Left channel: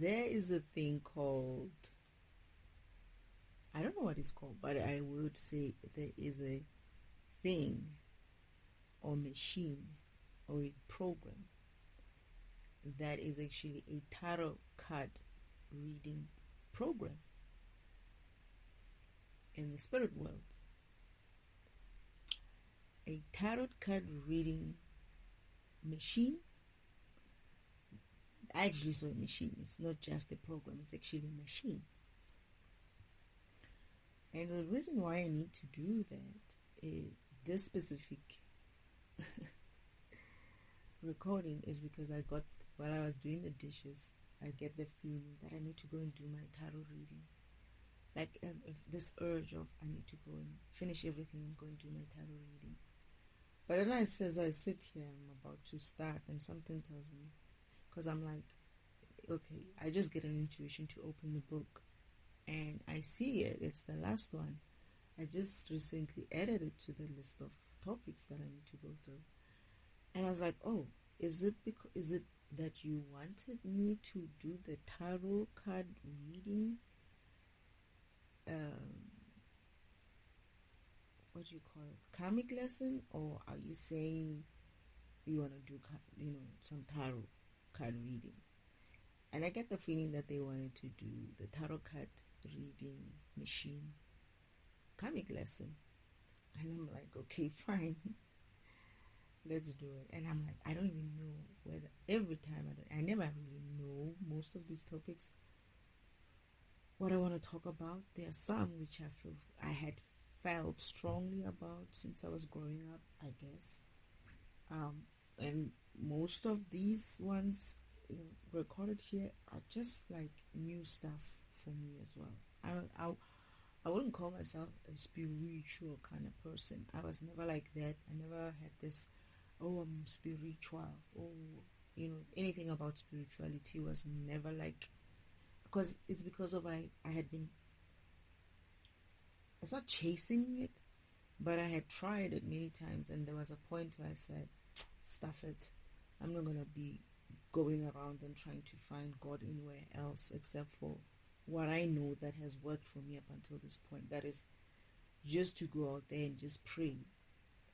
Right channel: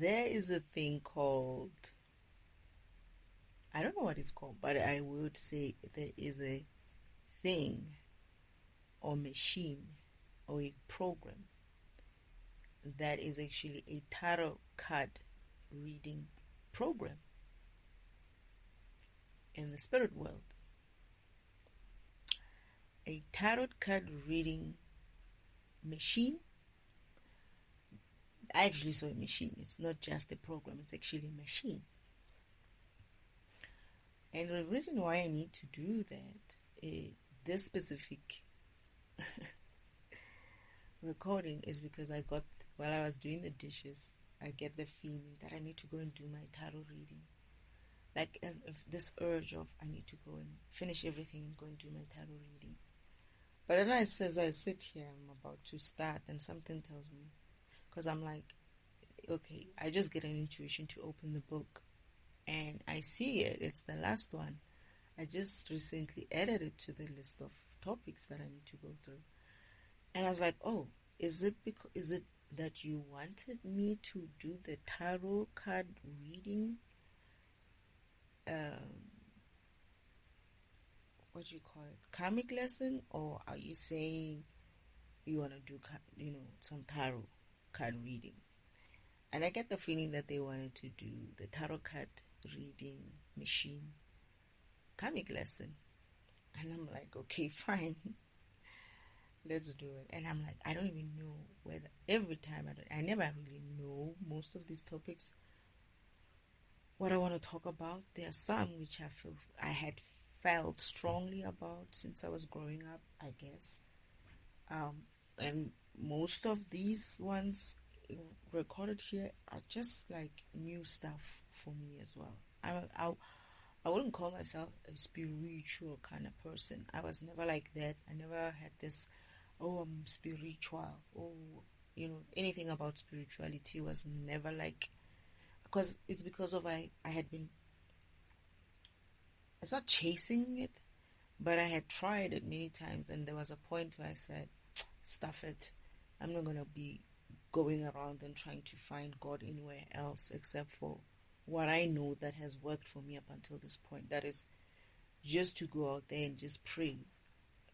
there is a thing called, I don't know what it's called, but I would say there is a thing or machine or a program that is actually a tarot card reading program in the spirit world. A tarot card reading machine. I actually saw a machine. It's not just a program, it's actually a machine. And the reason why I need to do that, this specific recording, is because I got, while I was doing the dishes, I get the feeling that I need to go and do my tarot reading. Like this urge of I need to go and finish everything and go and do my tarot reading. But then as I sit here, I'm about to start, and something tells me, because I'm like, okay, I just get an intuition to open the book, and I see it. It's the last one. I just recently added it to the list of topics that I need to go through, and I was like, oh, is it that you wanted me to do the tarot card reading? What do you call it? Karmic lesson, or are you saying you want to do, some tarot card reading? And I get the feeling that they wanted to do the tarot card reading machine karmic lesson. And I'm like, okay, fine. Let's do it. And I'm like, I don't even know whether, every time I never really know most of these topics, what I want to talk about. There are some which I had felt strongly about since I was growing up, I guess. And most of these ones recorded here are just like new stuff for me as well. I wouldn't call myself a spiritual kind of person. I was never like that. I never had this, oh, I'm spiritual. Oh, anything about spirituality was never like, because it's because of I had been, it's not chasing it, but I had tried it many times, and there was a point where I said, stuff it. I'm not going to be going around and trying to find God anywhere else except for what I know that has worked for me up until this point. That is just to go out there and just pray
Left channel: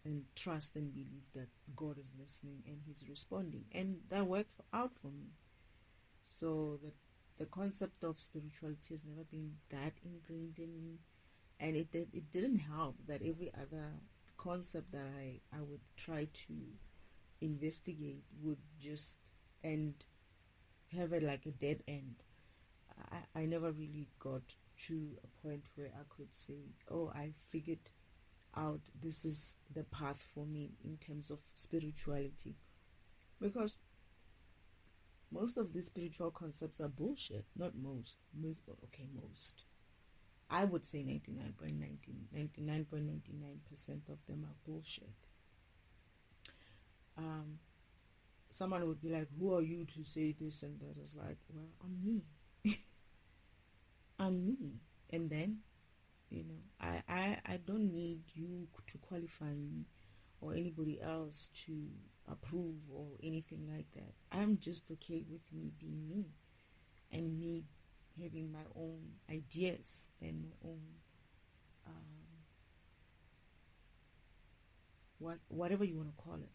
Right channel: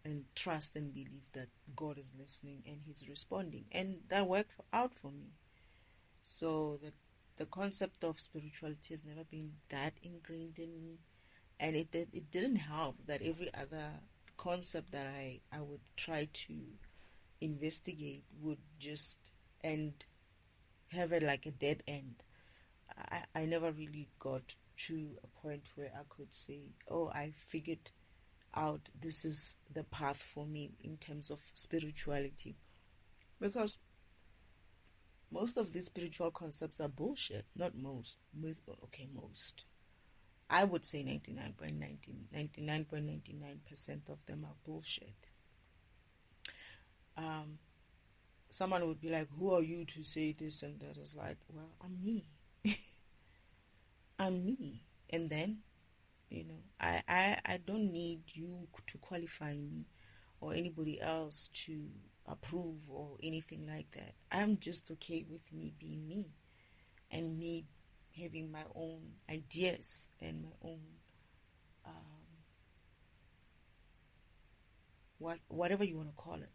and trust and believe that God is listening and He's responding. And that worked out for me. So the concept of spirituality has never been that ingrained in me. And it didn't help that every other concept that I would try to investigate would just end, have it like a dead end. I never really got to a point where I could say, oh, I figured out this is the path for me in terms of spirituality. Because most of these spiritual concepts are bullshit. Not most. Most. I would say 99.99% of them are bullshit. Someone would be like, who are you to say this and that? Is like, well, I'm me. I'm me. And then, I don't need you to qualify me or anybody else to approve or anything like that. I'm just okay with me being me and me having my own ideas and my own whatever you want to call it.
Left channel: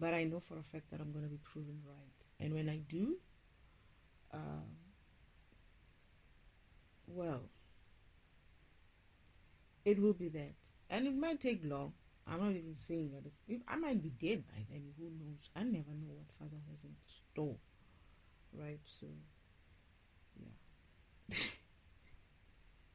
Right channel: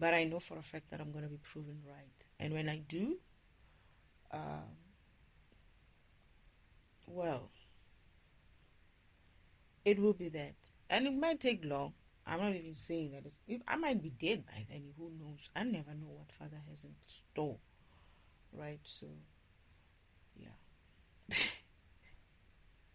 But I know for a fact that I'm going to be proven right. And when I do, well, it will be that. And it might take long. I'm not even saying that I might be dead by then. Who knows? I never know what Father has in store. Right? So,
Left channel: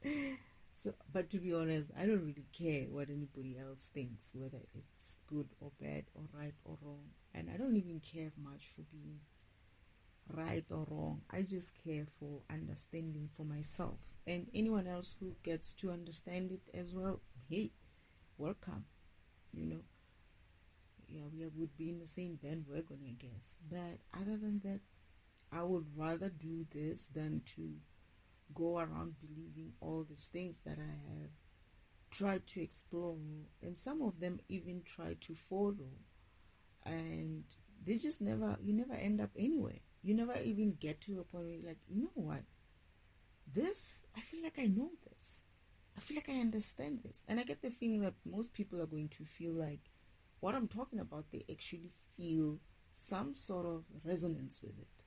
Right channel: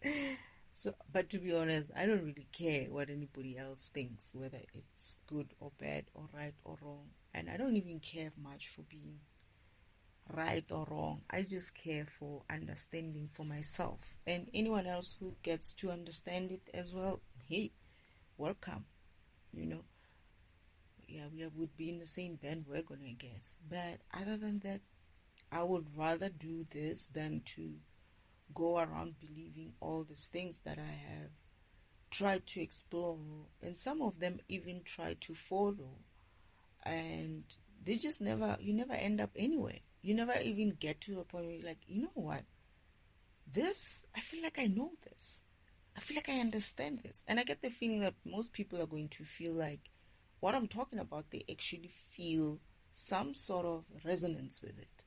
yeah. So, but to be honest, I don't really care what anybody else thinks, whether it's good or bad or right or wrong. And I don't even care much for being right or wrong. I just care for understanding for myself. And anyone else who gets to understand it as well, hey, welcome. Yeah, we would be in the same bandwagon, I guess. But other than that, I would rather do this than to go around believing all these things that I have tried to explore, and some of them even try to follow, and they just you never end up anywhere. you never even get to a point where you're like, you know what? This, I feel like I know this. I feel like I understand this. And I get the feeling that most people are going to feel like what I'm talking about, they actually feel some sort of resonance with it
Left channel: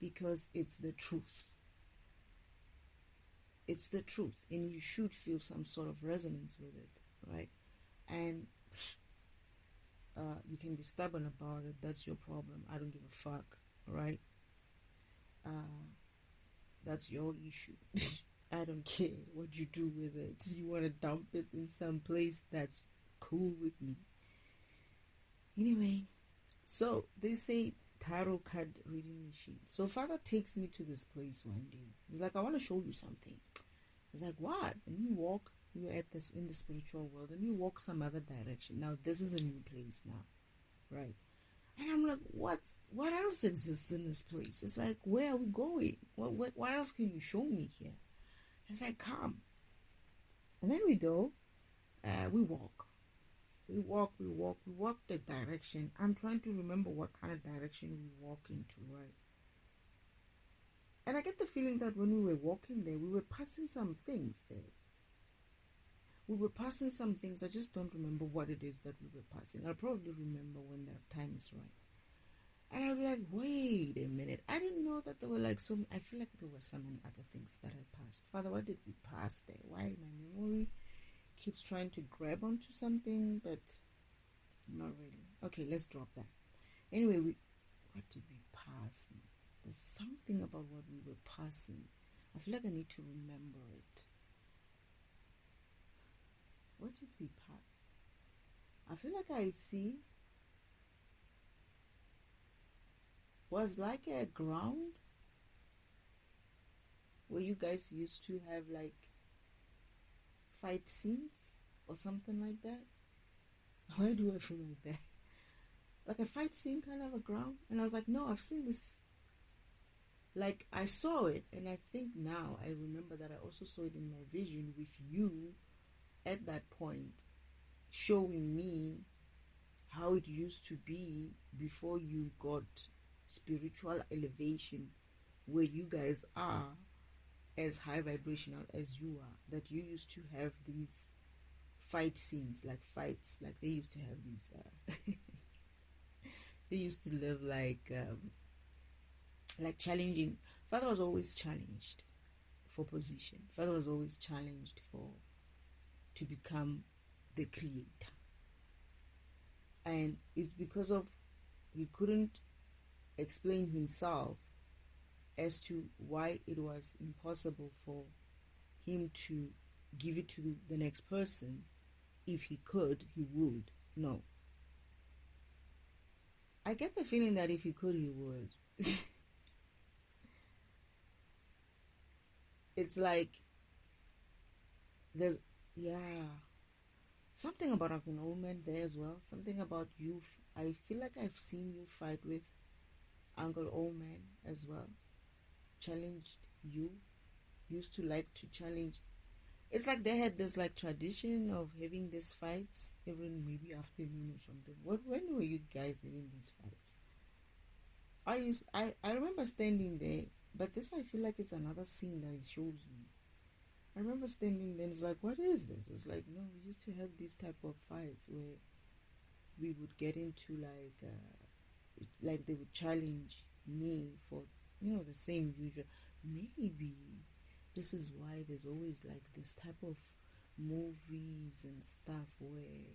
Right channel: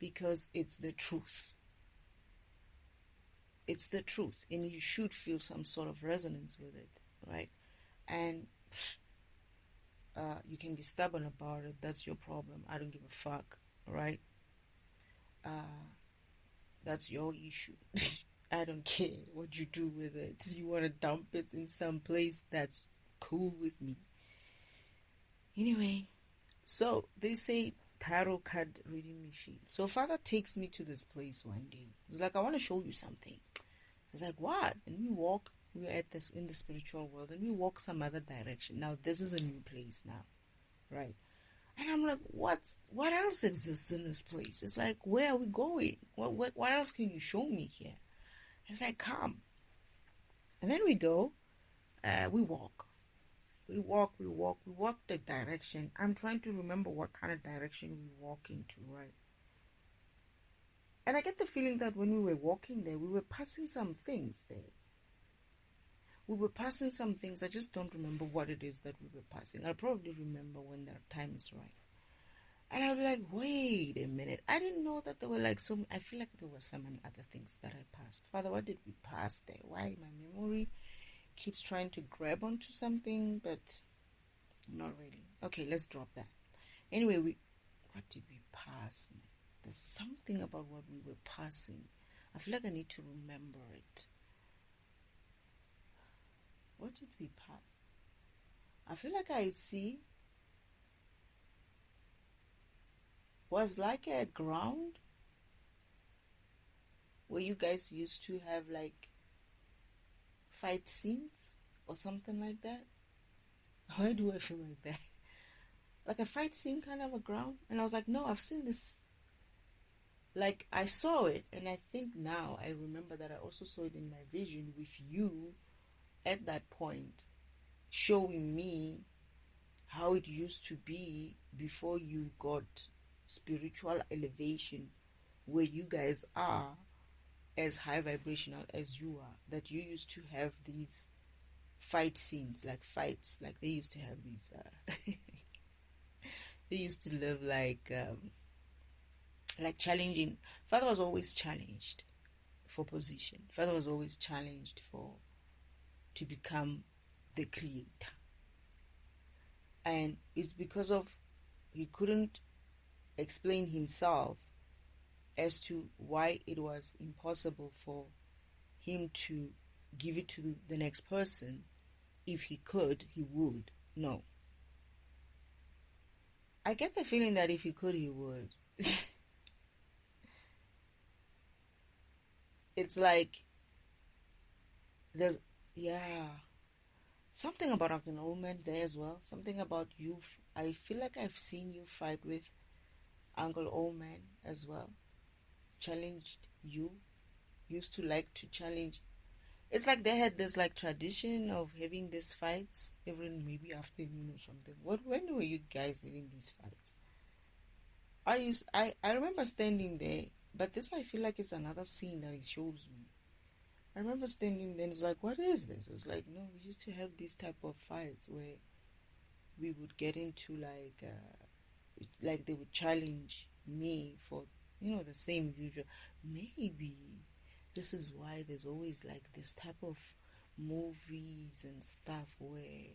because it's the truth. It's the truth, and you should feel some sort of resonance with it, right? And you can be stubborn about it. That's your problem. I don't give a fuck, right? That's your issue. I don't care what you do with it. You want to dump it in some place, that's cool with me. Anyway, so they say tarot card reading machine. So Father takes me to this place one day. He's like, I want to show you something. I was like, what? And we walk, we're at this in the spiritual world, and we walk some other direction. Now this is a new place now, right? And I'm like, what else exists in this place? It's like, where are we going? What else can you show me here? It's like, come. And then we go, we walk. We walk the direction. I'm trying to remember what kind of direction we walk into, right? And I get the feeling that when we were walking there, we were passing some things there. We were passing some things. I just don't remember what it is that we were passing. I'll probably remember when the time is right. And I'll be like, wait a minute. I didn't know that there were like so many. I feel like there were so many other things that I passed. Father, what did we pass there? Why my memory keeps trying to grab onto something, but not really. Okay, let's drop that. Anyway, what did we pass? There's something about what we were passing. I feel like I need to remember it. What did we pass? I feel like I see was like a ground where you guys used to have like fight scenes or something like that. Why do I feel like that? Like a fight scene kind of a ground. And I was like, no, I've seen this. Like I saw it, and I think now I remember that I also saw it in my vision with you at that point, showing me how it used to be before you got spiritual elevation, where you guys are as high vibrational as you are, that you used to have these fight scenes, like fights, like they used to have these they used to live like challenging. Father was always challenged for position. Father was always challenged to become the creator. And it's because of he couldn't explain himself as to why it was impossible for him to give it to the next person. If he could, he would. No. I get the feeling that if he could, he would. It's like there's something about Uncle Omen there as well. Something about you. I feel like I've seen you fight with Uncle Omen as well. Challenged you. Used to like to challenge. It's like they had this like tradition of having these fights every maybe afternoon or something. When were you guys having these fights? I remember standing there, but this I feel like it's another scene that he shows me. I remember standing there and it's like, what is this? It's like, no, we used to have these type of fights where we would get into like they would challenge me for, the same usual. Maybe this is why there's always like this type of movies and stuff where,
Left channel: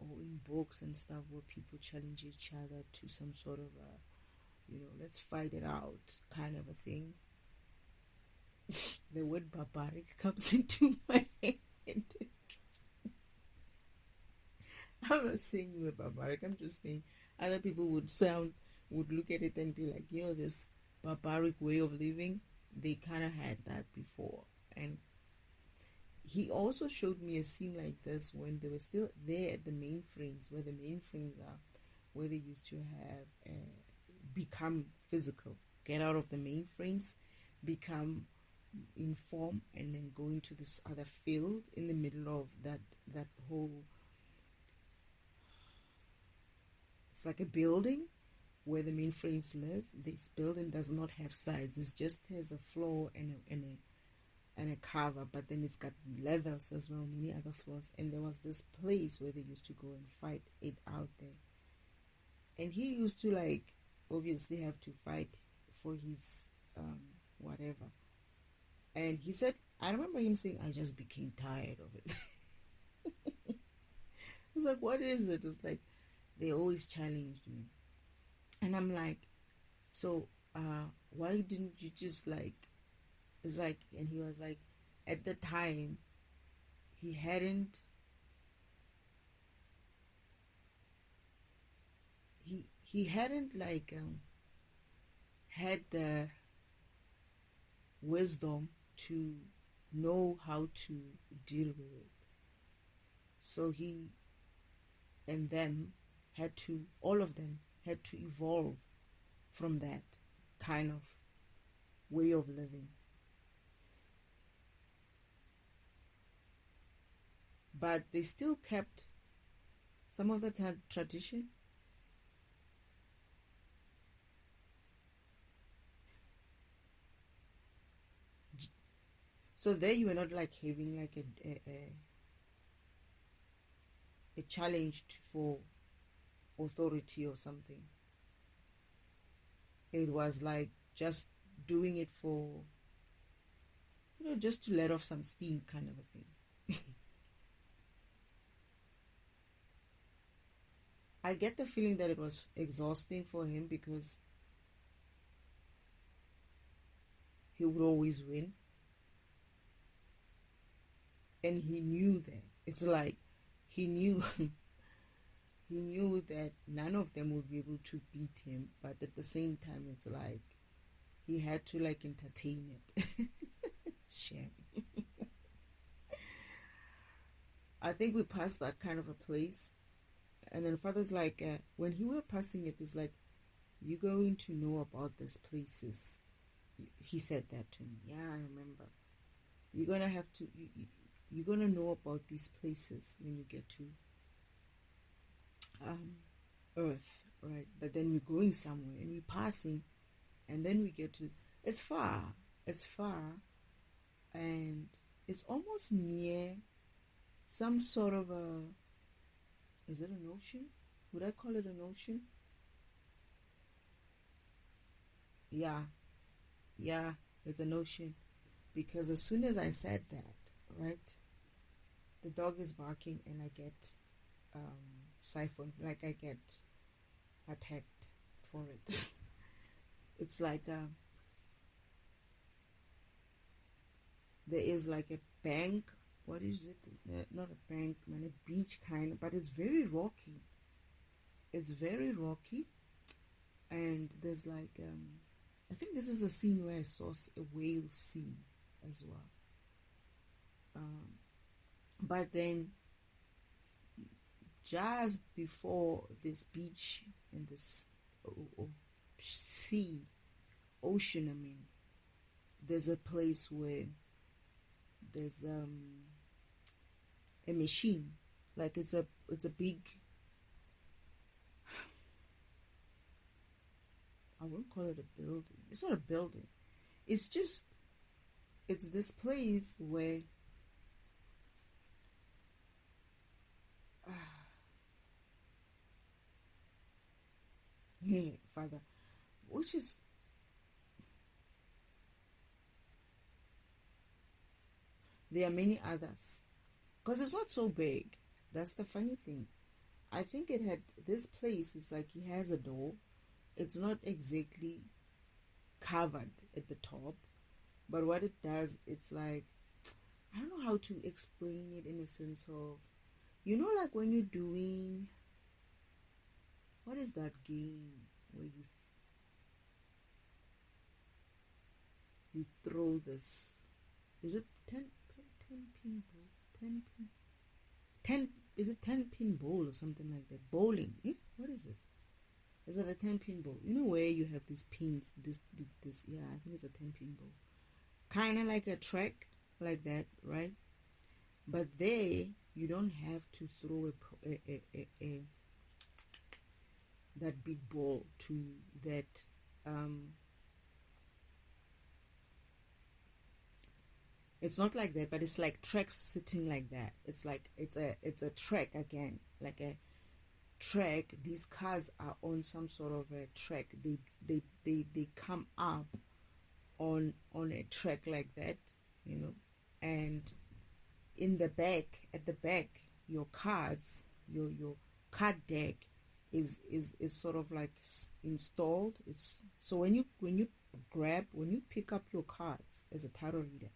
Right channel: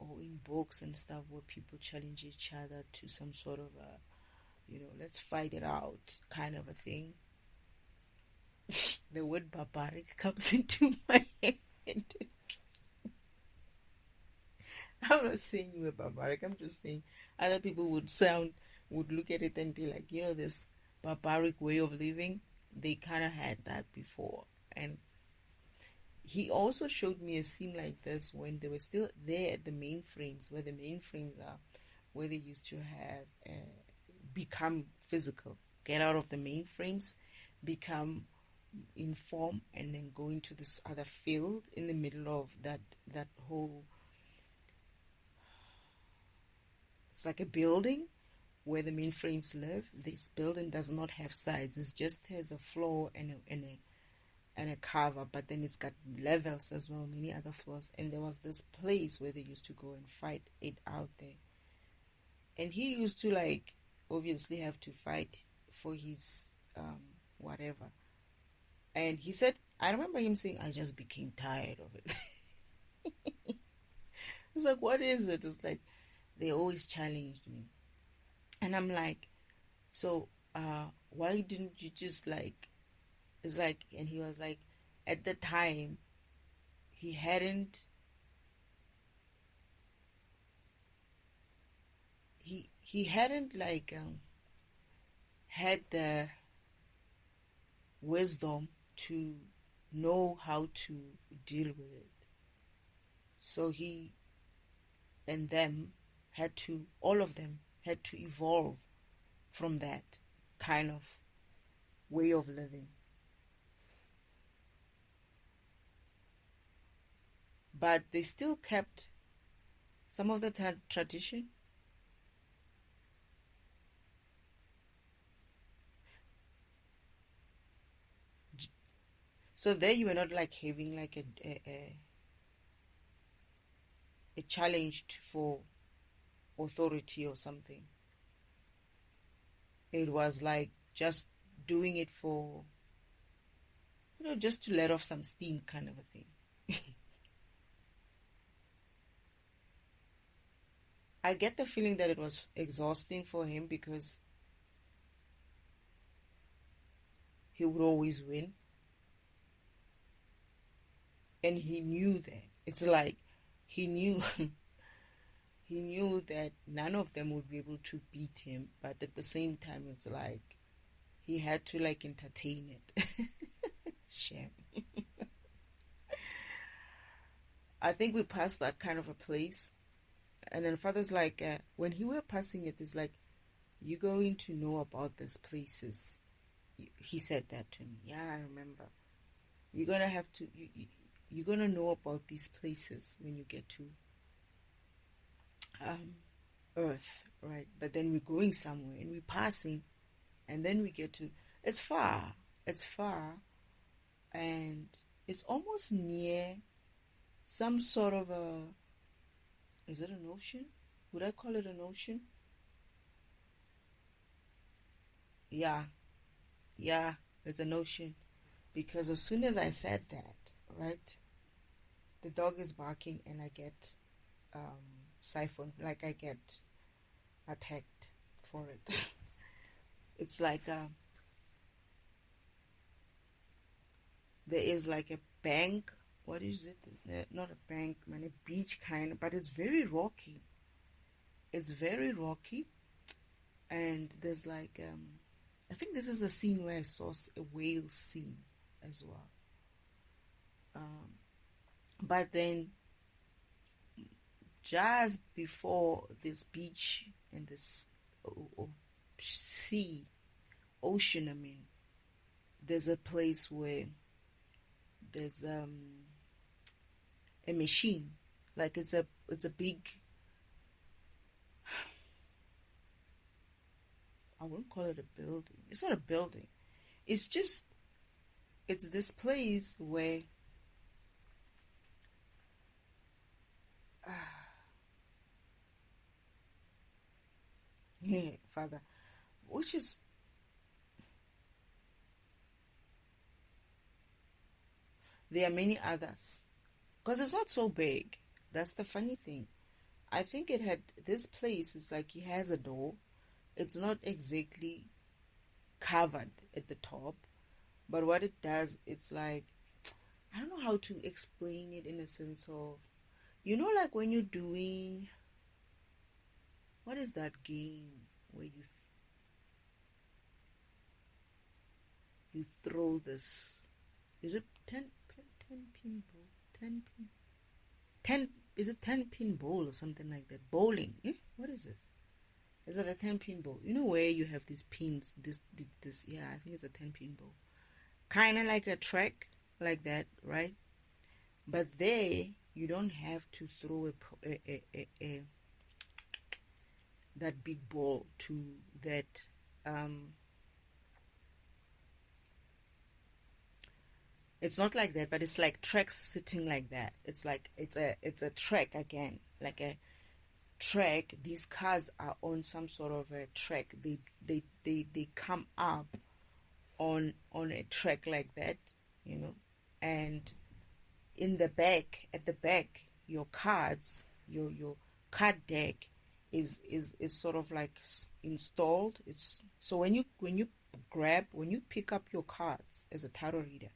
or in books and stuff where people challenge each other to some sort of let's fight it out kind of a thing. The word barbaric comes into my head. I'm not saying you were barbaric. I'm just saying other people would look at it and be like, this barbaric way of living. They kind of had that before. And he also showed me a scene like this when they were still there at the mainframes, where the mainframes are, where they used to have become physical, get out of the mainframes, become in form, and then go into this other field in the middle of that whole, it's like a building, where the mainframes live, this building does not have sides. It just has a floor and a cover, but then it's got levels as well, many other floors. And there was this place where they used to go and fight it out there. And he used to like obviously have to fight for his whatever. And he said, I remember him saying, I just became tired of it. It's like, what is it? It's like, they always challenged me. And I'm like, so why didn't you just like, it's like, and he was like, at the time, he hadn't, he hadn't like had the wisdom to know how to deal with it. So he and them had to, all of them had to evolve from that kind of way of living. But they still kept some of the tradition. So there you were not like having like a challenge for authority or something. It was like just doing it for, just to let off some steam kind of a thing. I get the feeling that it was exhausting for him because he would always win. And he knew that. It's like he knew he knew that none of them would be able to beat him, but at the same time it's like he had to like entertain it. Shame. I think we passed that kind of a place. And then Father's like, when he were passing it, it's like, you're going to know about these places. He said that to me. Yeah, I remember. You're going to have to, you're going to know about these places when you get to Earth, right? But then we're going somewhere and we're passing, and then we get to, it's far, and it's almost near some sort of a, is it an ocean? Would I call it an ocean? Yeah, it's an ocean. Because as soon as I said that, right, the dog is barking and I get siphoned, like I get attacked for it. It's like there is like a bank. What is it? Not a bank, man, a beach kind, but it's very rocky. It's very rocky, and there's like I think this is the scene where I saw a whale scene as well. But then, just before this beach and this ocean, I mean, there's a place where there's a machine, like it's a big, I won't call it a building. It's not a building. It's just, it's this place where Father, which is, there are many others, because it's not so big. That's the funny thing. I think it had, this place is like, it has a door. It's not exactly covered at the top, but what it does, it's like, I don't know how to explain it in a sense of, like when you're doing, what is that game where you throw this, is it 10 pin ball, 10 is it 10 pin ball or something like that? Bowling, what is it? Is it a 10 pin ball? Where you have these pins, this, yeah, I think it's a 10 pin ball, kind of like a track like that, right? But there you don't have to throw that big ball to that it's not like that, but it's like tracks sitting like that. It's like it's a track again, like a track. These cars are on some sort of a track. They come up on a track like that, you know, and in the back, at the back, your cards, your card deck is sort of like installed. It's so when you pick up your cards as a tarot reader,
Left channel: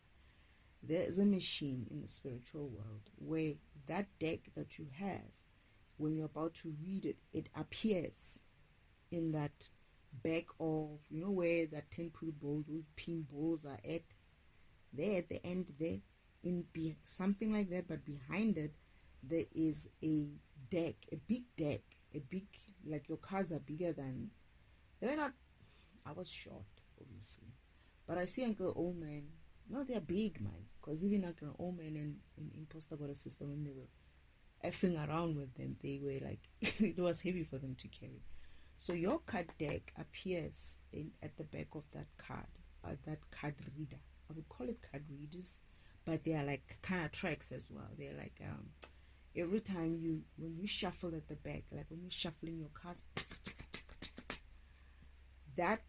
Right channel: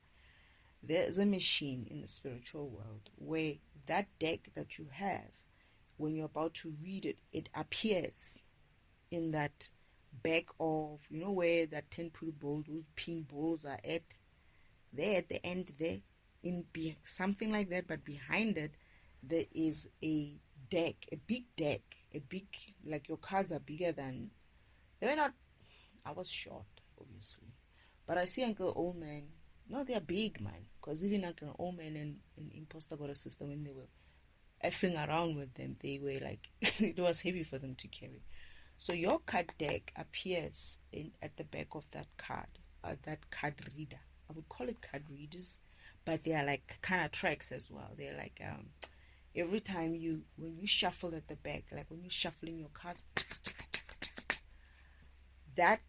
there is a machine in the spiritual world where that deck that you have, when you're about to read it, it appears in that back of, you know, where that 10-point ball, those pin balls are at, there at the end there, something like that, but behind it there is a deck, a big deck, like your cards are bigger than, they were not, I was short obviously, but I see Uncle Old Man, no, they're big, man, because even Uncle Old Man and Imposter got a sister, when they were effing around with them, they were like it was heavy for them to carry. So your card deck appears at the back of that card reader. I would call it card readers, but they are like kind of tracks as well. They're like every time when you shuffle at the back, like when you're shuffling your cards, that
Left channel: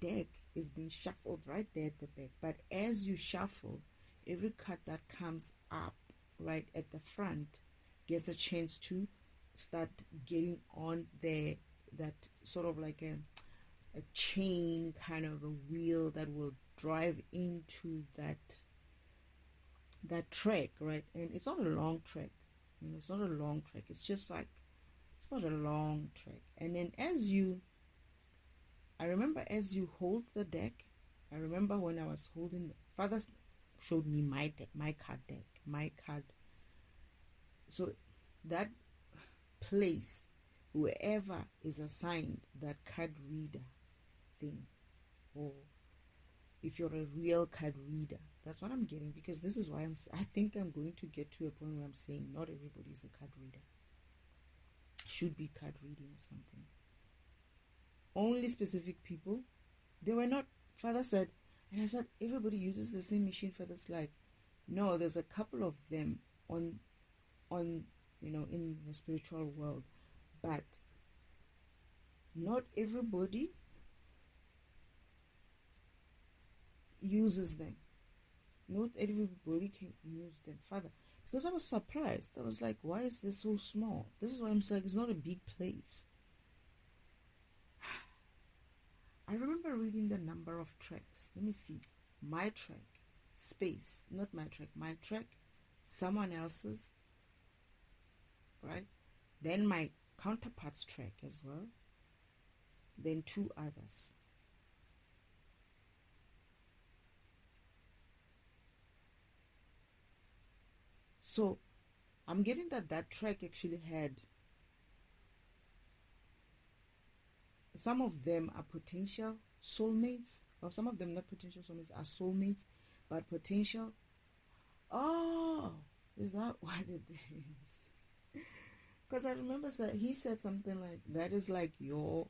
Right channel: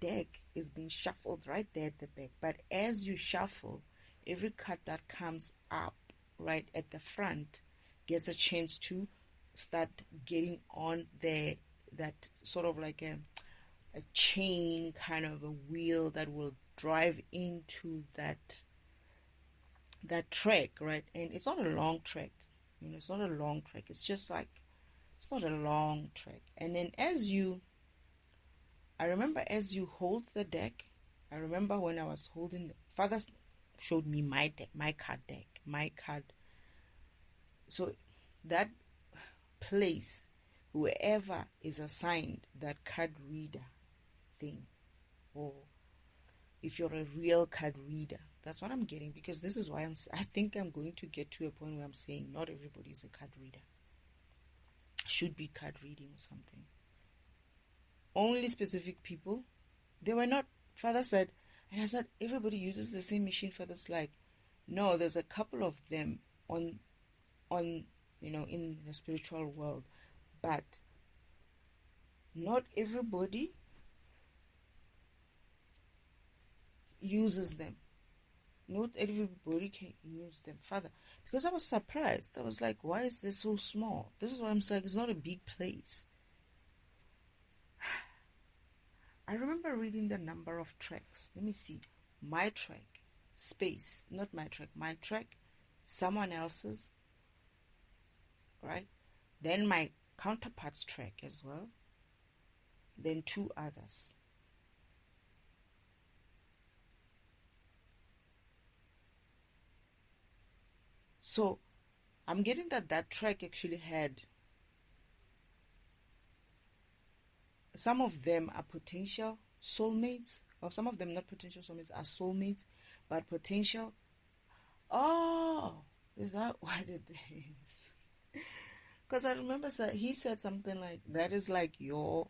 deck is being shuffled right there at the back. But as you shuffle, every card that comes up right at the front gets a chance to start getting on that sort of like a chain, kind of a wheel that will drive into that track, right? And it's not a long track, you know, it's not a long track. It's just like, it's not a long track. And then I remember as you hold the deck, I remember when I was holding, Father showed me my deck, my card. So that place, whoever is assigned that card reader thing, or if you're a real card reader, that's what I'm getting, because this is why I think I'm going to get to a point where I'm saying not everybody is a card reader, should be card reading or something. Only specific people. They were not. Father said, and I said, everybody uses the same machine. Father's like, no, there's a couple of them on you know, in the spiritual world, but not everybody uses them. Not everybody can use them, Father. Because I was surprised. I was like, why is this so small? This is why I'm saying it's not a big place. I remember reading the number of tracks. Let me see. My track, space, not my track, my track, someone else's, right? Then my counterpart's track as well. Then 2 others. So I'm getting that track actually had, some of them are potential soulmates, or some of them not potential soulmates, are soulmates, but potential. Oh, is that what it is? Because I remember he said something like, that is like your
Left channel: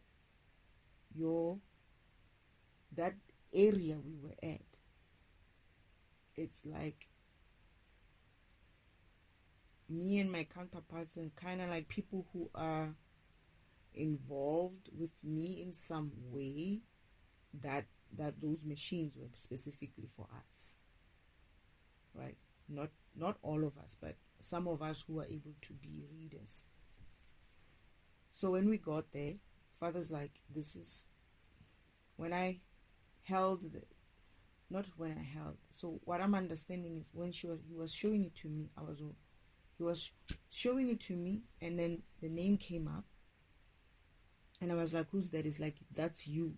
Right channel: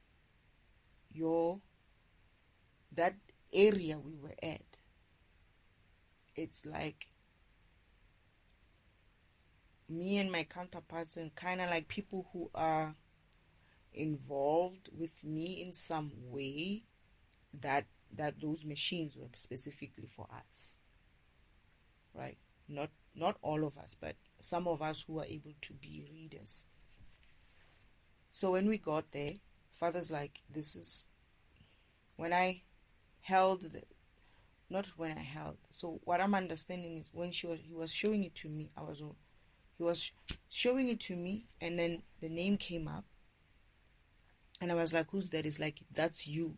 that area we were at. It's like me and my counterparts, and kind of like people who are involved with me in some way, that those machines were specifically for us, right? Not all of us, but some of us who are able to be readers. So when we got there, Father's like, this is when I held not when I held. So what I'm understanding is when he was showing it to me, he was showing it to me, and then the name came up, and I was like, who's that? It's like, that's you.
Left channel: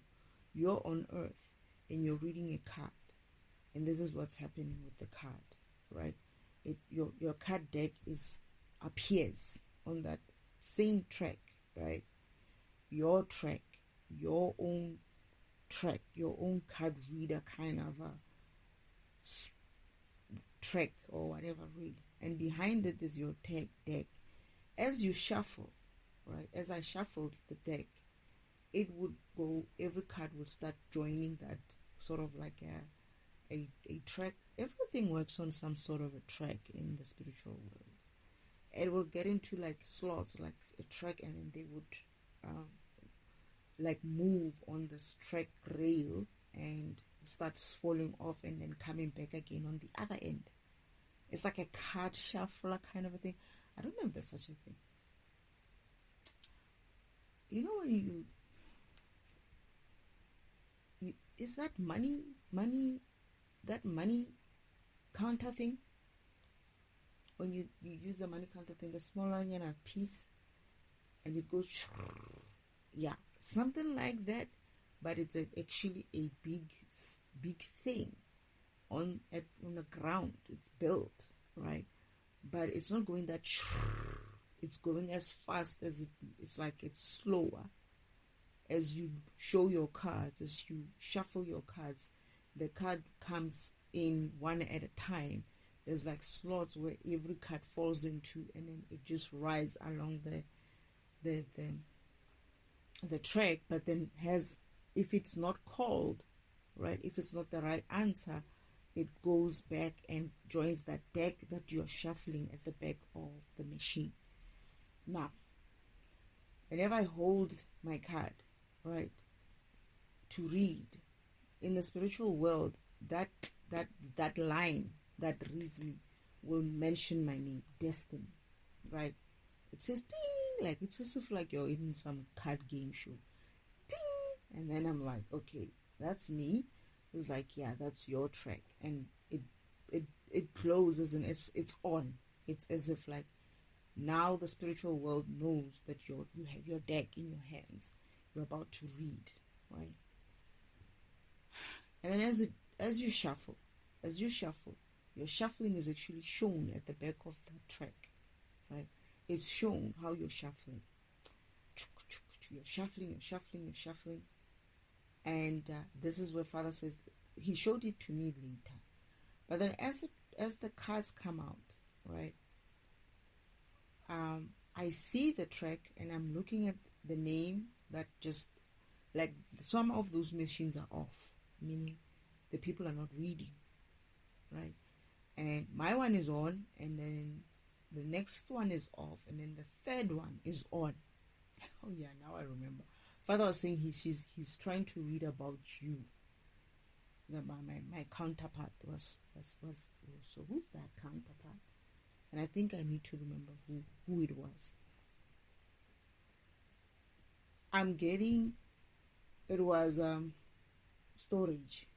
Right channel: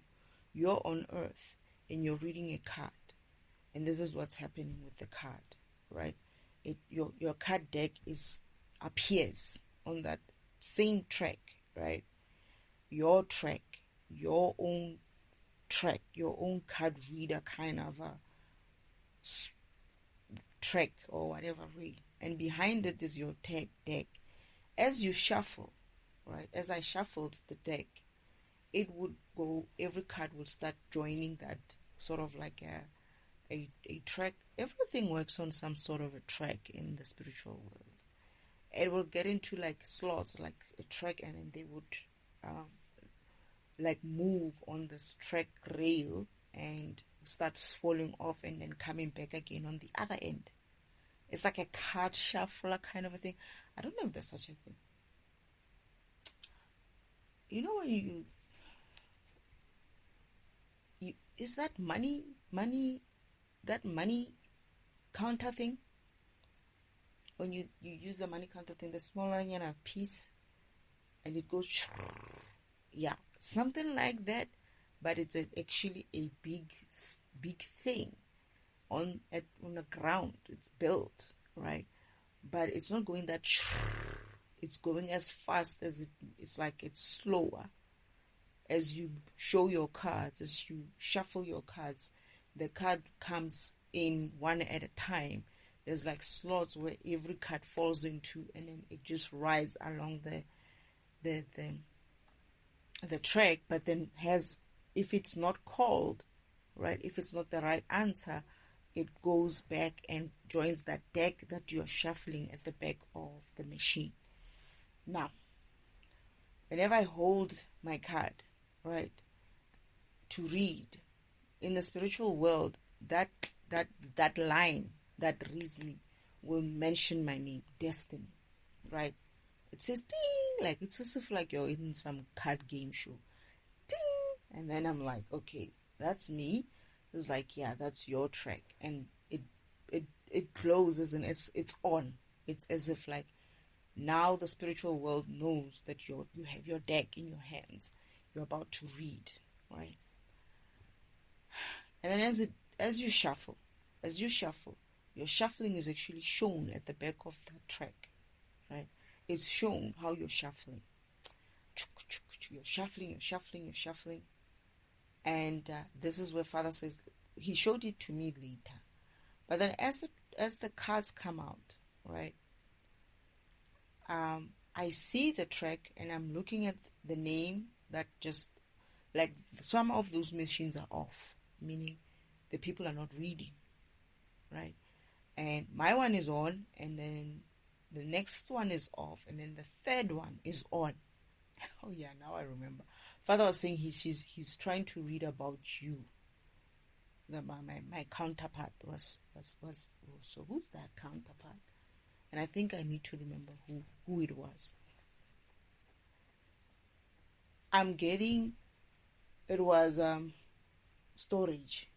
You're on Earth, and you're reading a card, and this is what's happening with the card, right? Your card deck appears on that same track, right? Your track, your own track, your own card reader kind of a track or whatever, really. And behind it is your deck. As you shuffle, right? As I shuffled the deck, it would go, every card would start joining that sort of like a track. Everything works on some sort of a track in the spiritual world. It will get into like slots, like a track, and then they would like move on this track rail and start falling off and then coming back again on the other end. It's like a card shuffler kind of a thing. I don't know if there's such a thing. You know when you is that money counter thing? When you use the money counter thing, the smaller piece, and it goes, yeah, something like that, but it's actually a big thing on the ground. It's built, right? But it's not going that, it's going as fast as it's like it's slower. As you show your cards, as you shuffle your cards, the card comes in one at a time. There's like slots where every card falls into, and then it just rides along the track. But then if it's not called, right, if it's not the right answer, it goes back and joins that deck that you're shuffling at the back of the machine. Now, whenever I hold my card, right, to read in the spiritual world, that line that reads me will mention my name, Destiny, right? It says ding, like it's as if like you're in some card game show, ding, and then I'm like, okay, that's me. It's like, yeah, that's your track, and it closes and it's on. It's as if like now the spiritual world knows that you have your deck in your hands. You're about to read, right? And then as you shuffle, your shuffling is actually shown at the back of the track, right? It's shown how you're shuffling. You're shuffling. And this is where Father says, he showed it to me later. But then as the cards come out, right? I see the track and I'm looking at the name that just, like some of those machines are off, meaning the people are not reading, right? And my one is on, and then the next one is off, and then the third one is on. Oh yeah, now I remember. Father was saying he's trying to read about you. My counterpart was so who's that counterpart? And I think I need to remember who it was. I'm getting, it was storage.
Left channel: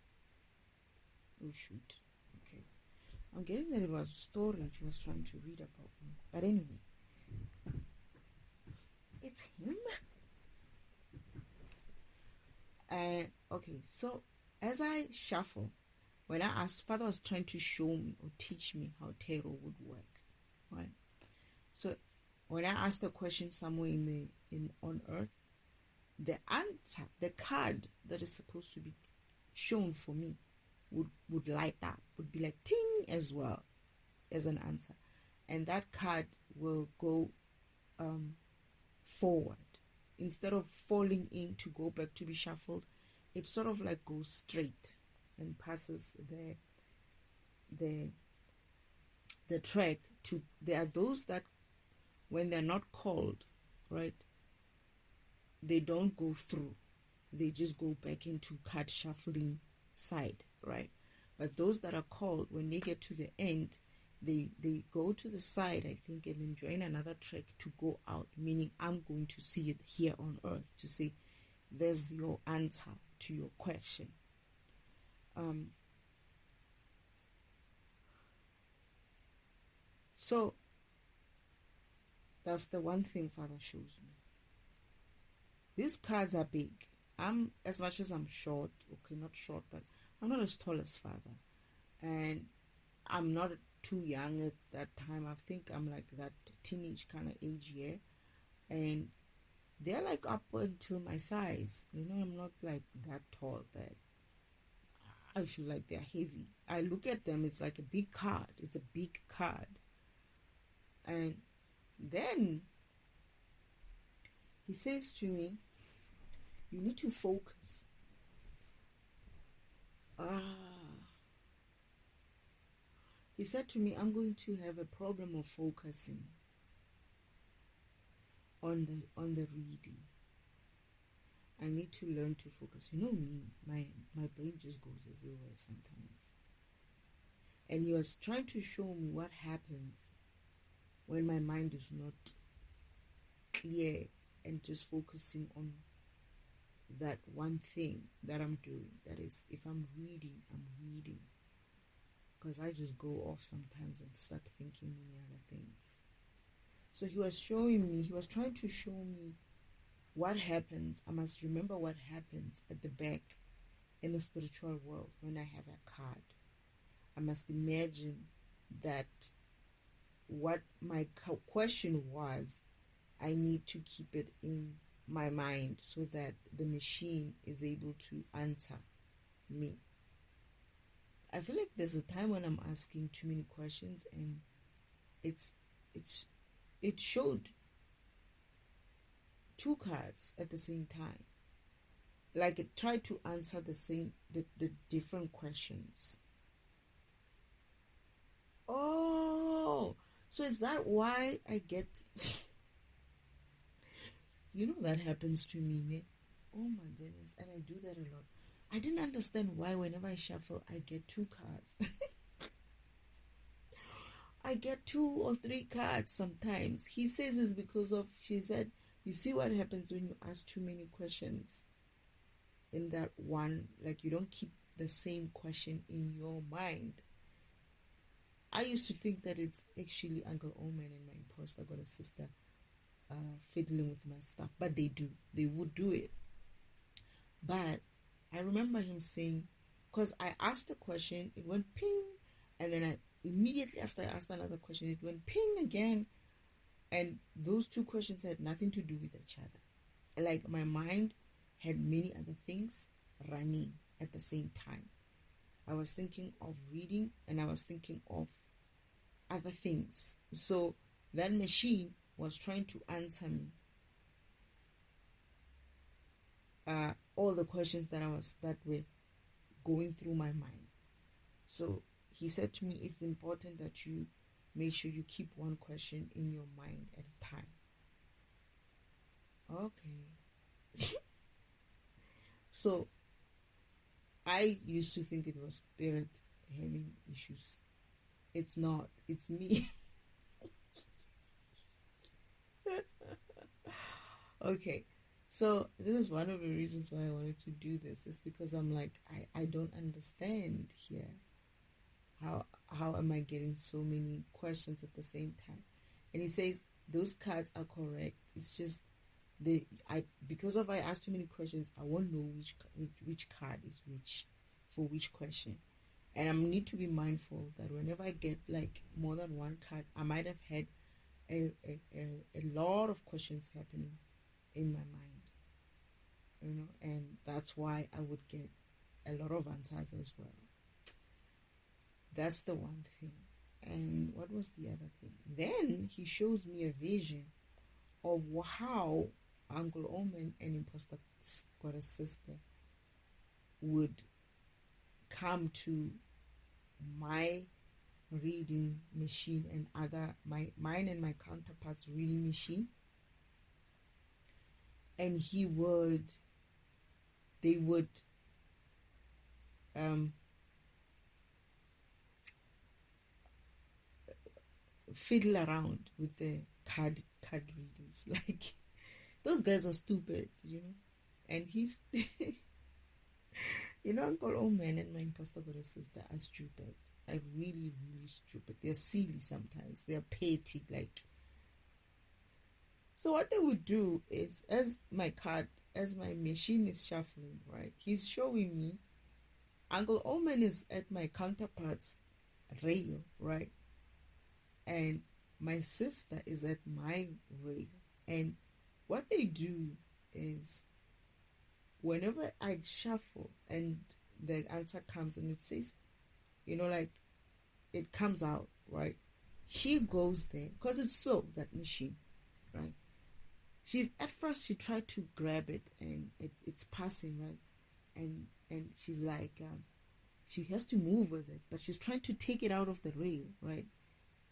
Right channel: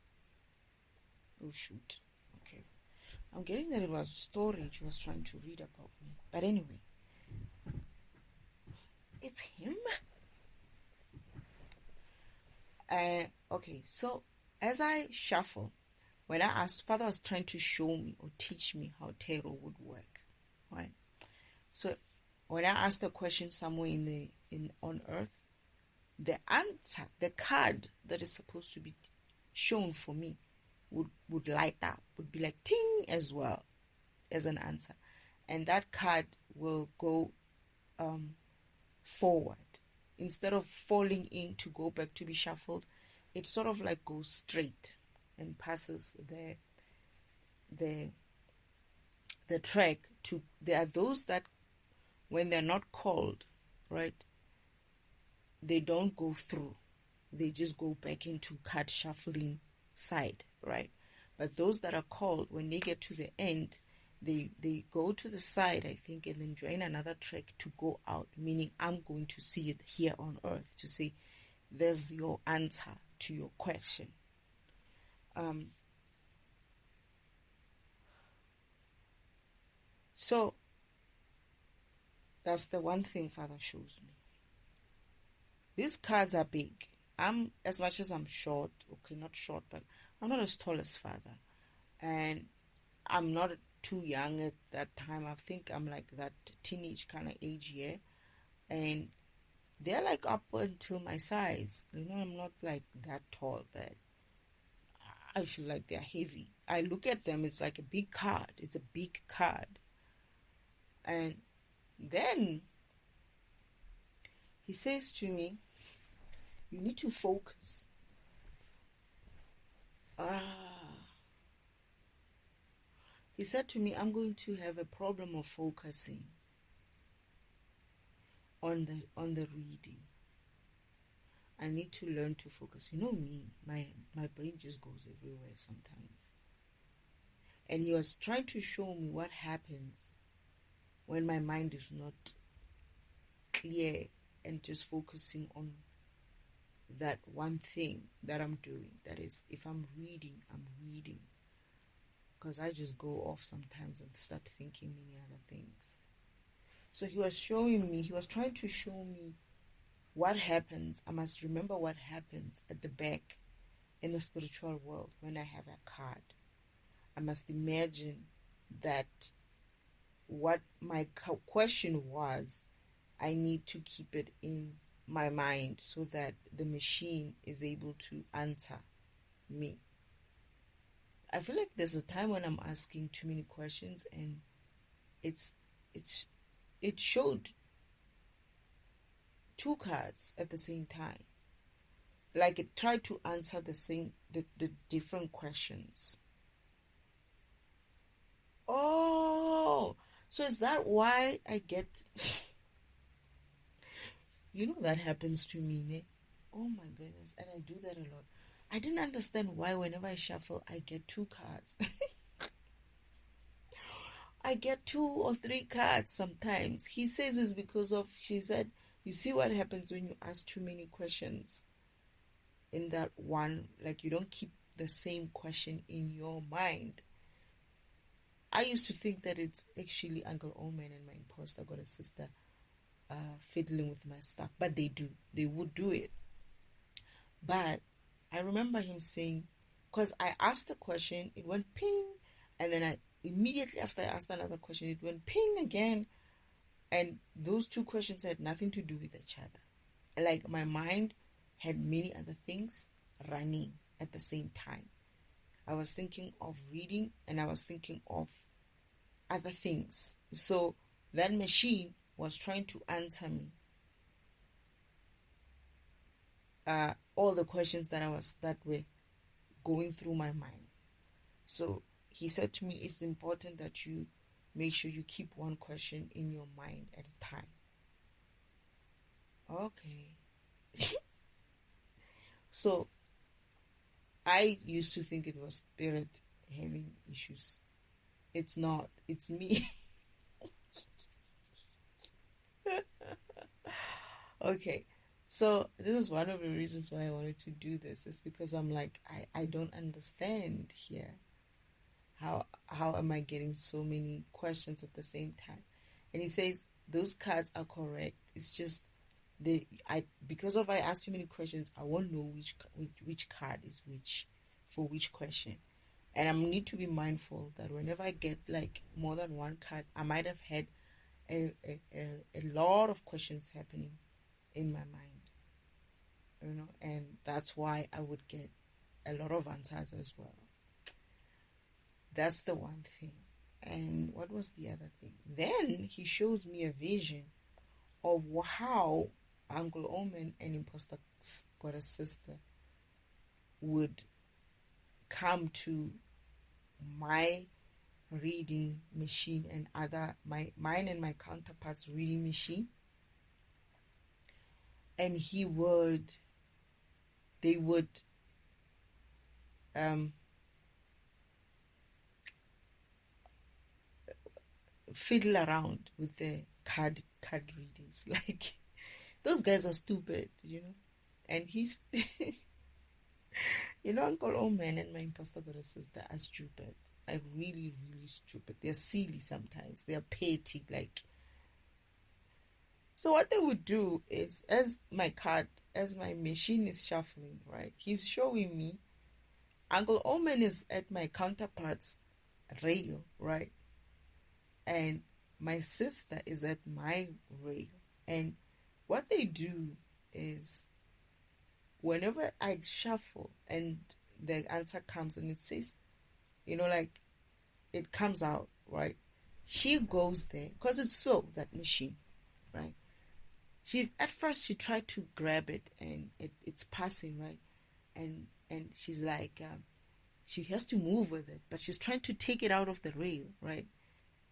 Oh shoot. Okay. I'm getting that it was storage was trying to read about me. But anyway, it's him. Okay, so as I shuffle, when I asked, Father was trying to show me or teach me how tarot would work, right? So when I asked the question somewhere on earth, the answer, the card that is supposed to be shown for me would light up, would be like ting as well as an answer. And that card will go forward. Instead of falling in to go back to be shuffled, it sort of like goes straight and passes the track to, there are those that when they're not called, right, they don't go through. They just go back into card shuffling side, right? But those that are called, when they get to the end, they go to the side, I think, and then join another track to go out, meaning I'm going to see it here on earth to say, there's your answer to your question. So that's the one thing Father shows me. These cards are big. As much as I'm short, okay, not short, but I'm not as tall as Father. And I'm not too young at that time. I think I'm like that teenage kind of age here. And they're like up until my size. You know, I'm not like that tall, but I feel like they're heavy. I look at them, it's like a big card. It's a big card. And then he says to me, you need to focus. He said to me, I'm going to have a problem of focusing on the reading. I need to learn to focus. You know me, my brain just goes everywhere sometimes. And he was trying to show me what happens when my mind is not clear and just focusing on that one thing that I'm doing. That is, if I'm reading. Because I just go off sometimes and start thinking many other things. So he was trying to show me what happens. I must remember what happens at the back in the spiritual world when I have a card. I must imagine that what my question was, I need to keep it in my mind so that the machine is able to answer me. I feel like there's a time when I'm asking too many questions and it showed two cards at the same time. Like it tried to answer the different questions. Oh, so is that why I get... You know that happens to me, ne? Oh my goodness, and I do that a lot. I didn't understand why whenever I shuffle, I get two cards. I get 2 or 3 cards sometimes. He says it's because of, she said, you see what happens when you ask too many questions in that one, like you don't keep the same question in your mind. I used to think that it's actually Uncle Omen and my imposter got a sister fiddling with my stuff, but they would do it. But I remember him saying, because I asked the question, it went ping, and then immediately after I asked another question, it went ping again, and those 2 questions had nothing to do with each other. Like my mind had many other things running at the same time. I was thinking of reading and I was thinking of other things. So that machine was trying to answer me all the questions that were going through my mind. So he said to me, it's important that you make sure you keep one question in your mind at a time. Okay. So I used to think it was spirit having issues. It's not. It's me. Okay. So this is one of the reasons why I wanted to do this. Is because I'm like, I don't understand here. How am I getting so many questions at the same time? And he says those cards are correct. It's just because I asked too many questions, I won't know which card is which for which question. And I need to be mindful that whenever I get like more than one card, I might have had a lot of questions happening in my mind, and that's why I would get a lot of answers as well. That's the one thing. And what was the other thing? Then he shows me a vision of how Uncle Omen and Imposter Got a Sister would come to my reading machine and mine and my counterparts reading machine, and they would fiddle around with the card readings. Like, those guys are stupid, and he's Uncle Omen and my Imposter Got a Sister are stupid. Are really, really stupid. They're silly sometimes. They're petty. Like, so what they would do is, as my machine is shuffling, right, he's showing me Uncle Omen is at my counterpart's rail, right, and my sister is at my rail. And what they do is, whenever I shuffle and the answer comes and it says, like, it comes out, right, she goes there, because it's slow, that machine, right, At first she tried to grab it, and it's passing, right? And she's like, she has to move with it, but she's trying to take it out of the rail, right?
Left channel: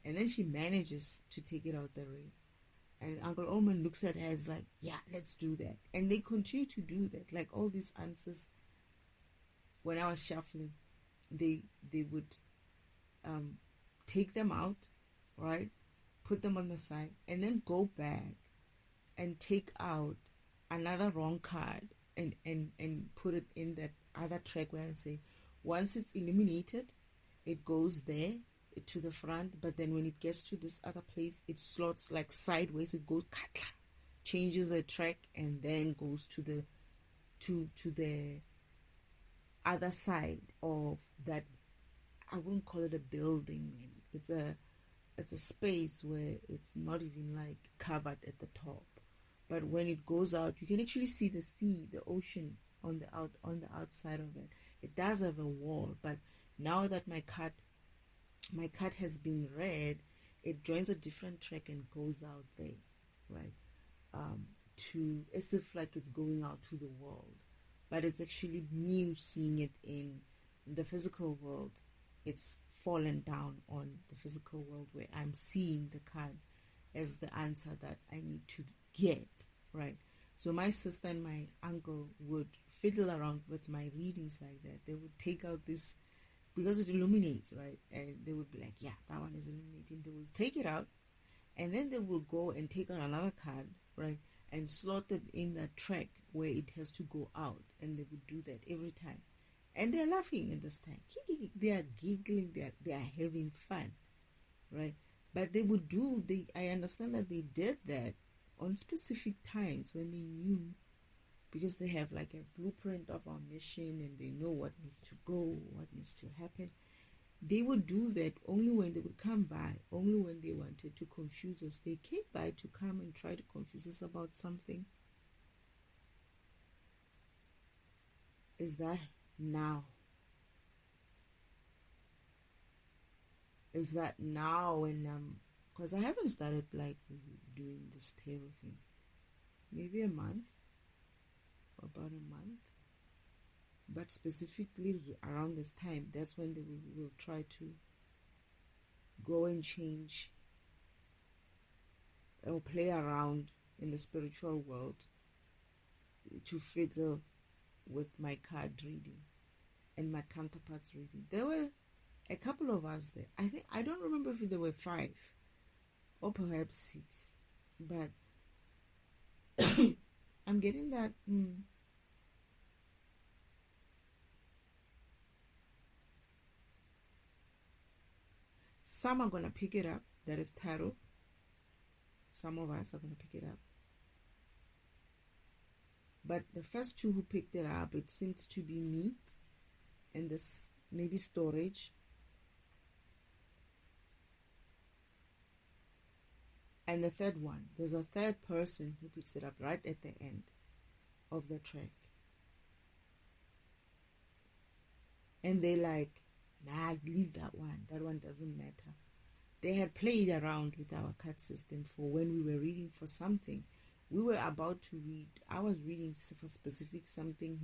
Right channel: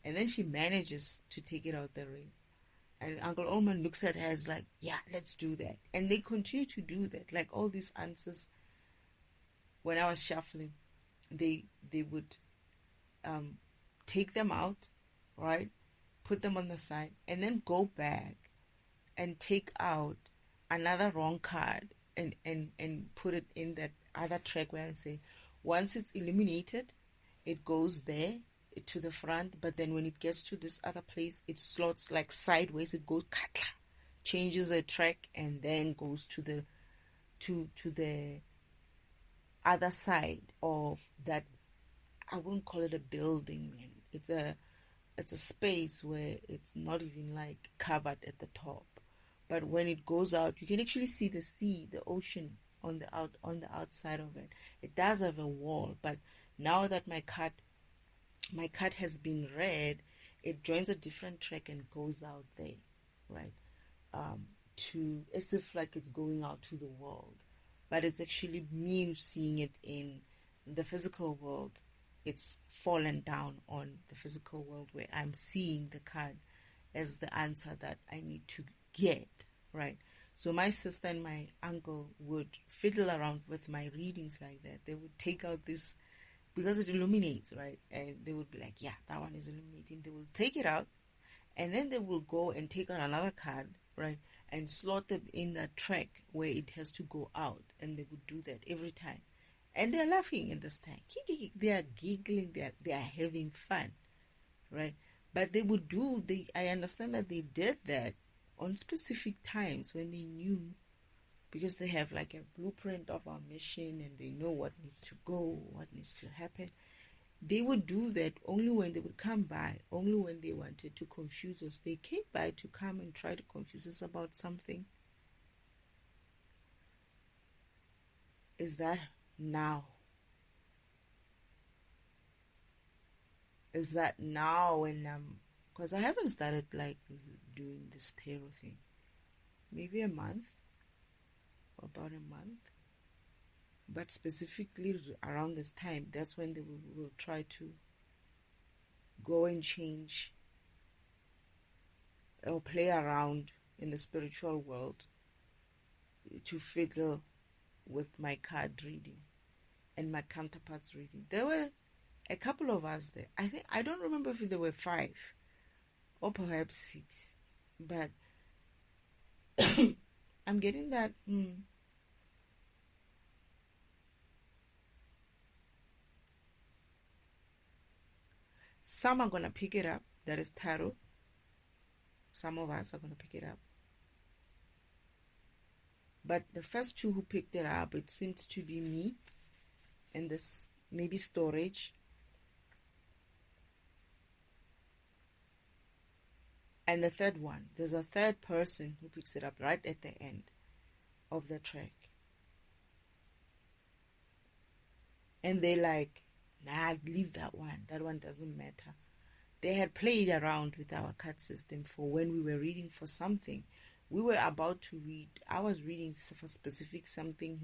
And then she manages to take it out the rail. And Uncle Orman looks at her and is like, yeah, let's do that. And they continue to do that. Like all these answers, when I was shuffling, they would take them out, right? Put them on the side, and then go back and take out another wrong card and put it in that other track where I say, once it's illuminated, it goes there to the front, but then when it gets to this other place, it slots like sideways. It goes, changes the track, and then goes to the other side of that. I won't call it a building, man. It's a space where it's not even like covered at the top, but when it goes out, you can actually see the sea, the ocean on the outside of it. It does have a wall, but now that my card has been read, it joins a different track and goes out there, right? To as if like it's going out to the world, but it's actually me seeing it in the physical world. It's fallen down on the physical world where I'm seeing the card as the answer that I need to get, right? So my sister and my uncle would fiddle around with my readings like that. They would take out this, because it illuminates, right? And they would be like, yeah, that one is illuminating. They will take it out, and then they will go and take out another card, right? And slot it in that track where it has to go out. And they would do that every time. And they're laughing at this time. They are giggling. They are having fun, right? But they would I understand that they did that on specific times when they knew, because they have like a blueprint of our mission and they know what needs to go, what needs to happen. They would do that only when they would come by, only when they wanted to confuse us. They came by to come and try to confuse us about something. Is that now? Is that now when because I haven't started like doing this tarot thing. Maybe a month, about a month. But specifically around this time, that's when they will try to go and change or play around in the spiritual world to fiddle with my card reading and my counterparts reading. There were a couple of us there. I don't remember if there were 5 or perhaps 6, but I'm getting that some are gonna pick it up. That is tarot. Some of us are gonna pick it up. But the first 2 who picked it up, it seemed to be me and this maybe storage. And the third one, there's a third person who picks it up right at the end of the track. And they like, nah, leave that one. That one doesn't matter. They had played around with our card system for when we were reading for something. We were about to read. I was reading for specific something.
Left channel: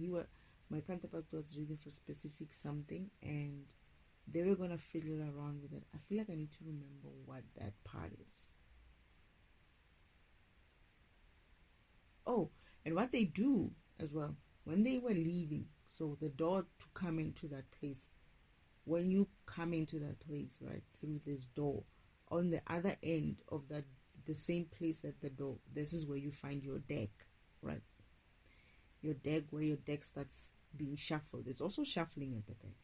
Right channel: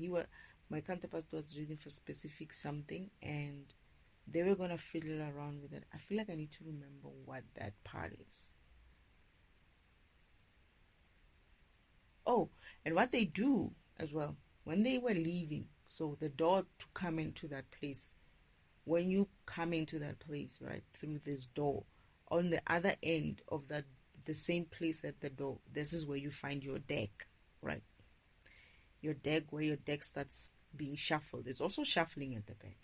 My counterpart was reading for specific something, and they were gonna fiddle around with it. I feel like I need to remember what that part is. Oh, and what they do as well, when they were leaving, so the door to come into that place, when you come into that place, right, through this door, on the other end of the same place at the door, this is where you find your deck, right? Your deck, where your deck starts being shuffled. It's also shuffling at the back.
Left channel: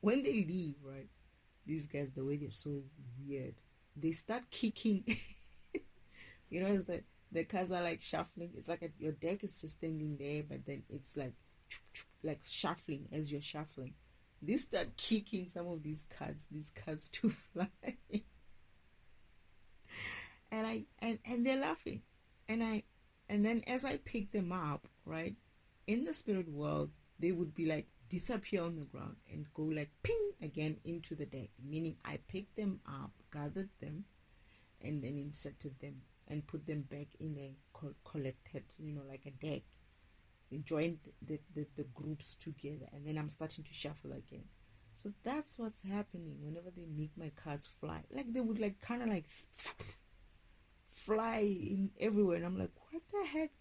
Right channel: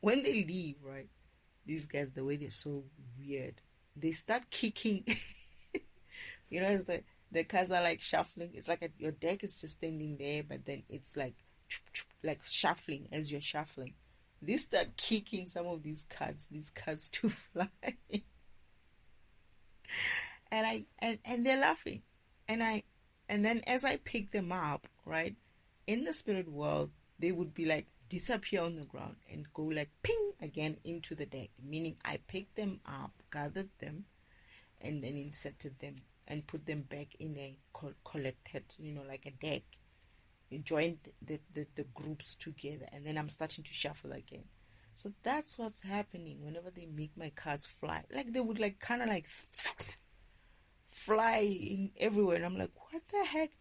When they leave, right, these guys, the way they're so weird, they start kicking. You know, it's the cards are like shuffling. It's like your deck is just standing there, but then it's like shuffling as you're shuffling. They start kicking some of these cards to fly. and they're laughing. And then as I pick them up, right, in the spirit world, they would be like disappear on the ground and go like ping again into the deck, meaning I picked them up, gathered them, and then inserted them and put them back in a collected, like a deck. Joined the groups together, and then I'm starting to shuffle again. So that's what's happening whenever they make my cards fly. Like they would like kind of like fly in everywhere, and I'm like, what the heck?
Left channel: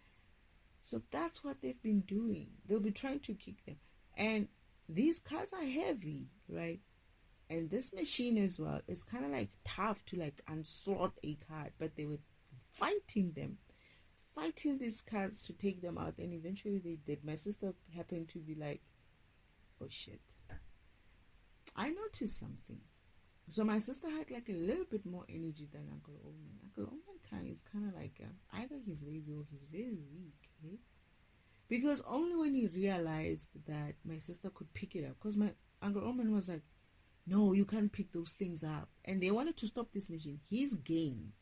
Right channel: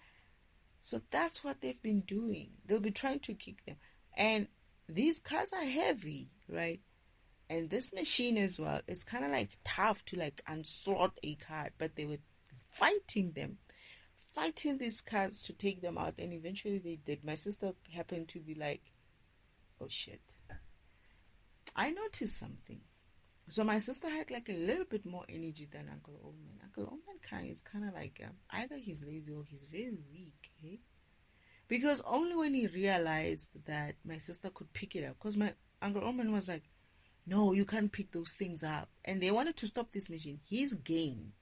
So that's what they've been doing. They'll be trying to kick them, and these cards are heavy, right? And this machine as well, it's kind of like tough to like unslot a card, but they were fighting these cards to take them out, and eventually they did. My sister happened to be like, oh shit, I noticed something. So my sister had like a little bit more energy than Uncle Oman. Uncle Oman is kind of like either he's lazy or he's very weak, eh? Because only when he realized that my sister could pick it up, because my Uncle Oman was like, no, you can't pick those things up, and they wanted to stop this machine. His game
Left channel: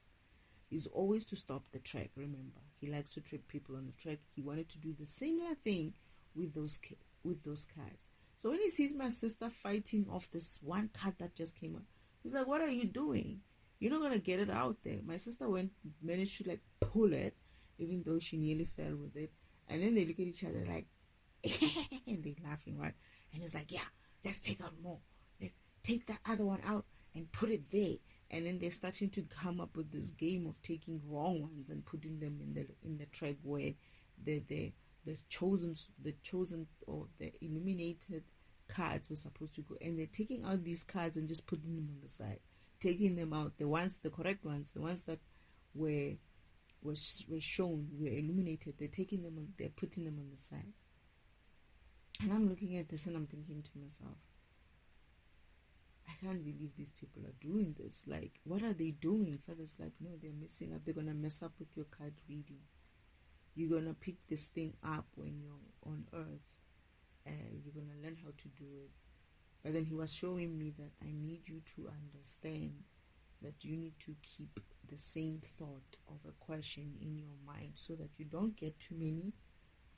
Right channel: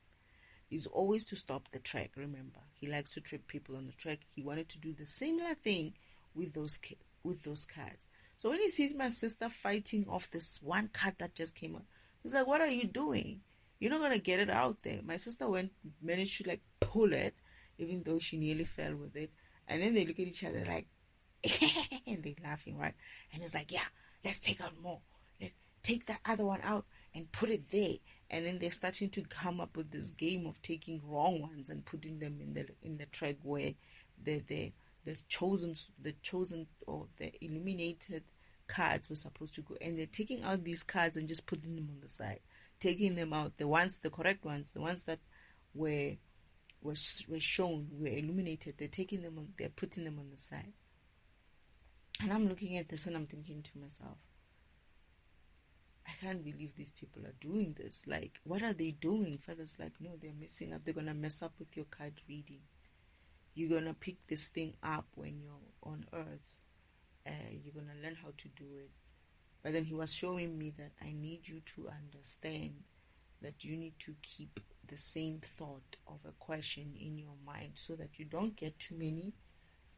is always to stop the track. Remember, he likes to trip people on the track. He wanted to do the similar thing with those cards. So when he sees my sister fighting off this one card that just came out, he's like, what are you doing? You're not gonna get it out there. My sister managed to like pull it, even though she nearly fell with it. And then they look at each other like and they're laughing, right? And it's like, yeah, let's take out more. Let's take that other one out and put it there. And then they're starting to come up with this game of taking wrong ones and putting them in the track where the chosen or the illuminated cards were supposed to go. And they're taking out these cards and just putting them on the side, taking them out, the correct ones, the ones that were shown, were illuminated. They're taking them on, they're putting them on the side. And I'm looking at this and I'm thinking to myself, I can't believe these people are doing this. Like, what are they doing? Father's like, no, they're messing up. They're going to mess up with your card reading. You're going to pick this thing up when you're on earth. You're going to learn how to do it. But then he was showing me that I need you to understand that you need to keep the same thought of a question in your mind so that you don't get too many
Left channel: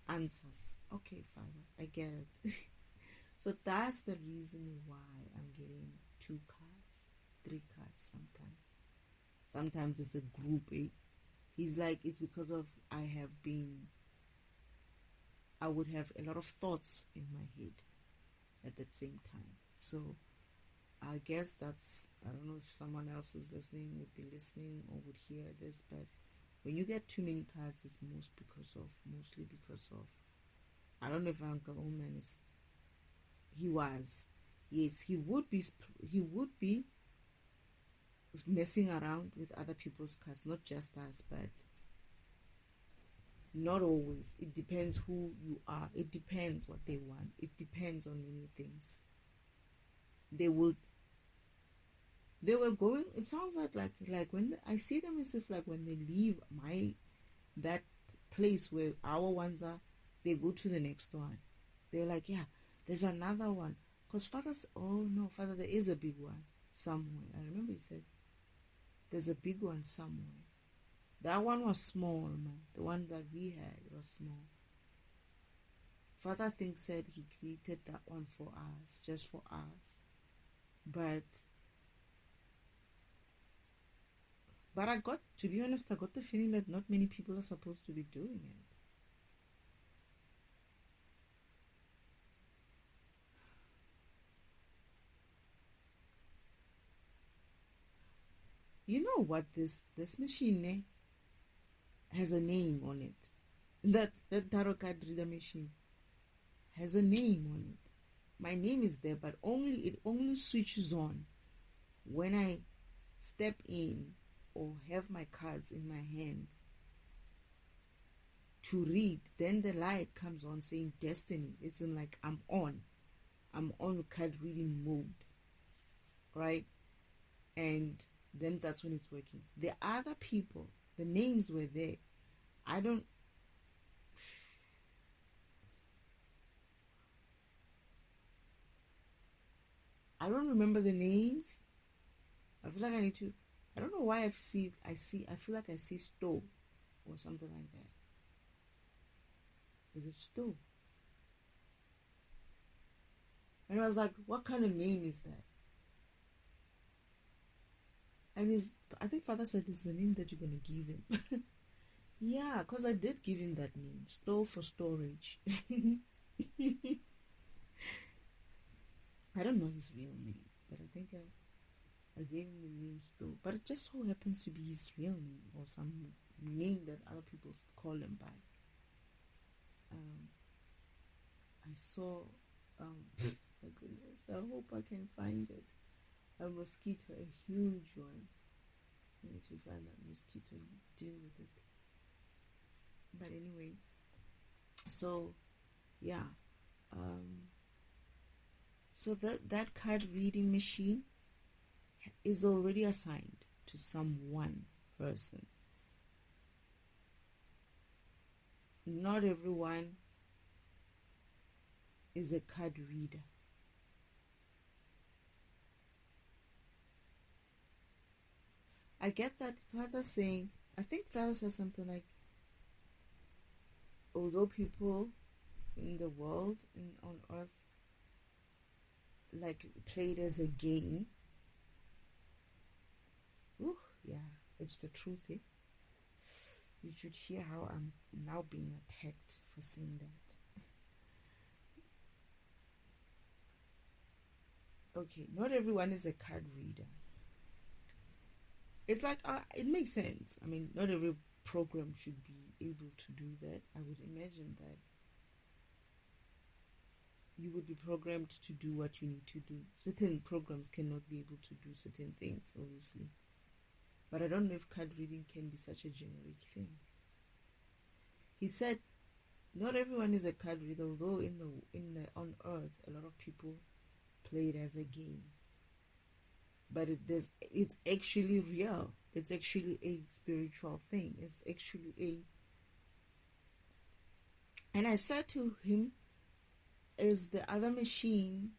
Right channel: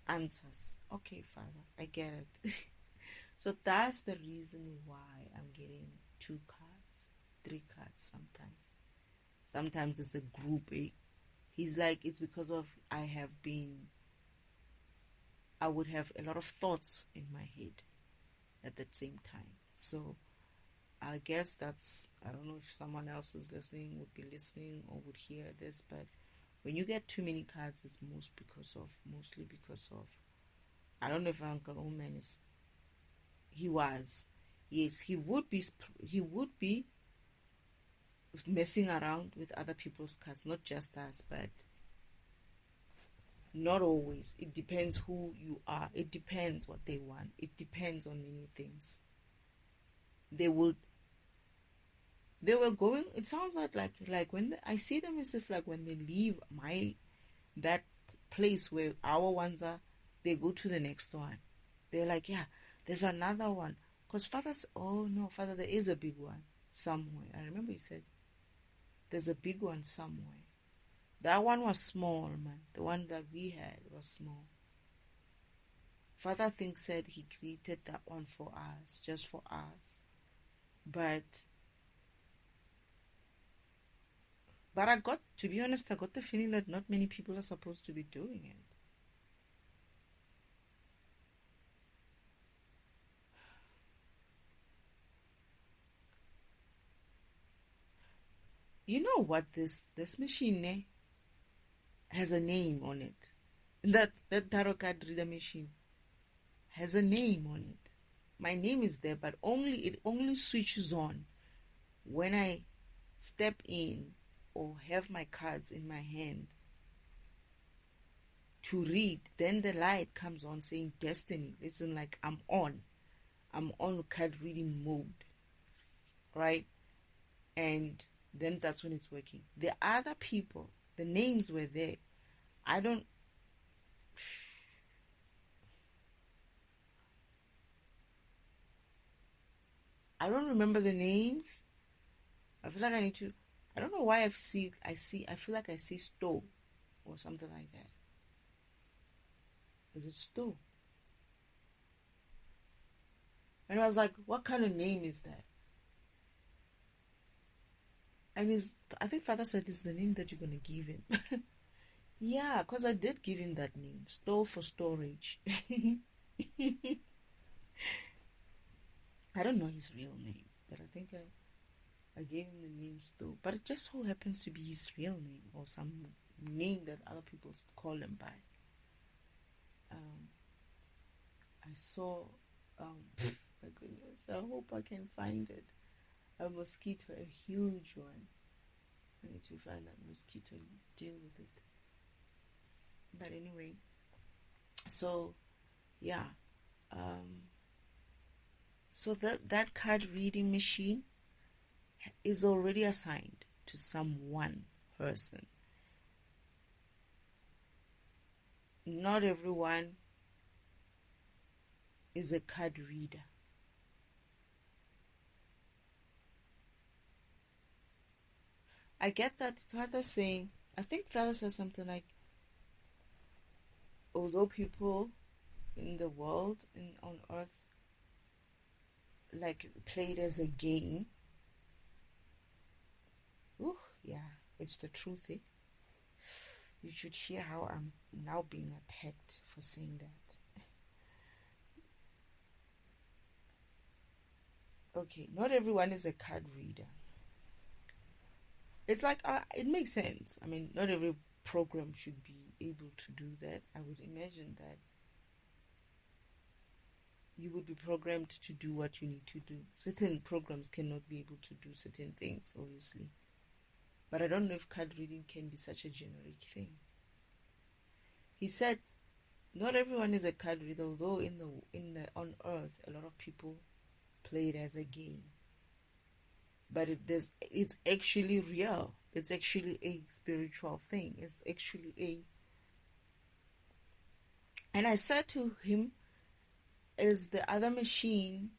answers. Okay, Father, I get it. So that's the reason why I'm getting 2 cards, 3 cards sometimes. Sometimes it's a group. He's like, it's because of I would have a lot of thoughts in my head at the same time. So I guess I don't know if someone else is listening, would be listening or would hear this, but when you get too many cards, it's mostly because of, I don't know if Uncle Oman is, he would be messing around with other people's cards, not just us, but not always. It depends who you are. It depends what they want. It depends on many things. They were going, it sounds like when I see them as if like when they leave that place where our ones are, they go to the next one. They're like, yeah, there's another one. Because Father, there is a big one somewhere. I remember he said, there's a big one somewhere. That one was small, man. The one that we had was small. Father said he created that one for us, just for us. But to be honest, I got the feeling that not many people are supposed to be doing it. You know what, this machine has a name on it. That tarot card reader machine has a name on it. My name is there, but it only switches on when I step in or have my cards in my hand to read. Then the light comes on saying destiny. It's in like I'm on card reading mode, right? And then that's when it's working. The other people, the names were there. I don't remember the names. I feel like I need to. I don't know why I feel like I see Stowe or something like that. Is it Stowe? And I was like, what kind of name is that? And I think Father said it's the name that you're going to give him. Yeah, because I did give him that name, Store for Storage. I don't know his real name, but I think I gave him the name Store. But it just so happens to be his real name or some name that other people call him by. I saw, my goodness, I hope I can find it. A mosquito, a huge one. I need to find that mosquito and deal with it. But anyway, so yeah, so that card reading machine is already assigned to some one person. Not everyone is a card reader. I get that Father saying, I think Father says something like, although people in the world and on earth like play it as a game, yeah, it's the truth. You should hear how I'm now being attacked for saying that. Okay, not everyone is a card reader. It's like, it makes sense. I mean, not every program should be able to do that. I would imagine that you would be programmed to do what you need to do. Certain programs cannot be able to do certain things, obviously. But I don't know if card reading can be such a generic thing. He said, not everyone is a card reader, although on earth, a lot of people play it as a game. But it's actually real. It's actually a spiritual thing. It's actually And I said to him, is the other machine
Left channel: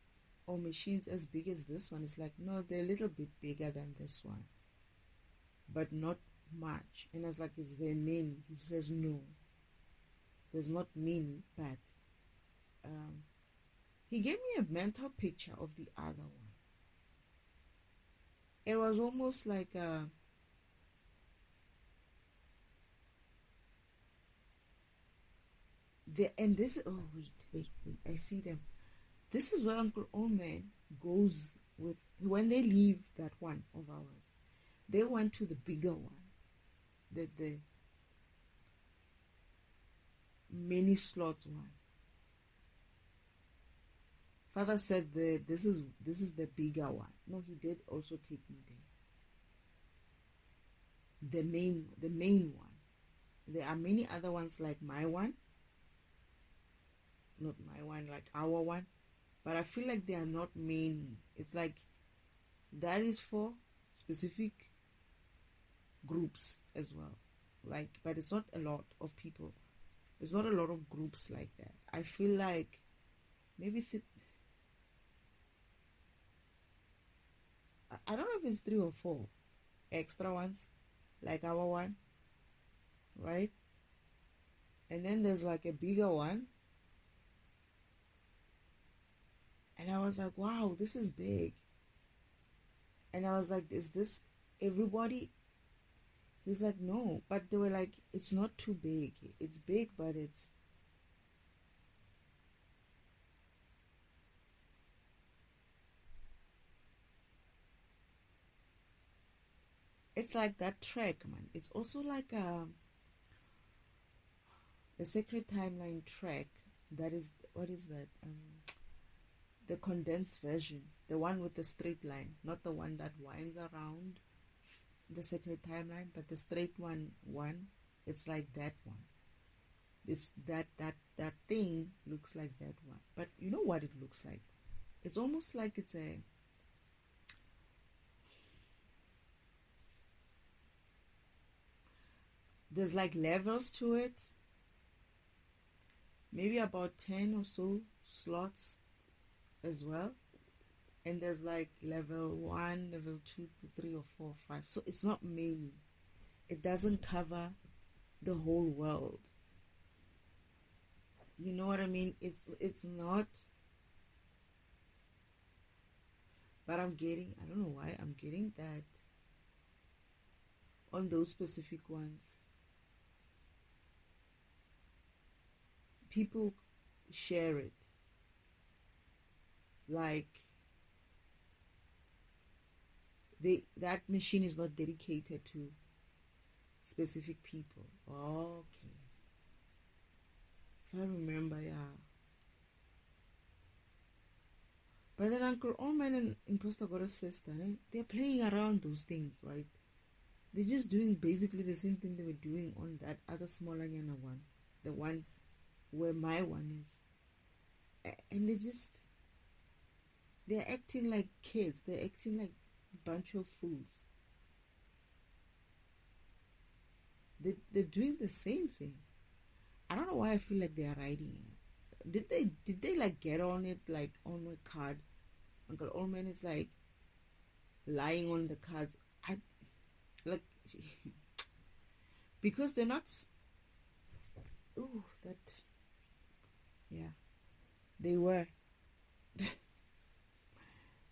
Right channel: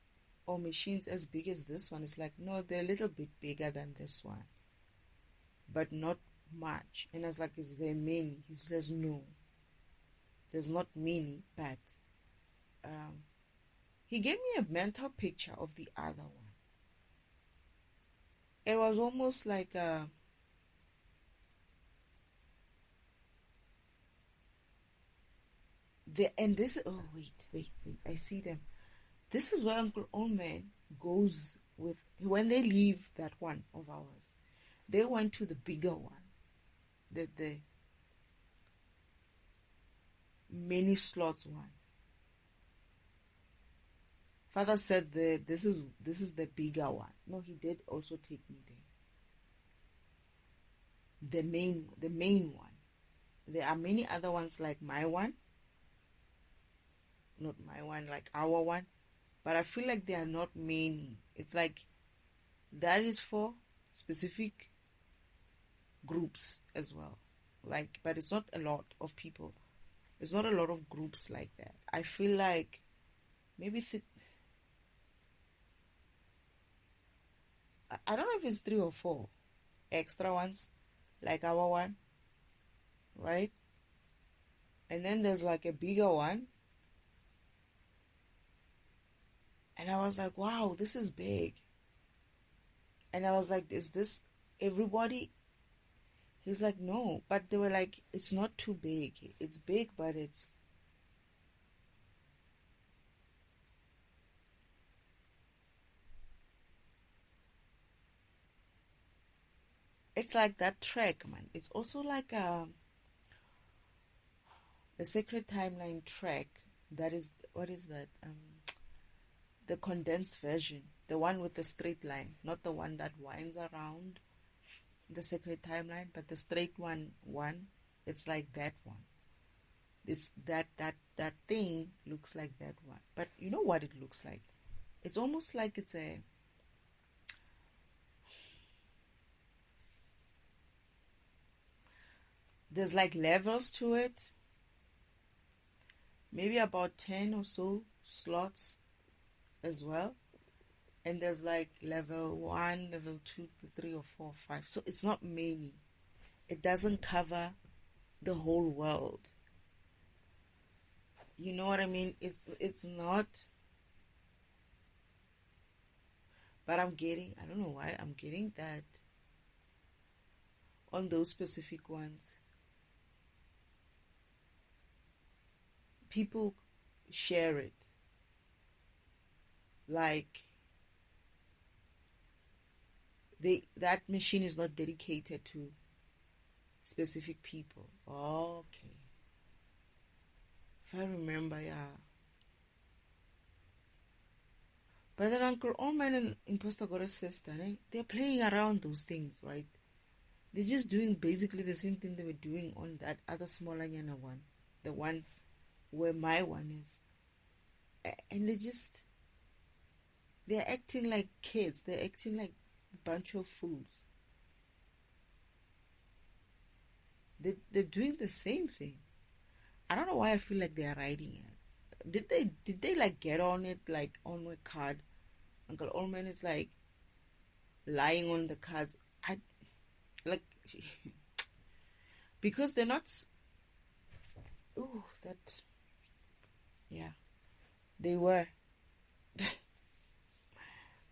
or machines as big as this one? It's like, no, they're a little bit bigger than this one, but not much. And I was like, is there many? He says, no, there's not many, but he gave me a mental picture of the other one. It was almost like wait, I see them. This is where Uncle Oldman goes with, when they leave that one of ours, they went to the bigger one, the many slots one. Father said this is the bigger one. No, he did also take me there. The main one. There are many other ones like my one. Not my one, like our one. But I feel like there are not many. It's like that is for specific groups as well. Like, but it's not a lot of people. It's not a lot of groups like that. I feel like maybe I don't know if it's 3 or 4 extra ones, like our one, right? And then there's like a bigger one. And I was like, wow, this is big. And I was like, is this everybody? He's like, no. But they were like, it's not too big. It's big, but it's... It's like that track, man. It's also like a Sacred Timeline track. That is, what is that? The condensed version. The one with the straight line. Not the one that winds around the Sacred Timeline, but the straight one. It's like that one. It's that thing looks like that one. But you know what it looks like? It's almost like it's there's like levels to it. Maybe about 10 or so slots as well. And there's like level 1, level 2, 3 or 4, 5. So it's not many. It doesn't cover the whole world. You know what I mean? It's not. But I don't know why, I'm getting that on those specific ones. people share it. Like, that machine is not dedicated to specific people. Okay. If I remember, yeah. But then Uncle Oman and Imposter Goddess Sister, they're playing around those things, right? They're just doing basically the same thing they were doing on that other smaller Yana one. The one where my one is. And they're acting like kids. They're acting like a bunch of fools. They're doing the same thing. I don't know why I feel like they're riding it. Did they like get on it, like on my card? Uncle Orman is like lying on the cards. I like because they're not. Oh, that. Yeah, they were.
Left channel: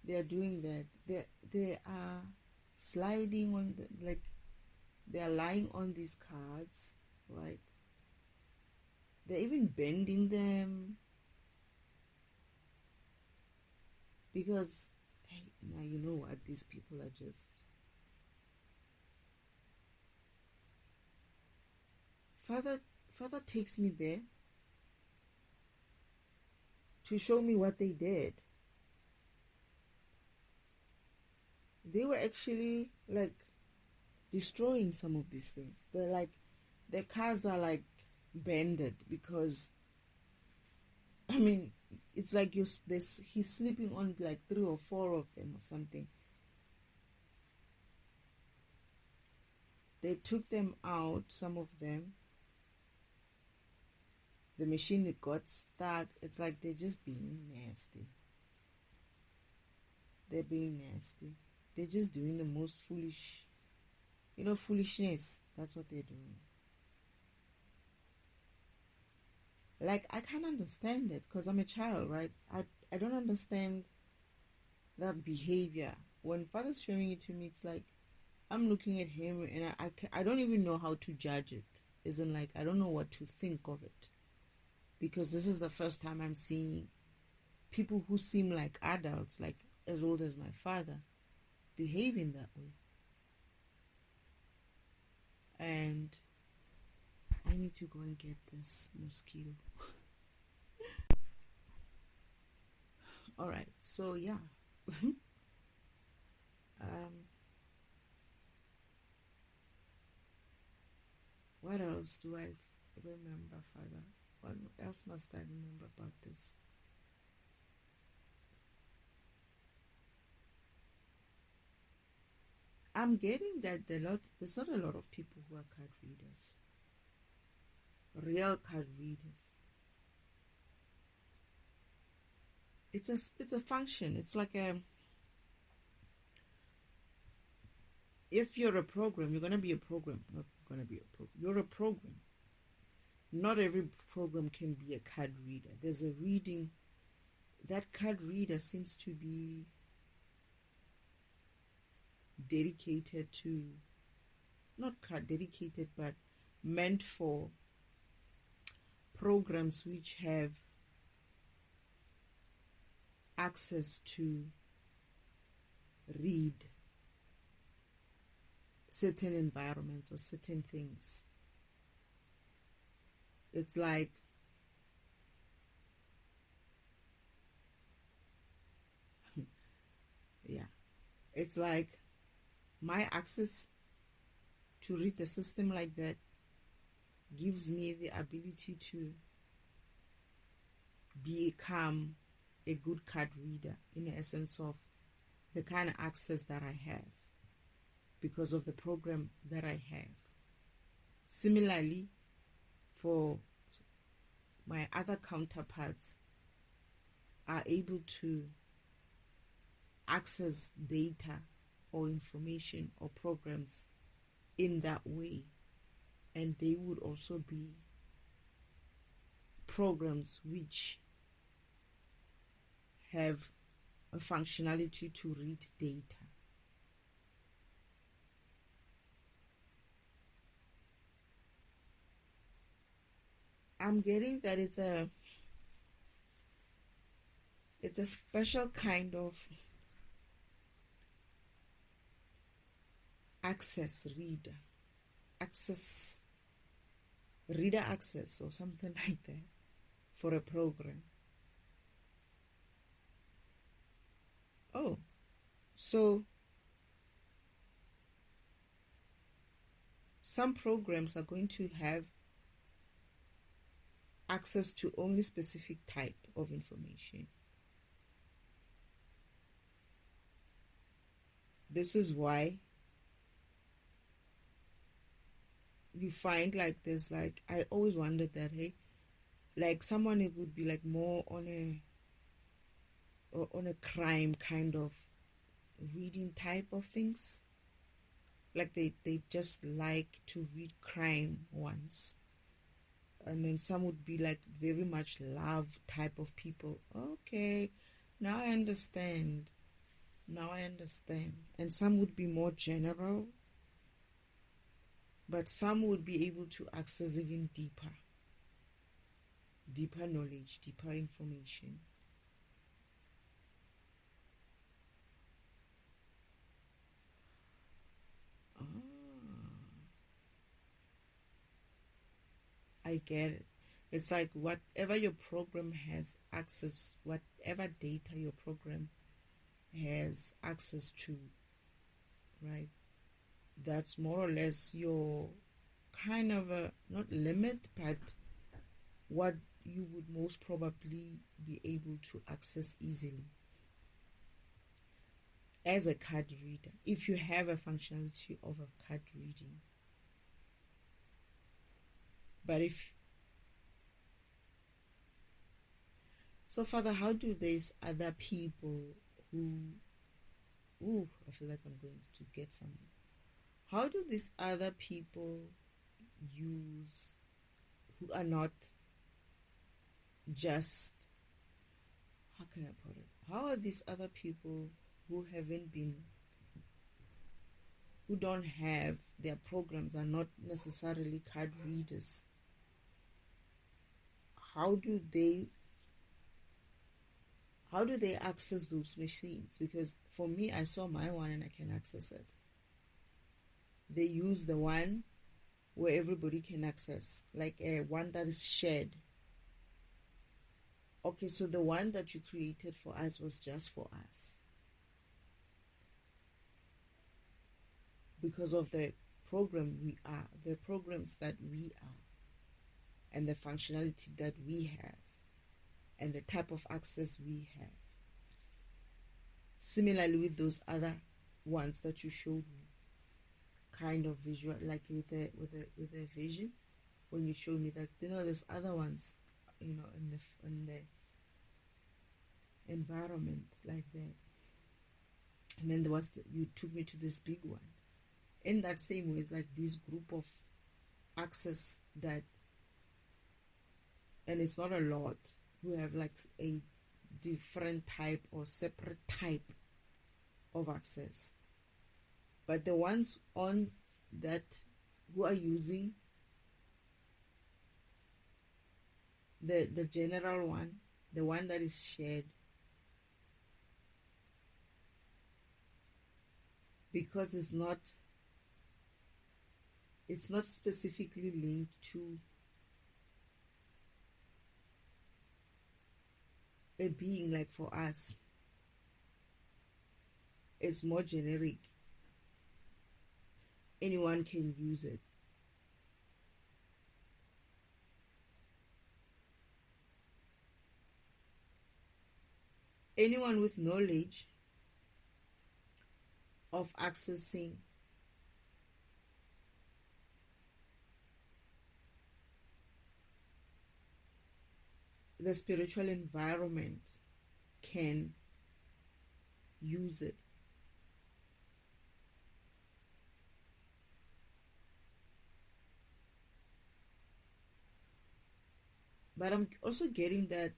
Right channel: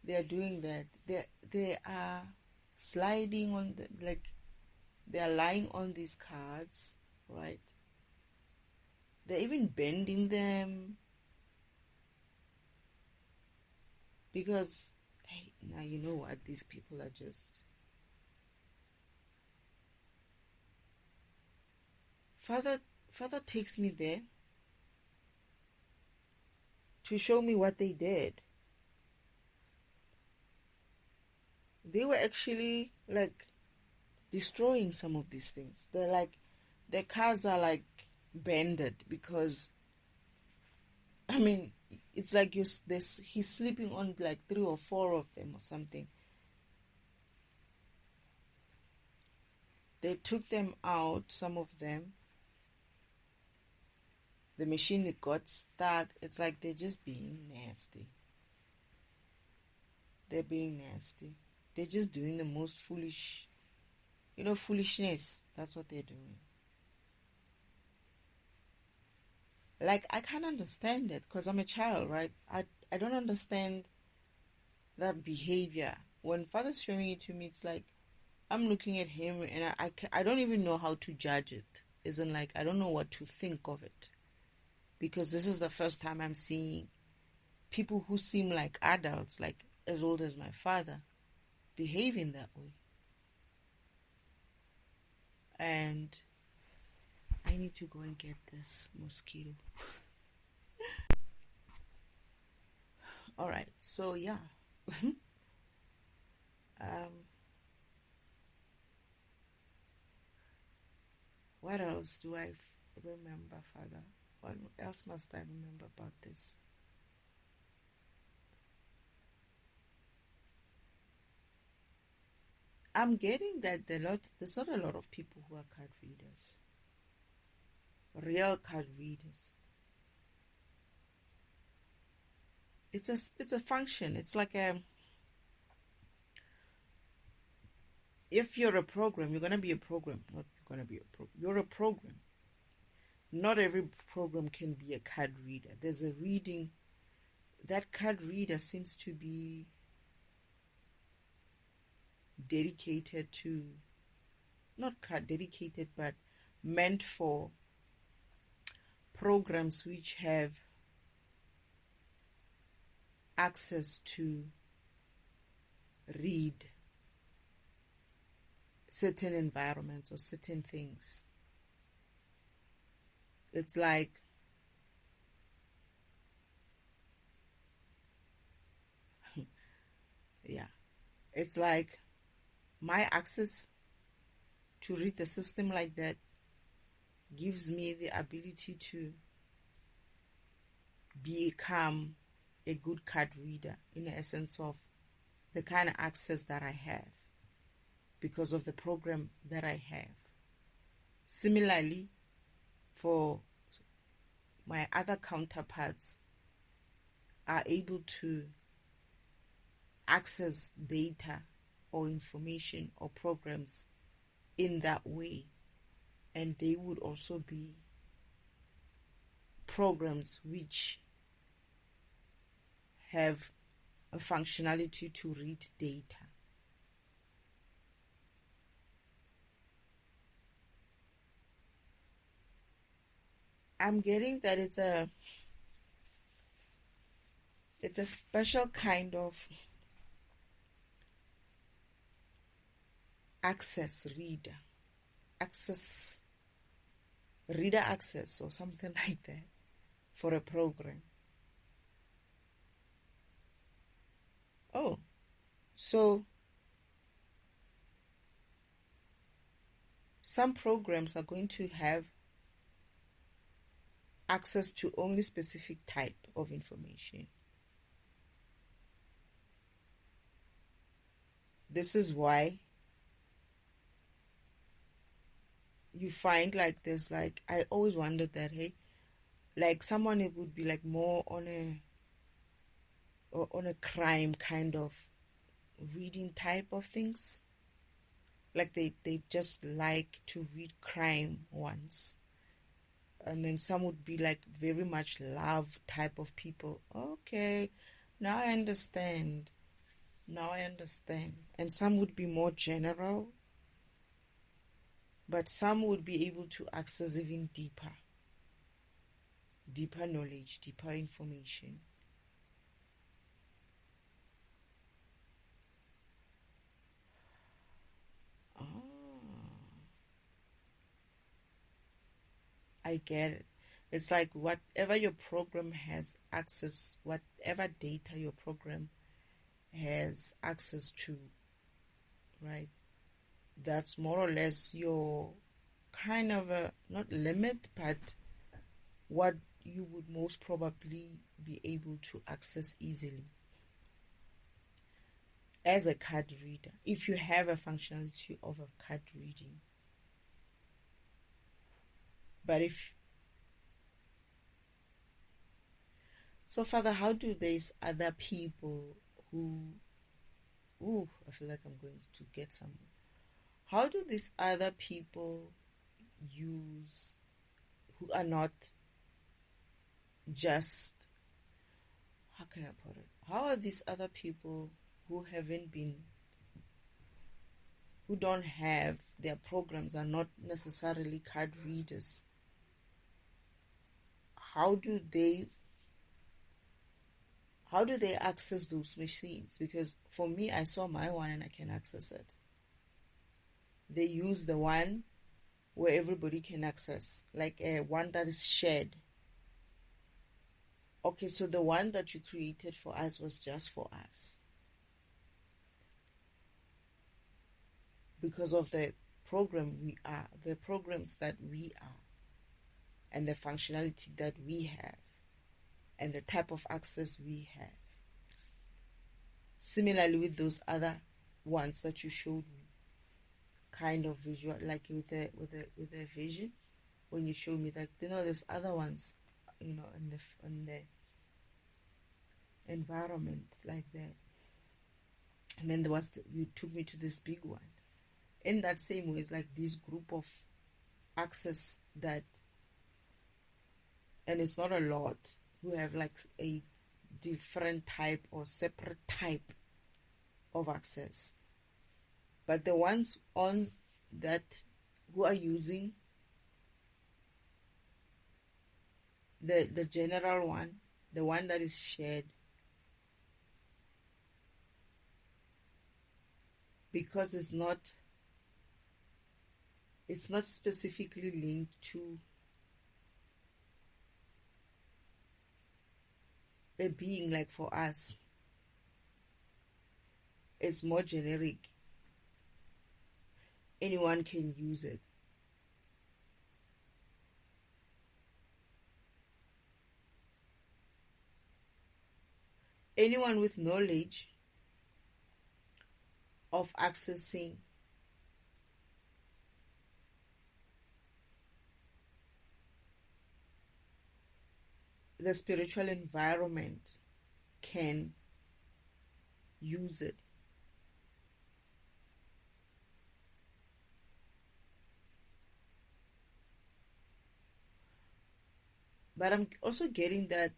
They are doing that. They are sliding on the, like, they are lying on these cards, right? They're even bending them because, hey, now you know what, these people are just. Father takes me there to show me what they did. They were actually like destroying some of these things. They're like, their cars are like bended because, I mean, it's like he's sleeping on like 3 or 4 of them or something. They took them out, some of them. The machine got stuck. It's like they're just being nasty. They're being nasty. They're just doing the most foolish, foolishness. That's what they're doing. Like, I can't understand it because I'm a child, right? I don't understand that behavior. When Father's showing it to me, it's like I'm looking at him and I don't even know how to judge it. Isn't like I don't know what to think of it. Because this is the first time I'm seeing people who seem like adults, like as old as my father, behaving that way. And I need to go and get this mosquito. Alright, so yeah. What else do I remember, Father? What else must I remember about this? I'm getting that there's not a lot of people who are card readers. Real card readers. It's a function. It's like if you're a program, you're gonna be a program. Not gonna be a program. You're a program. Not every program can be a card reader. There's a reading. That card reader seems to be dedicated to, not card dedicated, but meant for programs which have access to read certain environments or certain things. It's like yeah, it's like my access to read the system like that gives me the ability to become a good card reader in the essence of the kind of access that I have because of the program that I have. Similarly, for my other counterparts are able to access data or information or programs in that way, and they would also be programs which have a functionality to read data. I'm getting that it's a special kind of access reader access or something like that for a program. Oh, so some programs are going to have access to only specific type of information. This is why you find like there's like, I always wondered that, hey, like someone, it would be like more on a crime kind of reading type of things. Like they just like to read crime ones. And then some would be like very much love type of people. Okay, now I understand. And some would be more general, but some would be able to access even deeper knowledge, deeper information. I get it. It's like whatever your program has access, whatever data your program has access to, right? That's more or less your kind of a, not limit, but what you would most probably be able to access easily as a card reader, if you have a functionality of a card reading. But if so, Father, how do these other people I feel like I'm going to get some. How do these other people use, who are not just, how can I put it? How are these other people who don't have, their programs are not necessarily card readers, how do they access those machines? Because for me, I saw my one and I can access it. They use the one where everybody can access, like a one that is shared. Okay, so the one that you created for us was just for us. Because of the the programs that we are, and the functionality that we have, and the type of access we have. Similarly with those other ones that you showed me, kind of visual, like with a vision, when you showed me that, there's other ones, in the environment like that. And then you took me to this big one. In that same way, it's like this group of access that, and it's not a lot, who have like a different type or separate type of access. But the ones on that who are using the general one, the one that is shared, because it's not specifically linked to a being like for us. It's more generic. Anyone can use it. Anyone with knowledge of accessing the spiritual environment can use it. But I'm also getting that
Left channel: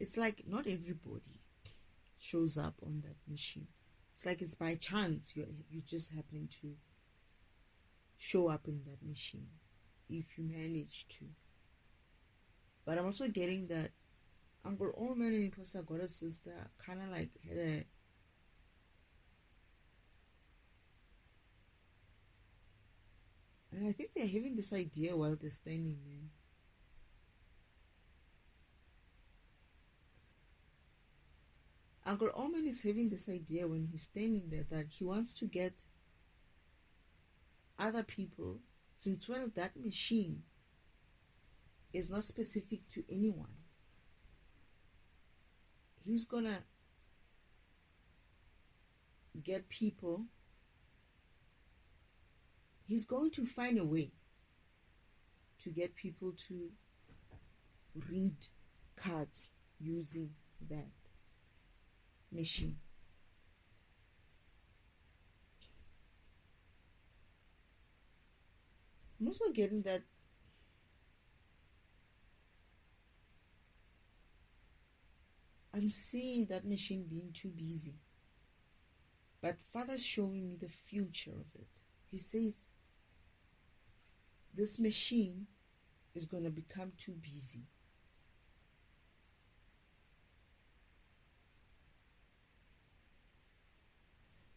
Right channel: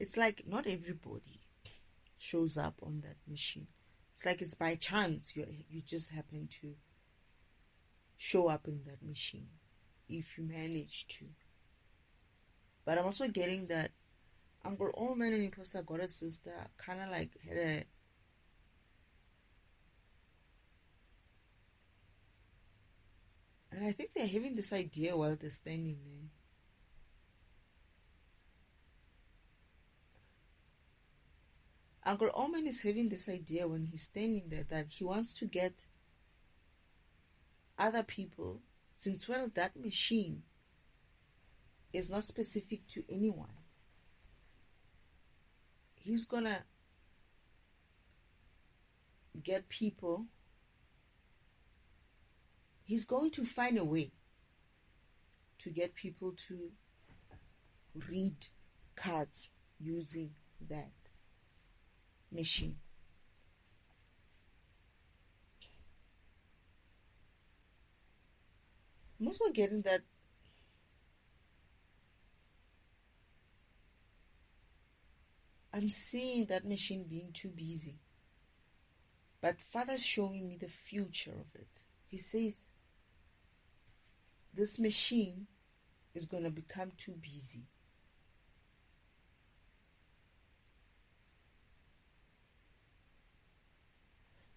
it's like not everybody shows up on that machine. It's like it's by chance you just happen to show up in that machine if you manage to. But I'm also getting that Uncle Omen and Imposter Goddess Sister kind of like had a and I think they're having this idea while they're standing there. Uncle Omen is having this idea when he's standing there that he wants to get other people, since well that machine is not specific to anyone. He's gonna get people, he's going to find a way to get people to read cards using that machine. I'm also getting that I'm seeing that machine being too busy. But Father's showing me the future of it. He says, this machine is going to become too busy.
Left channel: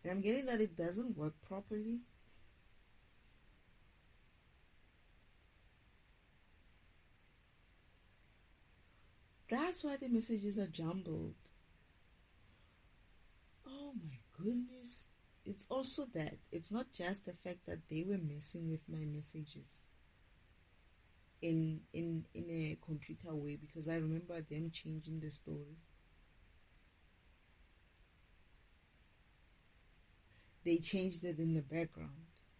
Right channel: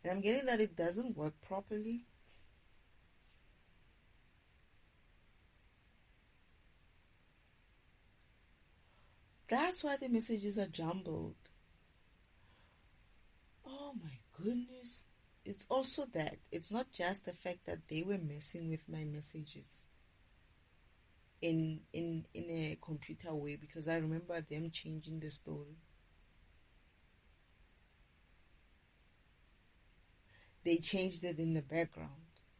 And I'm getting that it doesn't work properly. That's why the messages are jumbled. Oh my goodness. It's also that. It's not just the fact that they were messing with my messages in a computer way, because I remember them changing the story. They changed it in the background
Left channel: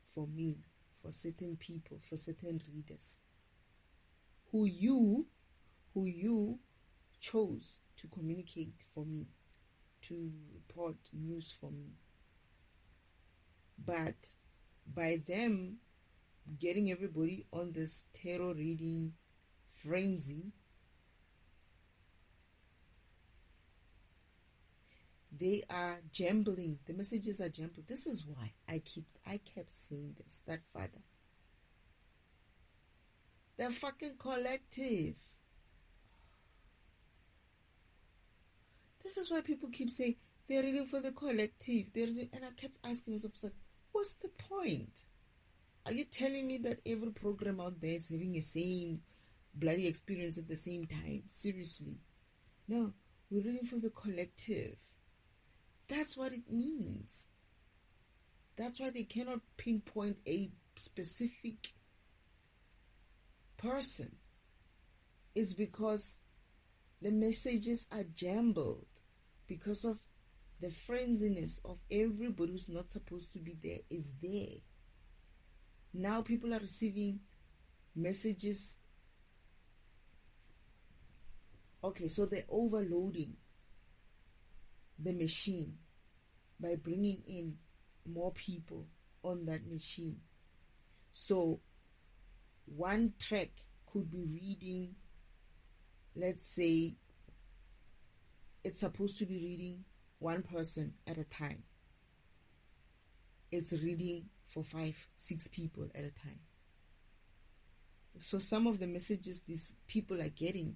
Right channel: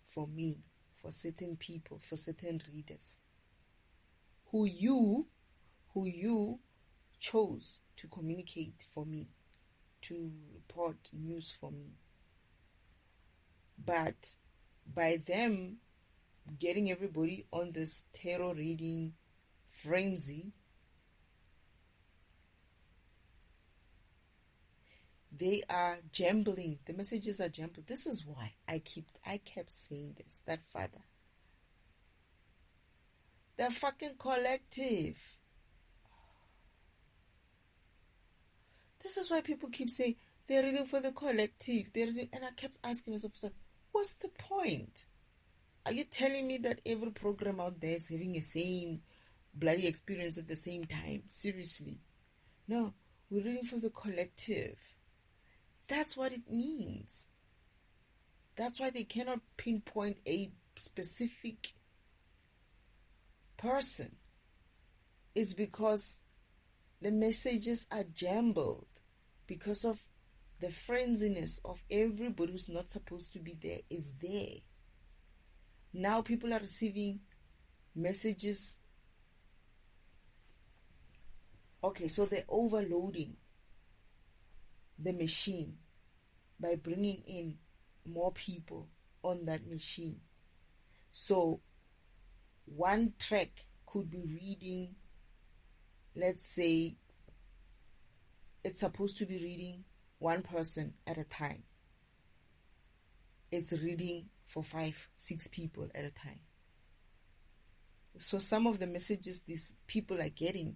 for me, for certain people, for certain readers who you chose to communicate for me, to report news for me. But by them getting everybody on this tarot reading frenzy, they are jambling. The messages are jumbled. This is why I kept saying this, that Father, they're fucking collective. This is why people keep saying they're reading for the collective. And I kept asking myself, like, what's the point? Are you telling me that every program out there is having the same bloody experience at the same time? Seriously. No, we're reading for the collective. That's what it means. That's why they cannot pinpoint a specific person. It's because the messages are jumbled because of the frenziness of everybody who's not supposed to be there is there. Now people are receiving messages. Okay, so they're overloading the machine by bringing in more people on that machine. So one track could be reading, let's say it's supposed to be reading one person at a time. It's reading for 5-6 people at a time. So some of the messages these people are getting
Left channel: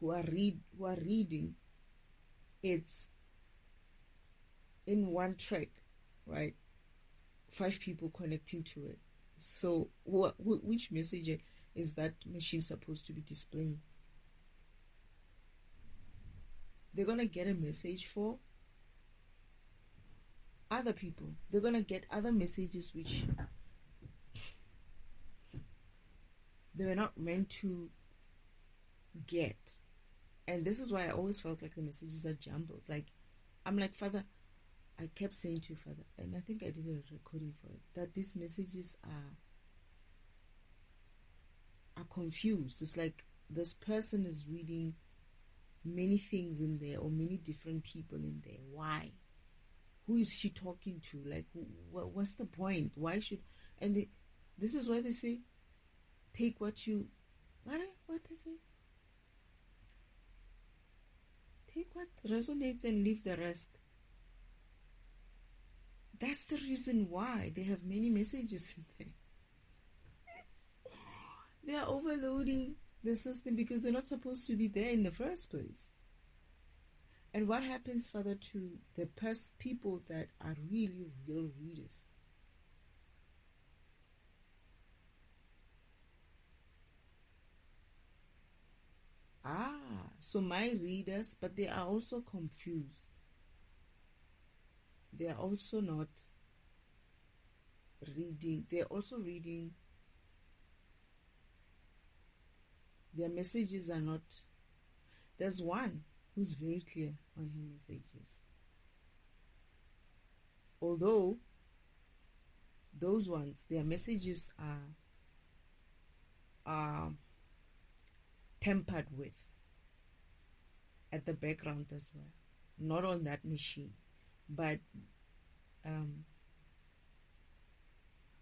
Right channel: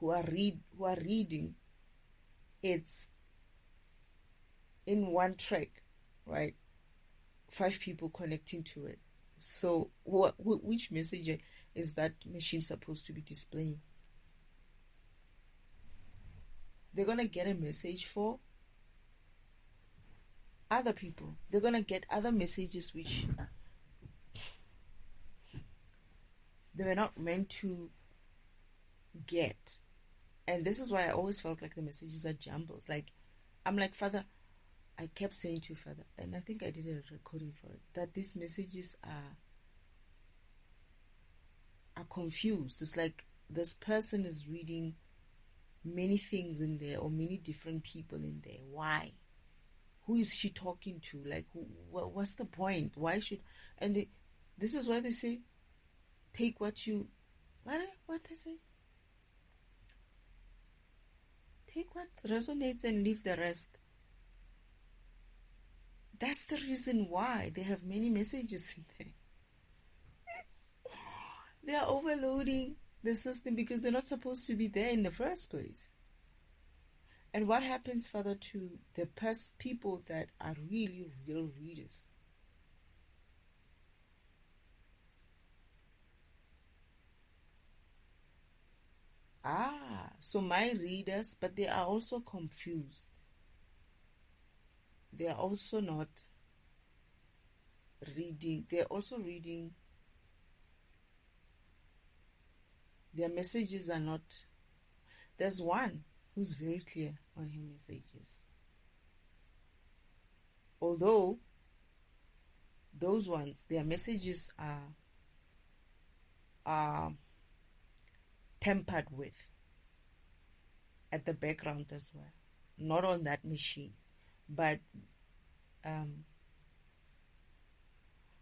who are reading, it's in one track, right? 5 people connecting to it. So which message is that machine supposed to be displaying? They're going to get a message for other people. They're going to get other messages which they were not meant to get. And this is why I always felt like the messages are jumbled. Like, I'm like, Father, I kept saying to Father, and I think I did a recording for it, that these messages are confused. It's like this person is reading many things in there, or many different people in there. Why? Who is she talking to? Like, what's the point? Why should... And this is why they say, take what they say? Take what resonates and leave the rest. That's the reason why they have many messages in there. They are overloading the system because they're not supposed to be there in the first place. And what happens, Father, to the people that are really real readers? So my readers, but they are also confused. They are also not reading. They're also reading. Their messages are not. There's one who's very clear on his messages. Although those ones, their messages are tempered with at the background as well. Not on that machine, but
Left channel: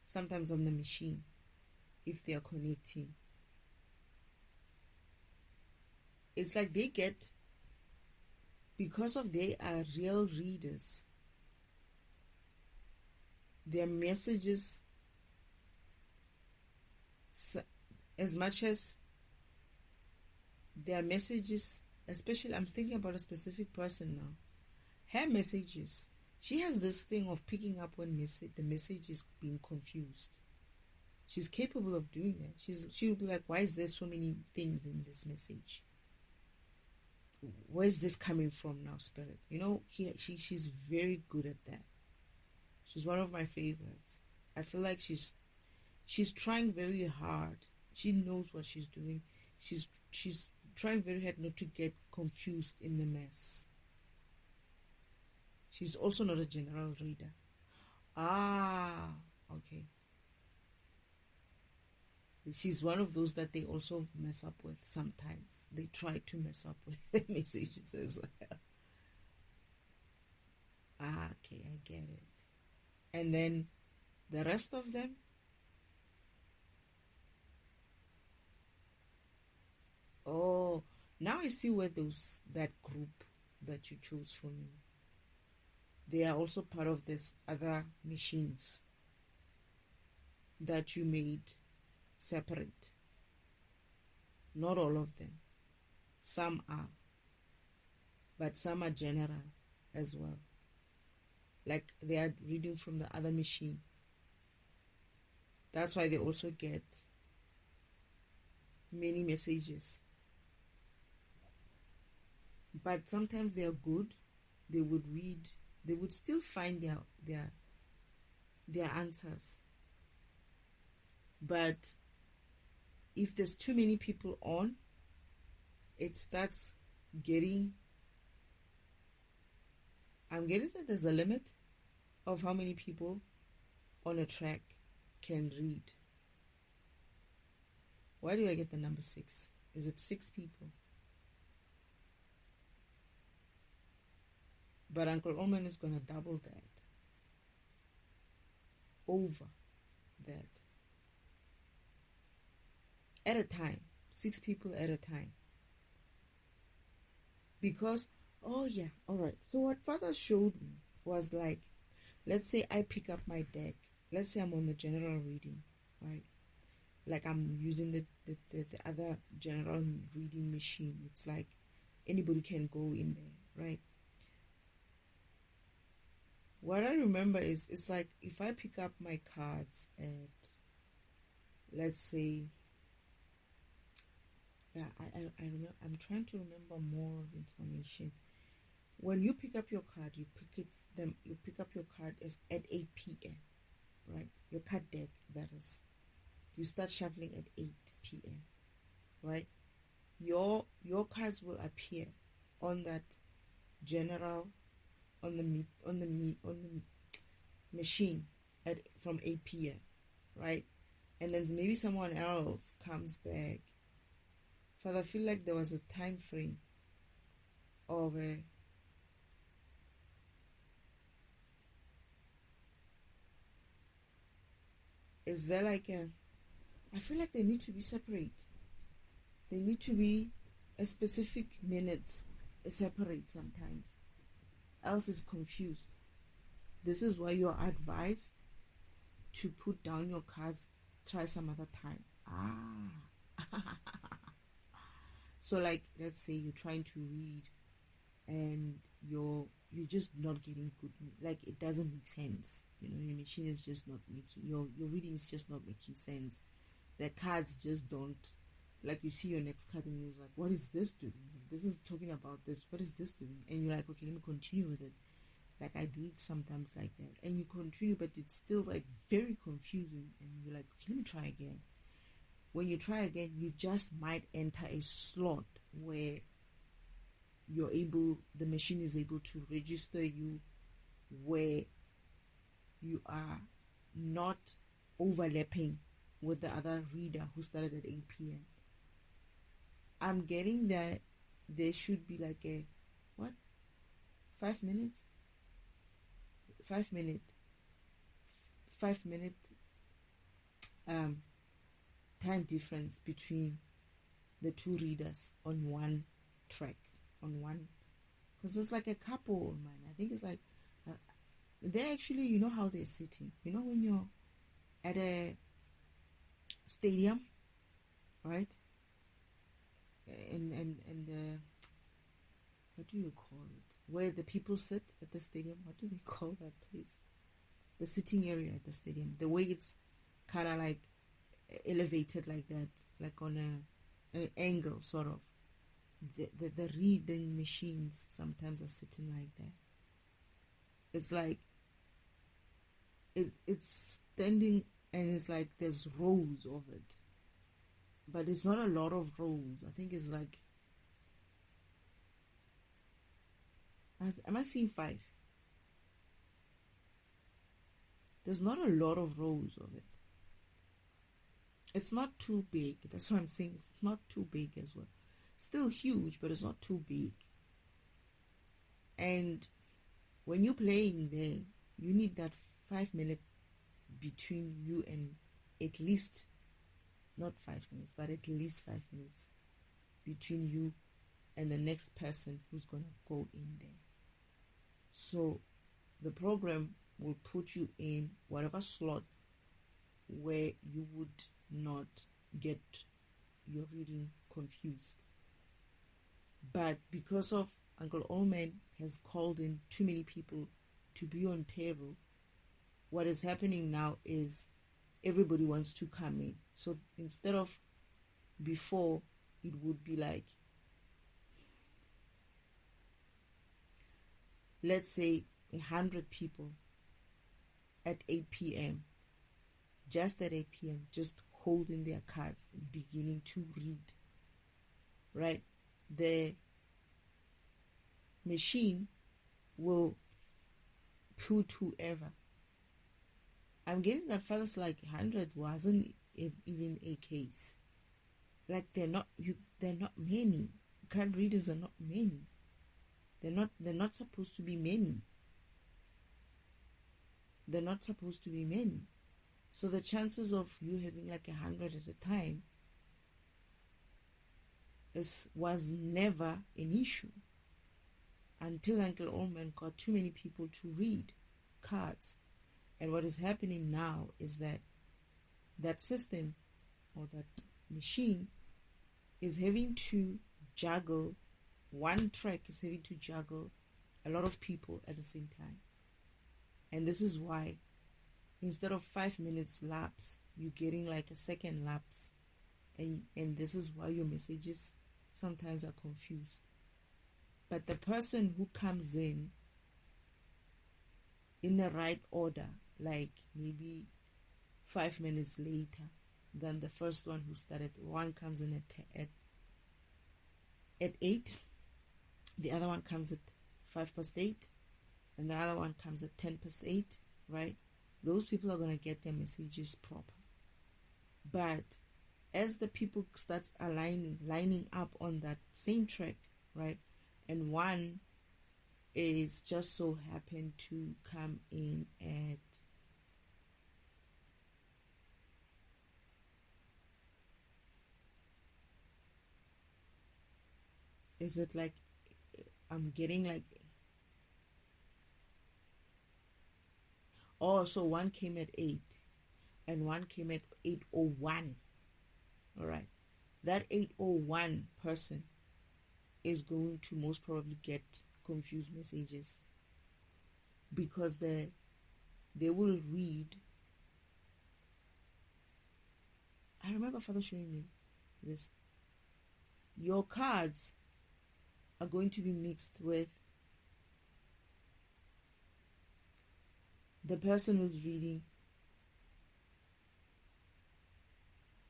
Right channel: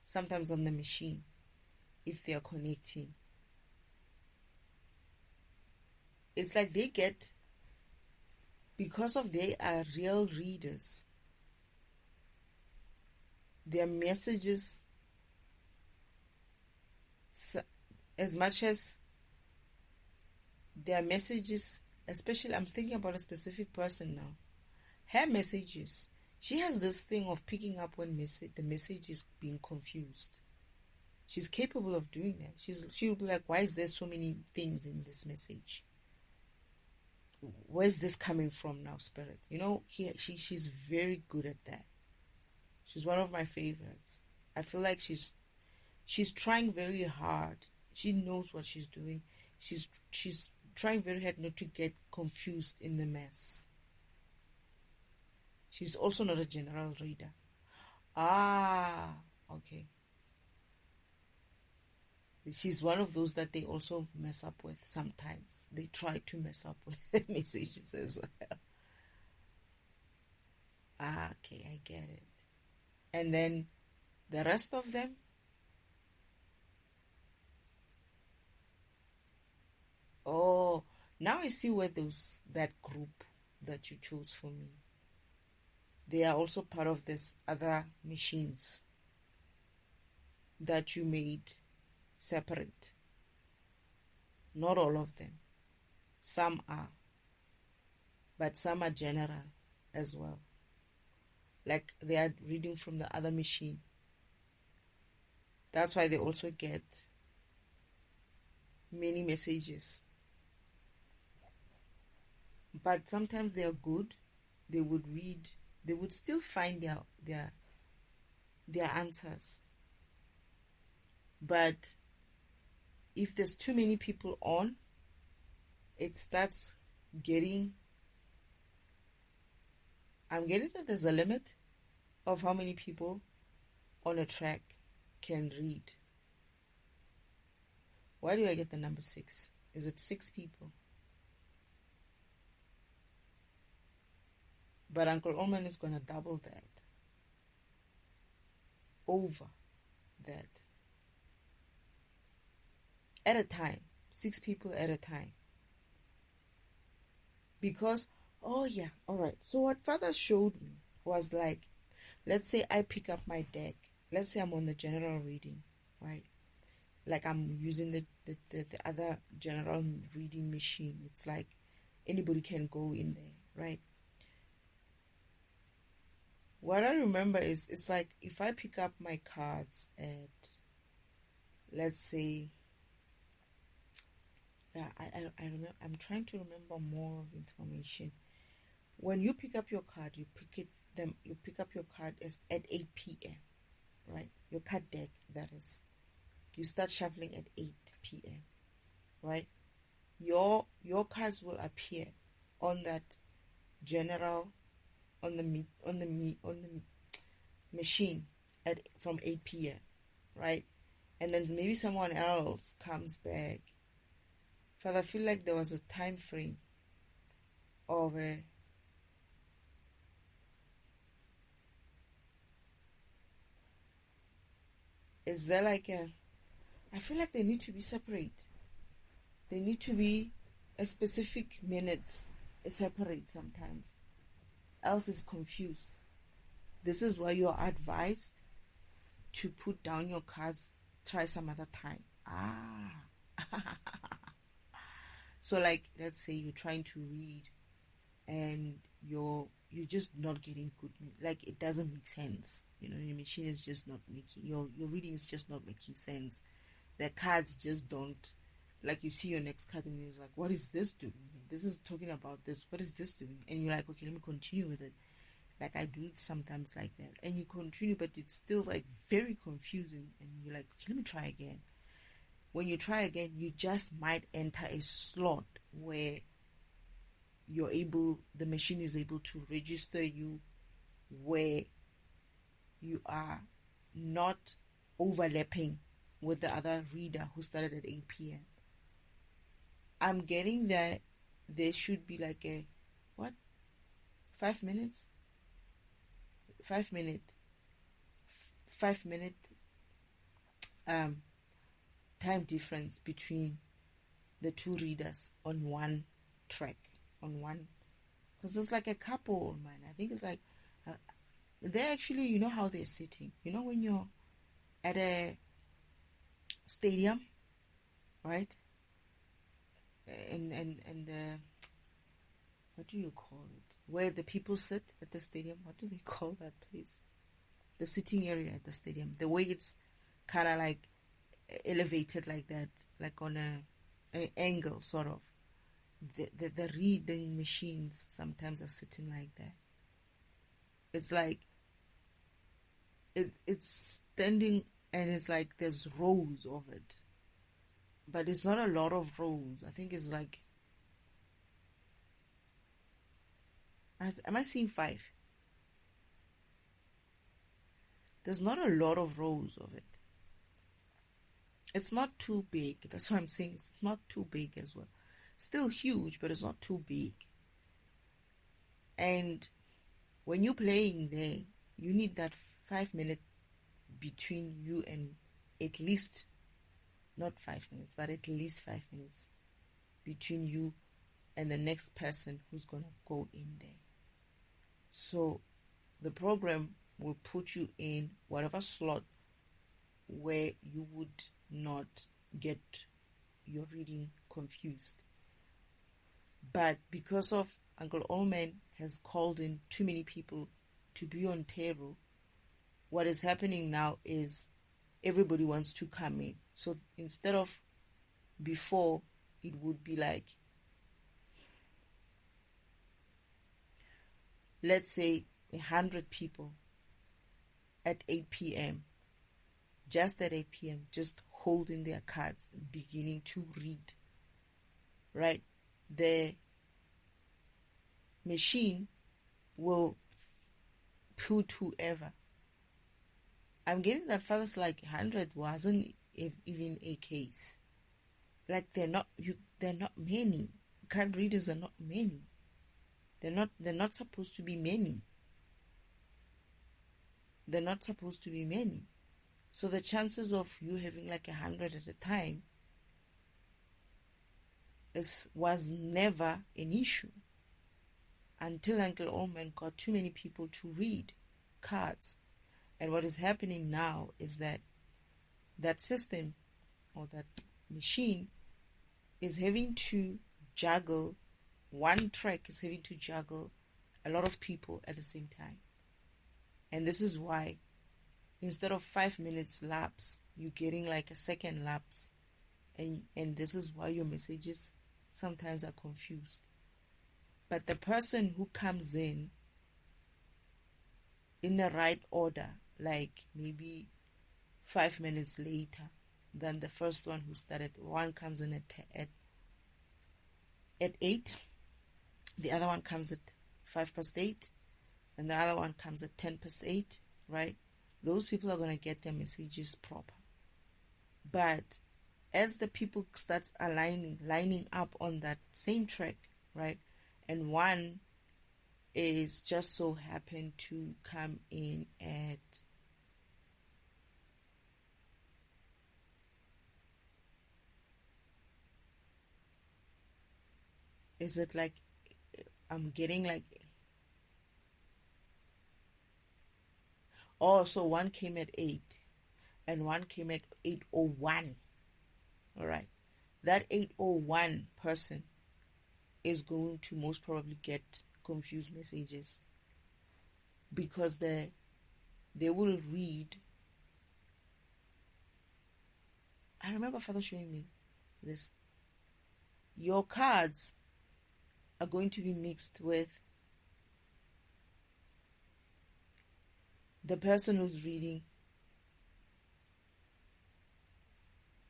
sometimes on the machine if they are connecting. It's like they get, because of they are real readers, their messages, as much as their messages, especially I'm thinking about a specific person now, her messages, she has this thing of picking up when the message is being confused. She's capable of doing that. She'll be like, why is there so many things in this message? Where's this coming from now, Spirit? You know, she's very good at that. She's one of my favorites. I feel like she's trying very hard. She knows what she's doing. She's trying very hard not to get confused in the mess. She's also not a general reader. Okay. She's one of those that they also mess up with sometimes. They try to mess up with messages as well. Okay, I get it. And then the rest of them, now I see where that group that you chose for me, they are also part of this other machines that you made separate. Not all of them. Some are. But some are general as well. Like they are reading from the other machine. That's why they also get many messages. But sometimes they are good. They would read. They would still find their answers. But if there's too many people on, it starts getting. I'm getting that there's a limit of how many people on a track can read. Why do I get the number 6? Is it 6 people? But Uncle Oman is going to double that. Over that. At a time. 6 people at a time. Because, alright. So what Father showed me was like, let's say I pick up my deck. Let's say I'm on the general reading, right? Like I'm using the other general reading machine. It's like anybody can go in there, right? What I remember is it's like if I pick up my cards at, let's say, I remember, I'm trying to remember more of information. When you pick up your card, you pick up your card at 8 p.m. right? Your card deck, that is. You start shuffling at 8 p.m. right? Your cards will appear on that general on the machine from 8 p.m. right? And then maybe someone else comes back. Father, I feel like there was a time frame of is there like I feel like they need to be separate. They need to be a specific minute separate sometimes. Else it's confused. This is why you're advised to put down your cards, try some other time. So like, let's say you're trying to read and you're just not getting good, like it doesn't make sense. You know, your machine is just not making, your reading is just not making sense. The cards just don't, like you see your next card and you're like, what is this doing? This is talking about this, what is this doing? And you're like, okay, let me continue with it. Like I do it sometimes like that, and you continue, but it's still like very confusing, and you're like, okay, let me try again. When you try again, you just might enter a slot where the machine is able to register you where you are not overlapping with the other reader who started at 8 p.m. I'm getting that there should be like a 5 minute 5 minute time difference between the two readers on one track, because it's like a couple, man. I think it's like they're actually, you know how they're sitting, you know, when you're at a stadium, right? And the, what do you call it, where the people sit at the stadium? What do they call that place? The sitting area at the stadium, the way it's kind of like elevated like that, like on an angle sort of. The reading machines sometimes are sitting like that. It's like it's standing, and it's like there's rows of it, but it's not a lot of rows. I think it's like, am I seeing 5? There's not a lot of rows of it. It's not too big. That's what I'm saying. It's not too big as well. Still huge, but it's not too big. And when you're playing there, you need that 5 minute between you, and at least, not 5 minutes, but at least 5 minutes between you and the next person who's going to go in there. So the program will put you in whatever slot where you would not get your reading confused. But because of Uncle Allman has called in too many people to be on tarot, what is happening now is everybody wants to come in. So instead of before, it would be like, let's say 100 people at 8 p.m., just at 8 p.m., just holding their cards, beginning to read, right? The machine will put whoever. I'm getting that first, like 100 wasn't even a case. Like they're not many. Card readers are not many. They're not supposed to be many. They're not supposed to be many. So the chances of you having like 100 at a time was never an issue until Uncle Allman got too many people to read cards. And what is happening now is that system, or that machine, is having to juggle, one track is having to juggle a lot of people at the same time. And this is why instead of 5 minutes lapse, you're getting like a second lapse. And this is why your messages sometimes are confused. But the person who comes in the right order, like maybe 5 minutes later than the first one who started, one comes in at 8, the other one comes at 8:05, and the other one comes at 8:10, right? Those people are going to get their messages proper. But as the people start lining up on that same track, right, and one is just so happened to come in at is it like I'm getting like Oh, so one came at 8 and one came at 8:01. All right. That 8:01 person is going to most probably get confused messages because they will read. I remember Father showing me this. Your cards are going to be mixed with the person who's reading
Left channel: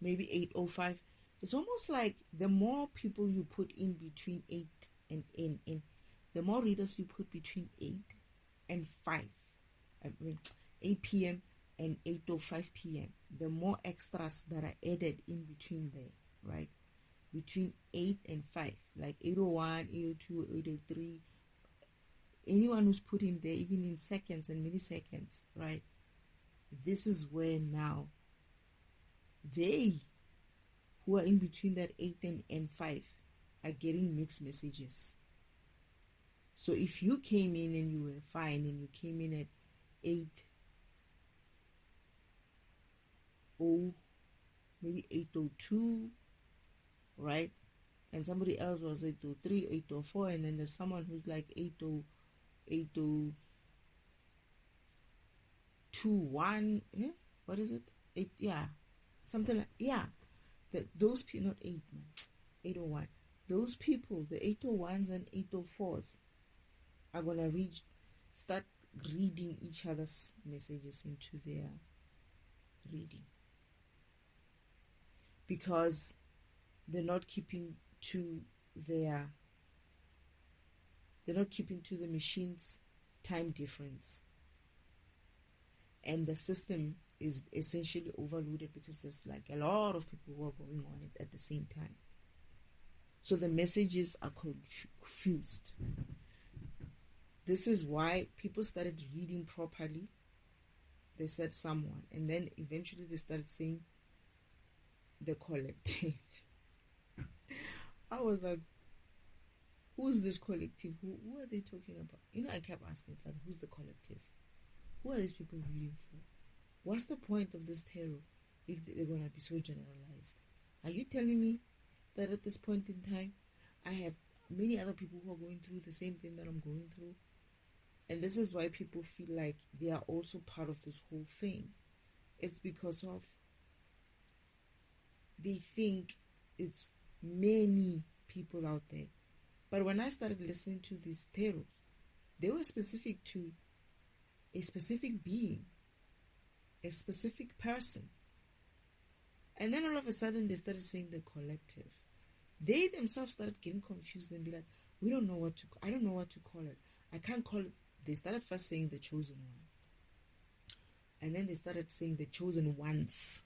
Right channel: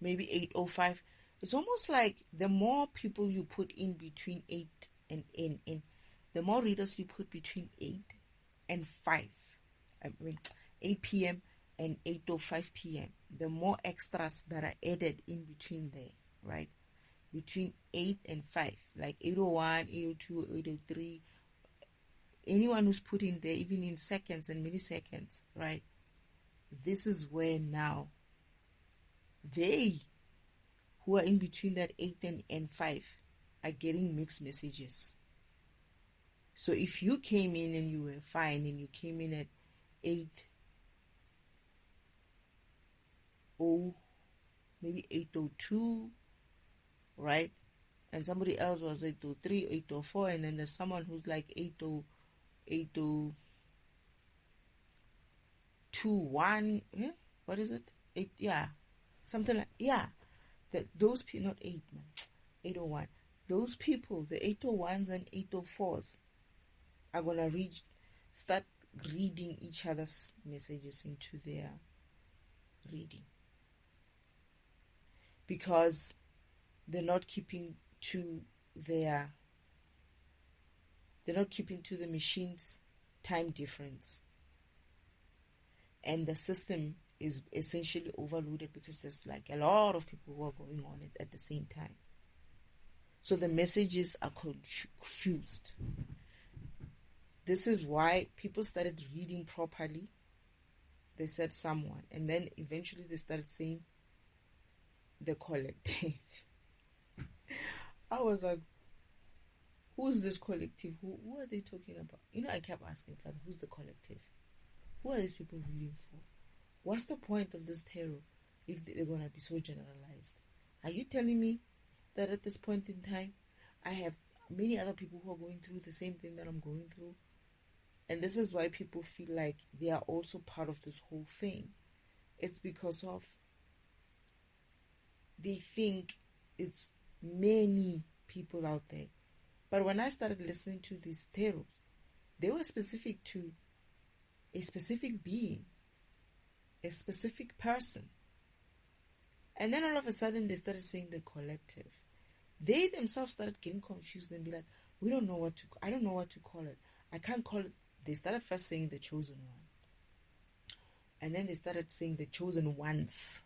maybe 8:05. It's almost like the more people you put in between 8 and in, the more readers you put between 8 and 5. I mean 8 p.m. and 8:05 p.m. The more extras that are added in between there, right? Between 8 and 5, like 8:01, 8:02, 8:03. Anyone who's put in there, even in seconds and milliseconds, right? This is where now they who are in between that 8 and 5 are getting mixed messages. So if you came in and you were fine and you came in at 8:0, maybe 8:02, right? And somebody else was 8:03, 8:04, and then there's someone who's like 8:21. Yeah? What is it? 8, yeah. Something like, yeah. Those people, not 8, man. 8:01. Those people, the 8:01s and 8:04s, are going to start reading each other's messages into their reading. Because they're not keeping to the machine's time difference. And the system is essentially overloaded because there's like a lot of people who are going on it at the same time. So the messages are confused. This is why people started reading properly. They said someone, and then eventually they started saying the collective. I was like, who's this collective? Who are they talking about? I kept asking Father, who's the collective? Who are these people reading for? What's the point of this tarot if they're going to be so generalized? Are you telling me that at this point in time, I have many other people who are going through the same thing that I'm going through? And this is why people feel like they are also part of this whole thing. It's because of they think it's many people out there. But when I started listening to these tarots, they were specific to a specific being, a specific person. And then all of a sudden they started saying the collective. They themselves started getting confused and be like, I don't know what to call it. I can't call it. They started first saying the chosen one. And then they started saying the chosen ones.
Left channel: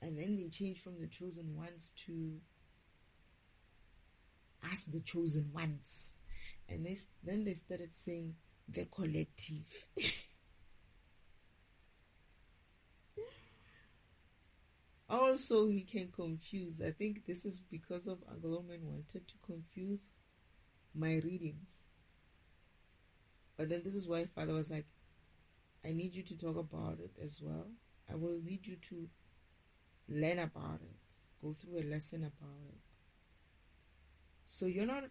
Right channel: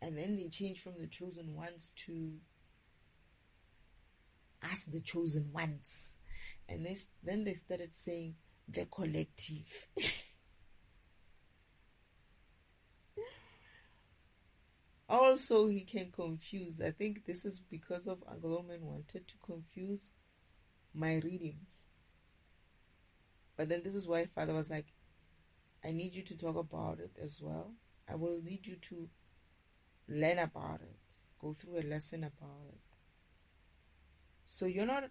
And then they changed from the chosen ones to us, the chosen ones. And then they started saying the collective. Also, he can confuse. I think this is because of Agloman wanted to confuse my readings. But then this is why Father was like, I need you to talk about it as well. I will need you to learn about it. Go through a lesson about it. So not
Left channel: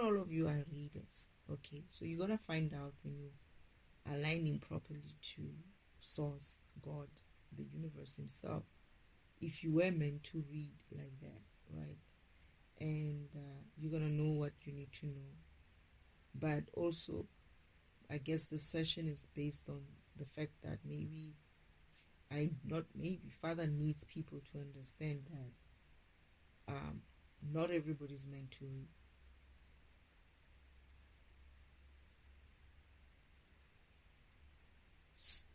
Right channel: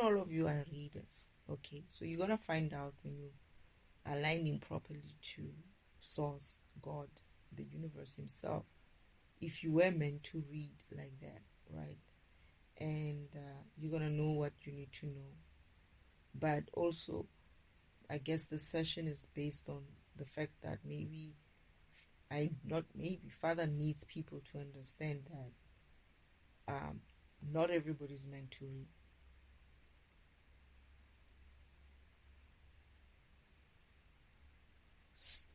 all of you are readers. Okay, so you're going to find out when you are aligning properly to Source, God, the universe himself, if you were meant to read like that, right? And you're going to know what you need to know. But also, I guess the session is based on the fact that Father needs people to understand that not everybody's meant to read.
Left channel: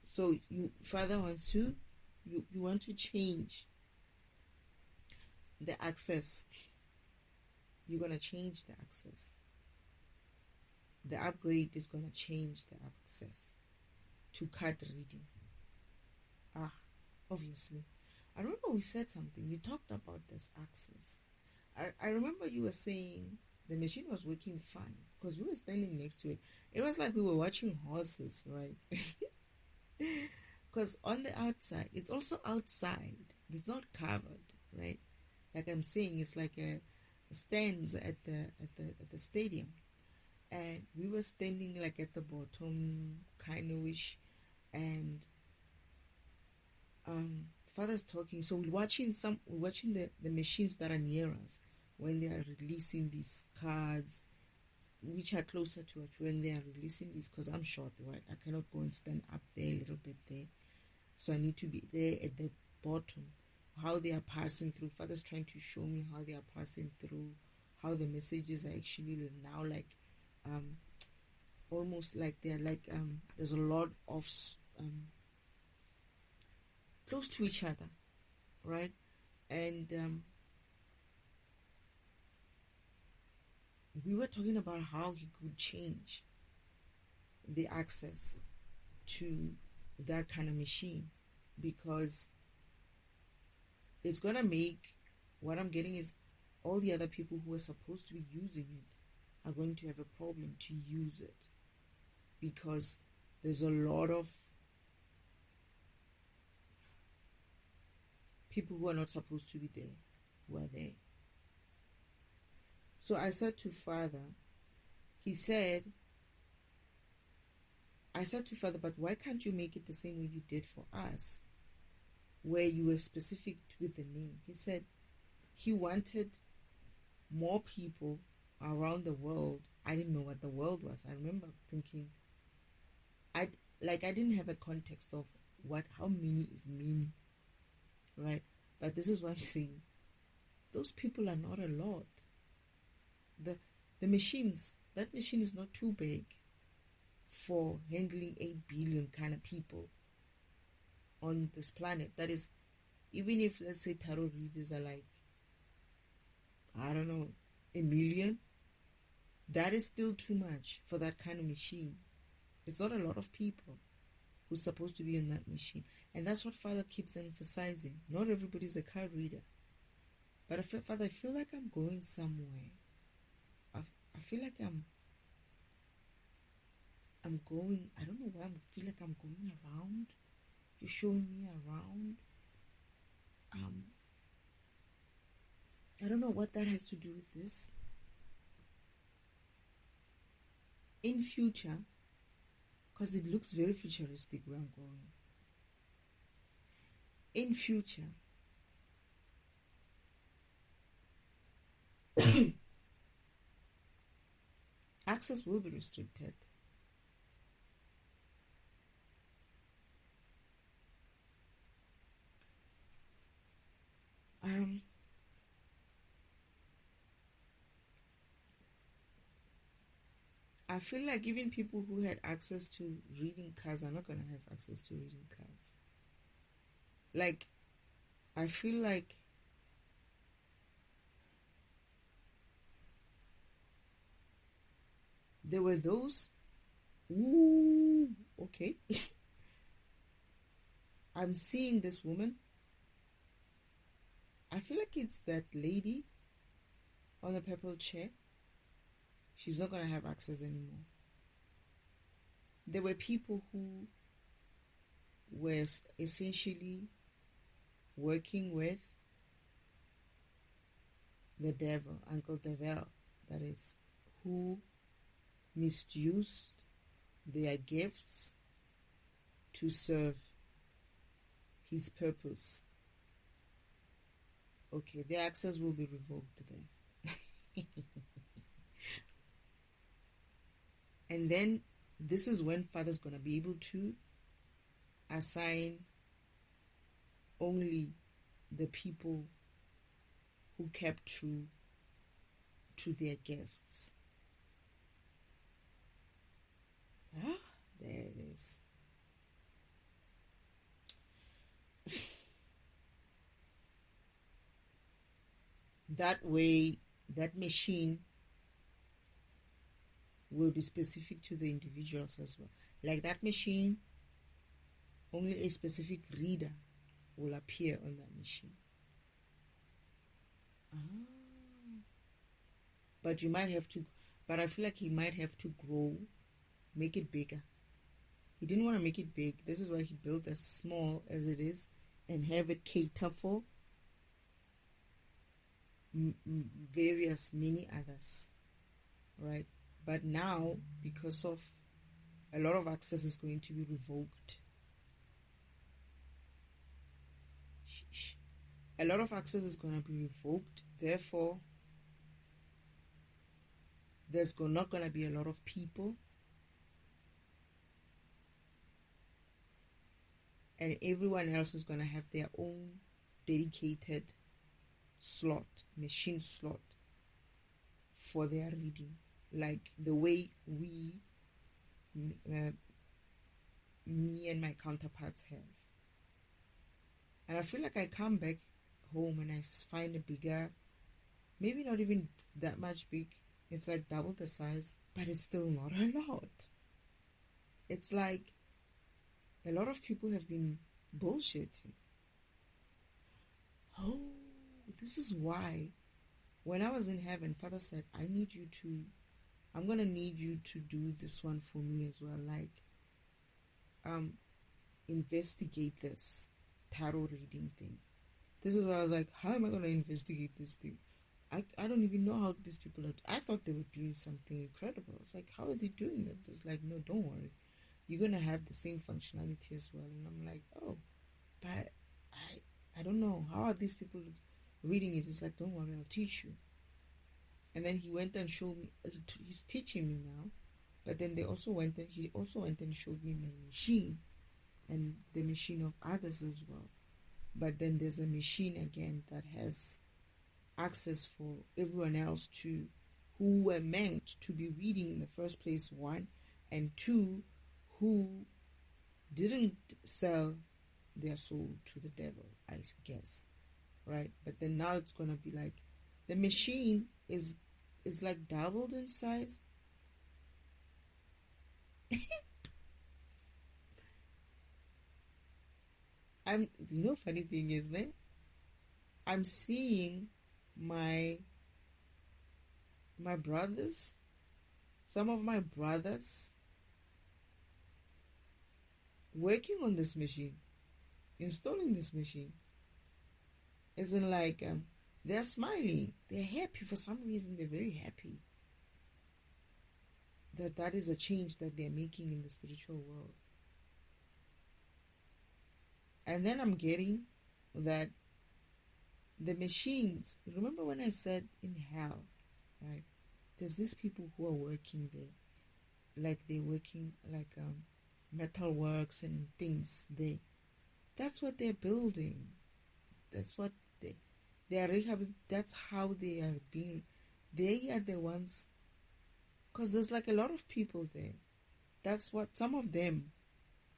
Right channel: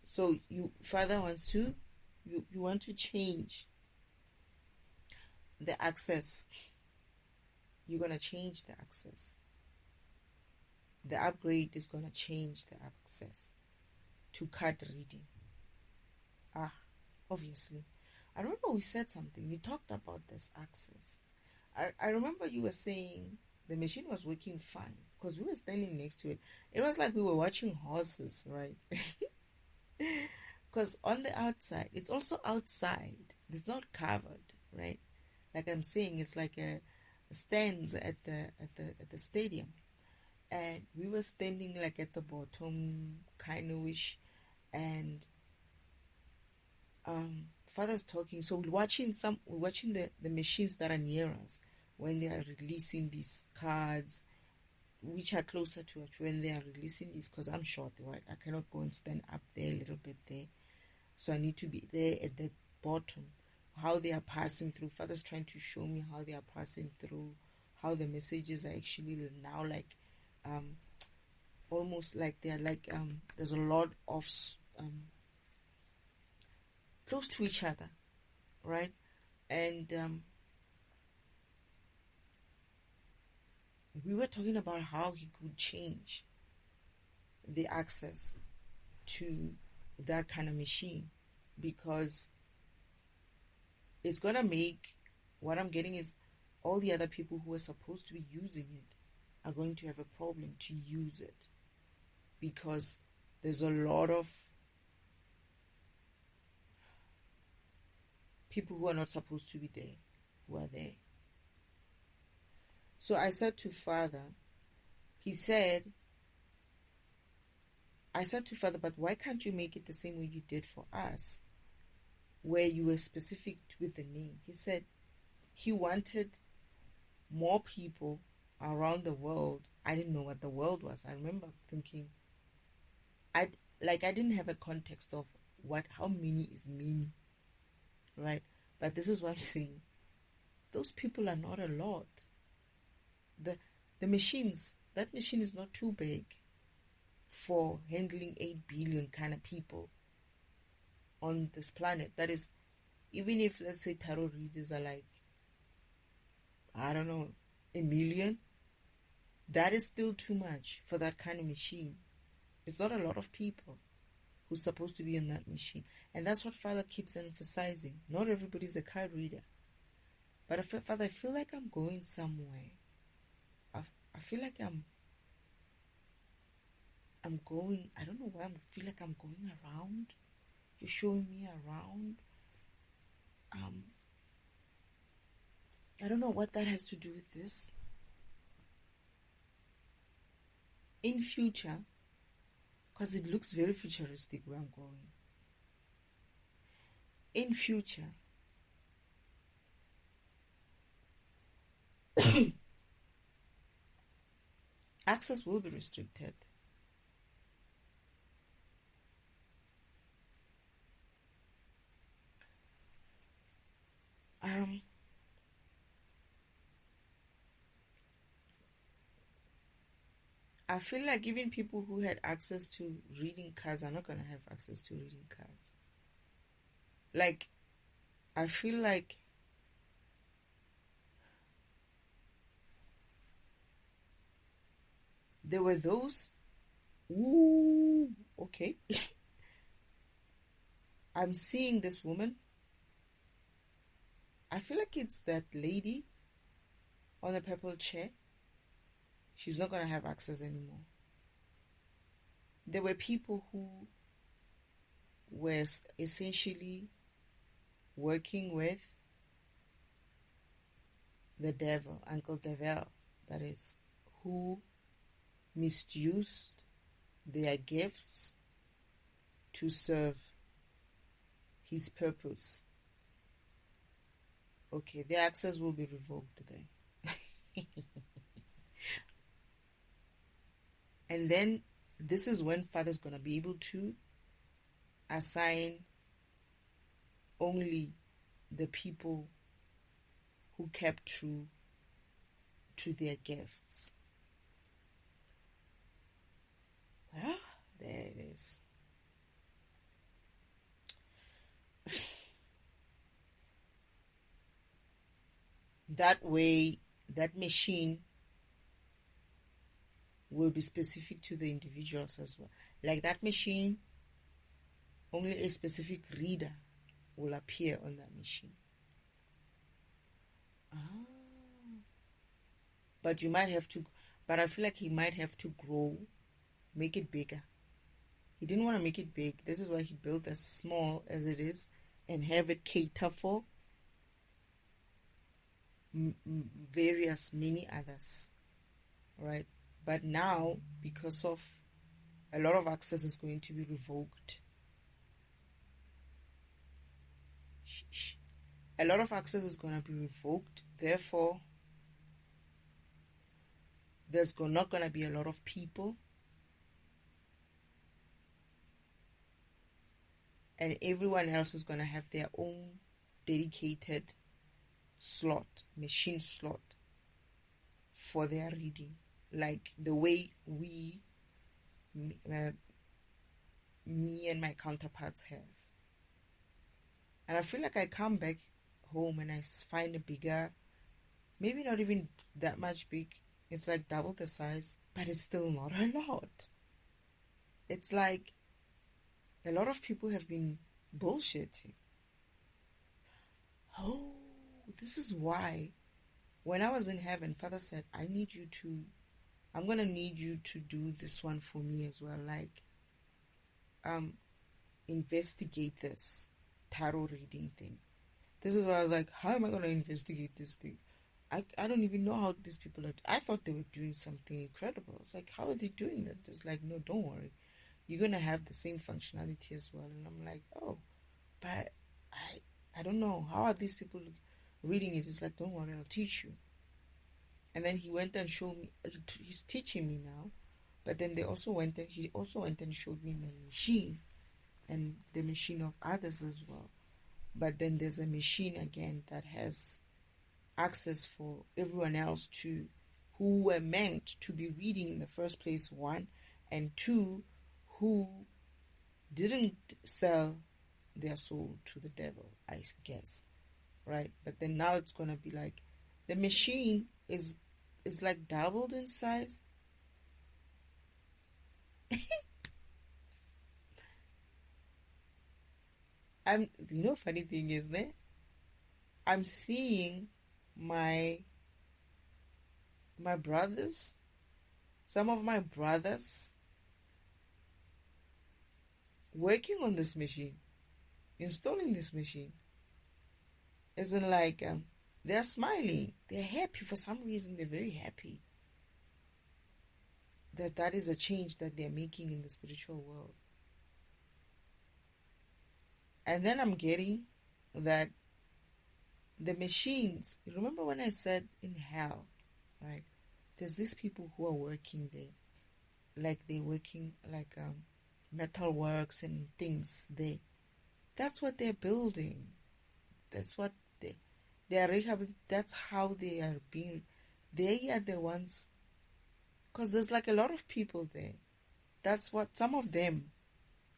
So Father wants to, you want to change the access. You're going to change the access. The upgrade is going to change the access to card reading. Obviously. I don't know, we said something. We talked about this access. I remember you were saying the machine was working fine because we were standing next to it. It was like we were watching horses, right? Because on the outside, it's also outside. It's not covered, right? Like I'm saying, it's like a stands at the stadium, and we were standing like at the bottom, kind of wish, and father's talking. So we're watching the machines that are near us when they are releasing these cards, which are closer to us when they are releasing these. Because I'm short, right? I cannot go and stand up there a little bit there, so I need to be there at the bottom. How they are passing through. Father's trying to show me how they are passing through, how the messages are actually now like almost like they're like there's a lot of close to each other, right? And we were talking about how he could change the access to that kind of machine, because it's gonna make, what I'm getting is, all the other people who are supposed to be using it are going to have a problem to use it, because there's a lot of people who are not supposed to be there who are there. So I said to Father, but why can't you make it the same way you did for us, where you were specific with the name? He said he wanted more people around the world. I didn't know what the world was. I remember thinking, I didn't have a context of how many is many, right? But this is what I'm saying. Those people are not a lot. The machines, that machine is not too big for handling 8 billion kind of people on this planet. That is, even if, let's say, tarot readers are like, I don't know, 1 million, that is still too much for that kind of machine. It's not a lot of people who's supposed to be on that machine. And that's what Father keeps emphasizing. Not everybody's a card reader. But Father, I feel like I'm going somewhere. I feel like I'm going, I don't know where, I feel like I'm going around. You're showing me around. I don't know what that has to do with this. In future, because it looks very futuristic where I'm going. In future, access will be restricted. I feel like even people who had access to reading cards are not going to have access to reading cards. Like, I feel like there were those, okay. I'm seeing this woman. I feel like it's that lady on the purple chair. She's not going to have access anymore. There were people who were essentially working with the devil, Uncle Devil, that is, who misused their gifts to serve his purpose. Okay, their access will be revoked then. And then this is when Father's going to be able to assign only the people who kept true to their gifts. There it is. That way, that machine will be specific to the individuals as well. Like that machine, only a specific reader will appear on that machine. but I feel like he might have to grow, make it bigger. He didn't want to make it big. This is why he built as small as it is and have it cater for various many others, right? But now, because of a lot of access is going to be revoked. A lot of access is going to be revoked. Therefore, there's not going to be a lot of people. And everyone else is going to have their own dedicated slot, machine slot for their reading. Like the way me and my counterparts have. And I feel like I come back home and I find a bigger, maybe not even that much big. It's like double the size, but it's still not a lot. It's like a lot of people have been bullshitting. Oh, this is why when I was in heaven, Father said, I'm going to need you to do this one for me as well. Like, investigate this tarot reading thing. This is why I was like, how am I going to investigate this thing? I don't even know how these people are. I thought they were doing something incredible. It's like, how are they doing that? It's like, no, don't worry. You're going to have the same functionality as well. And I'm like, oh, but I don't know. How are these people reading it? It's like, don't worry, I'll teach you. And then he went and showed me, he's teaching me now. But then he also went and showed me my machine and the machine of others as well. But then there's a machine again that has access for everyone else who were meant to be reading in the first place, one, and two, who didn't sell their soul to the devil, I guess, right? But then now it's gonna be like the machine is like doubled in size. Funny thing is, I'm seeing my brothers, some of my brothers working on this machine, installing this machine. Isn't like they're smiling, they're happy for some reason. They're very happy that is a change that they're making in the spiritual world. And then I'm getting that the machines, remember when I said in hell, right? There's these people who are working there, like they're working like metal works and things there. That's what they're building. That's what they are rehabilitating. That's how they are being. They are the ones, because there's like a lot of people there. That's what some of them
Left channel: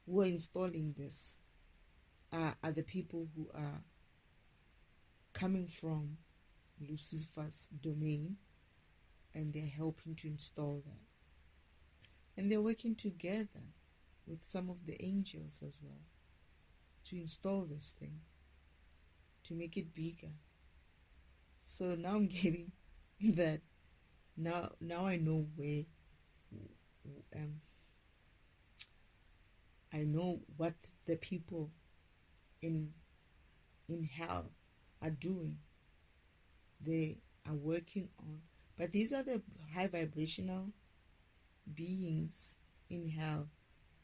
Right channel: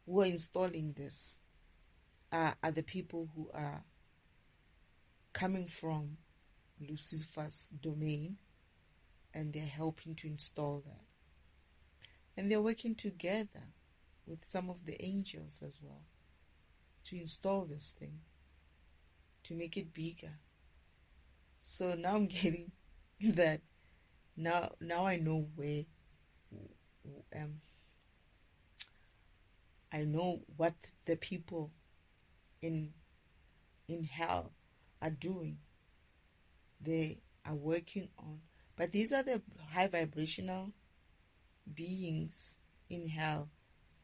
who are installing this are the people who are coming from Lucifer's domain, and they're helping to install that. And they're working together with some of the angels as well to install this thing, to make it bigger. So now I'm getting that. Now I know where. I know what the people in hell are doing. They are working on. But these are the high vibrational beings in hell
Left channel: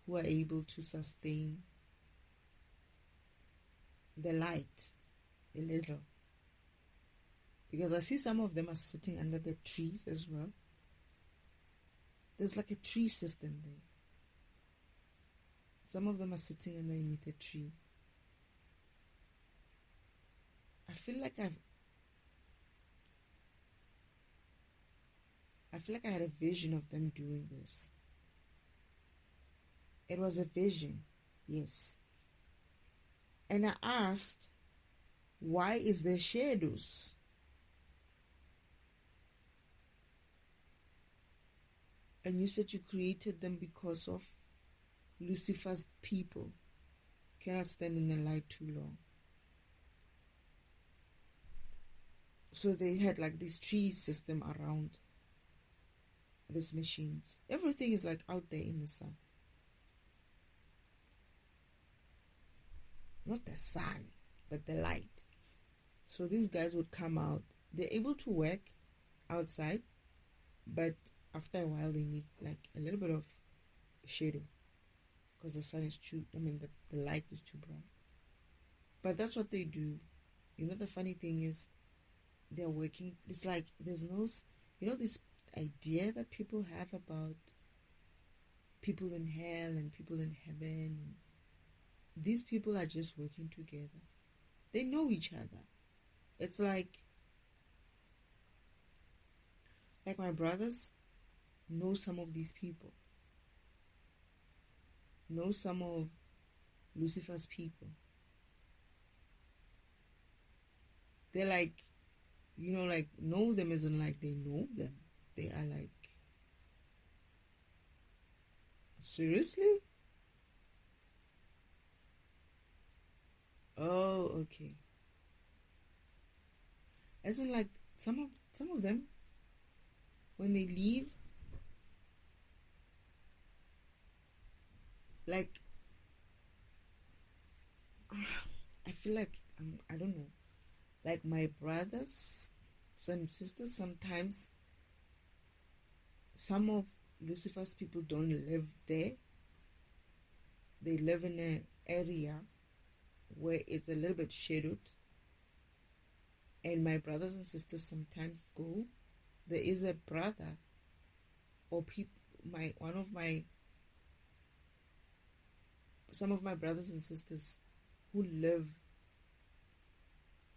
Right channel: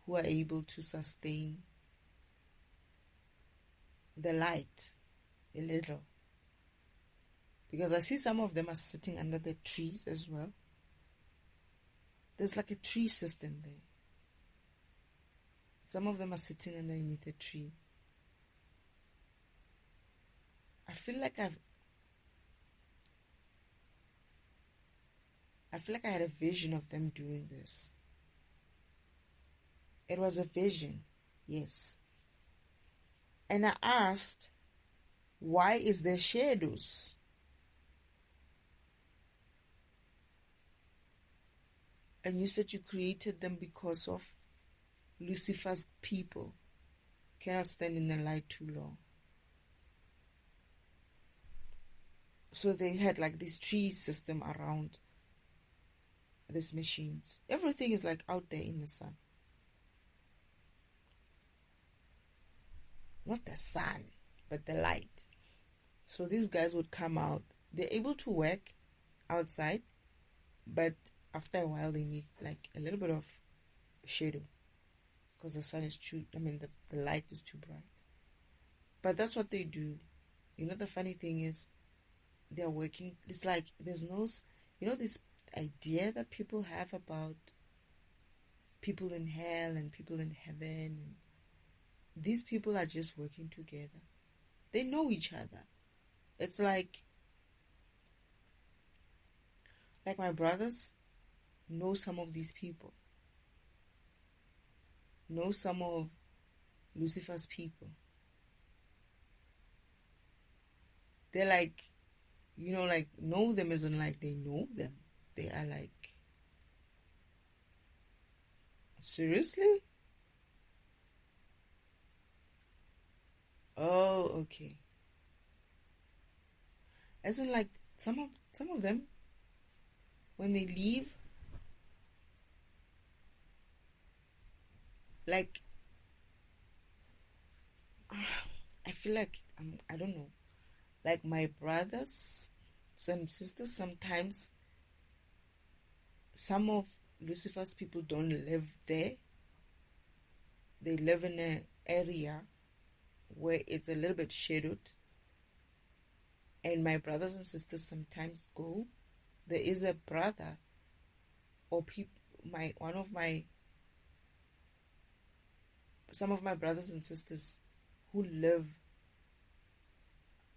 who are able to sustain the light a little. Because I see some of them are sitting under the trees as well. There's like a tree system there. Some of them are sitting underneath a tree. I feel like I had a vision of them doing this. It was a vision, yes. And I asked, why is there shadows? And you said you created them because of Lucifer's people cannot stand in the light too long. So they had like this tree system around these machines. Everything is like out there in the sun. Not the sun, but the light. So these guys would come out. They're able to work outside, but after a while they need like a little bit of shadow because the sun is too, the light is too bright. But that's what they do. You know, the funny thing is they're working. It's like there's no, this idea that people have about people in hell and people in heaven. These people are just working together. They know each other. It's like my brothers know some of these people, know some of Lucifer's people. They're like, know them isn't like they know them. They are like, seriously? Oh, okay. As in, like, some of them, when they leave, like, I feel like, I don't know, like my brothers, some sisters, sometimes some of Lucifer's people don't live there. They live in an area where it's a little bit shadowed. And my brothers and sisters sometimes go. There is a brother or some of my brothers and sisters who live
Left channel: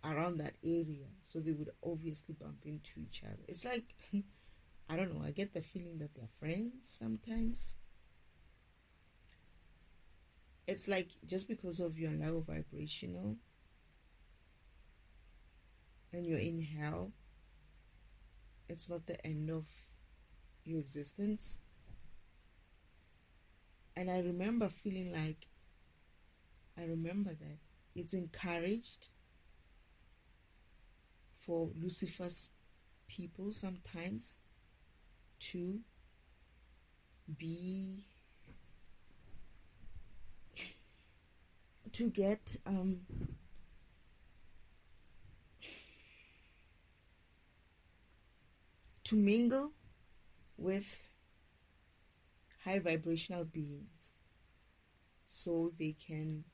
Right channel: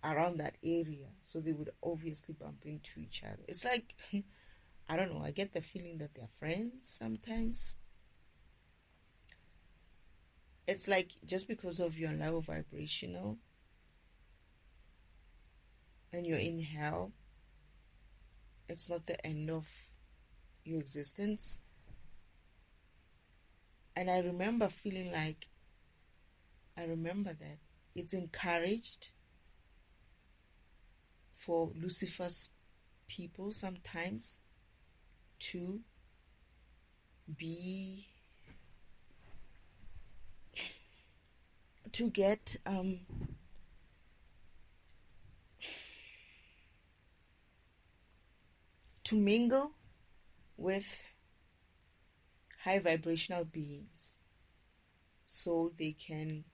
around that area, so they would obviously bump into each other. It's like, I don't know, I get the feeling that they're friends sometimes. It's like just because of your low vibrational and you're in hell, it's not the end of your existence. And I remember feeling like, that it's encouraged for Lucifer's people sometimes to get to mingle with high vibrational beings, so they can,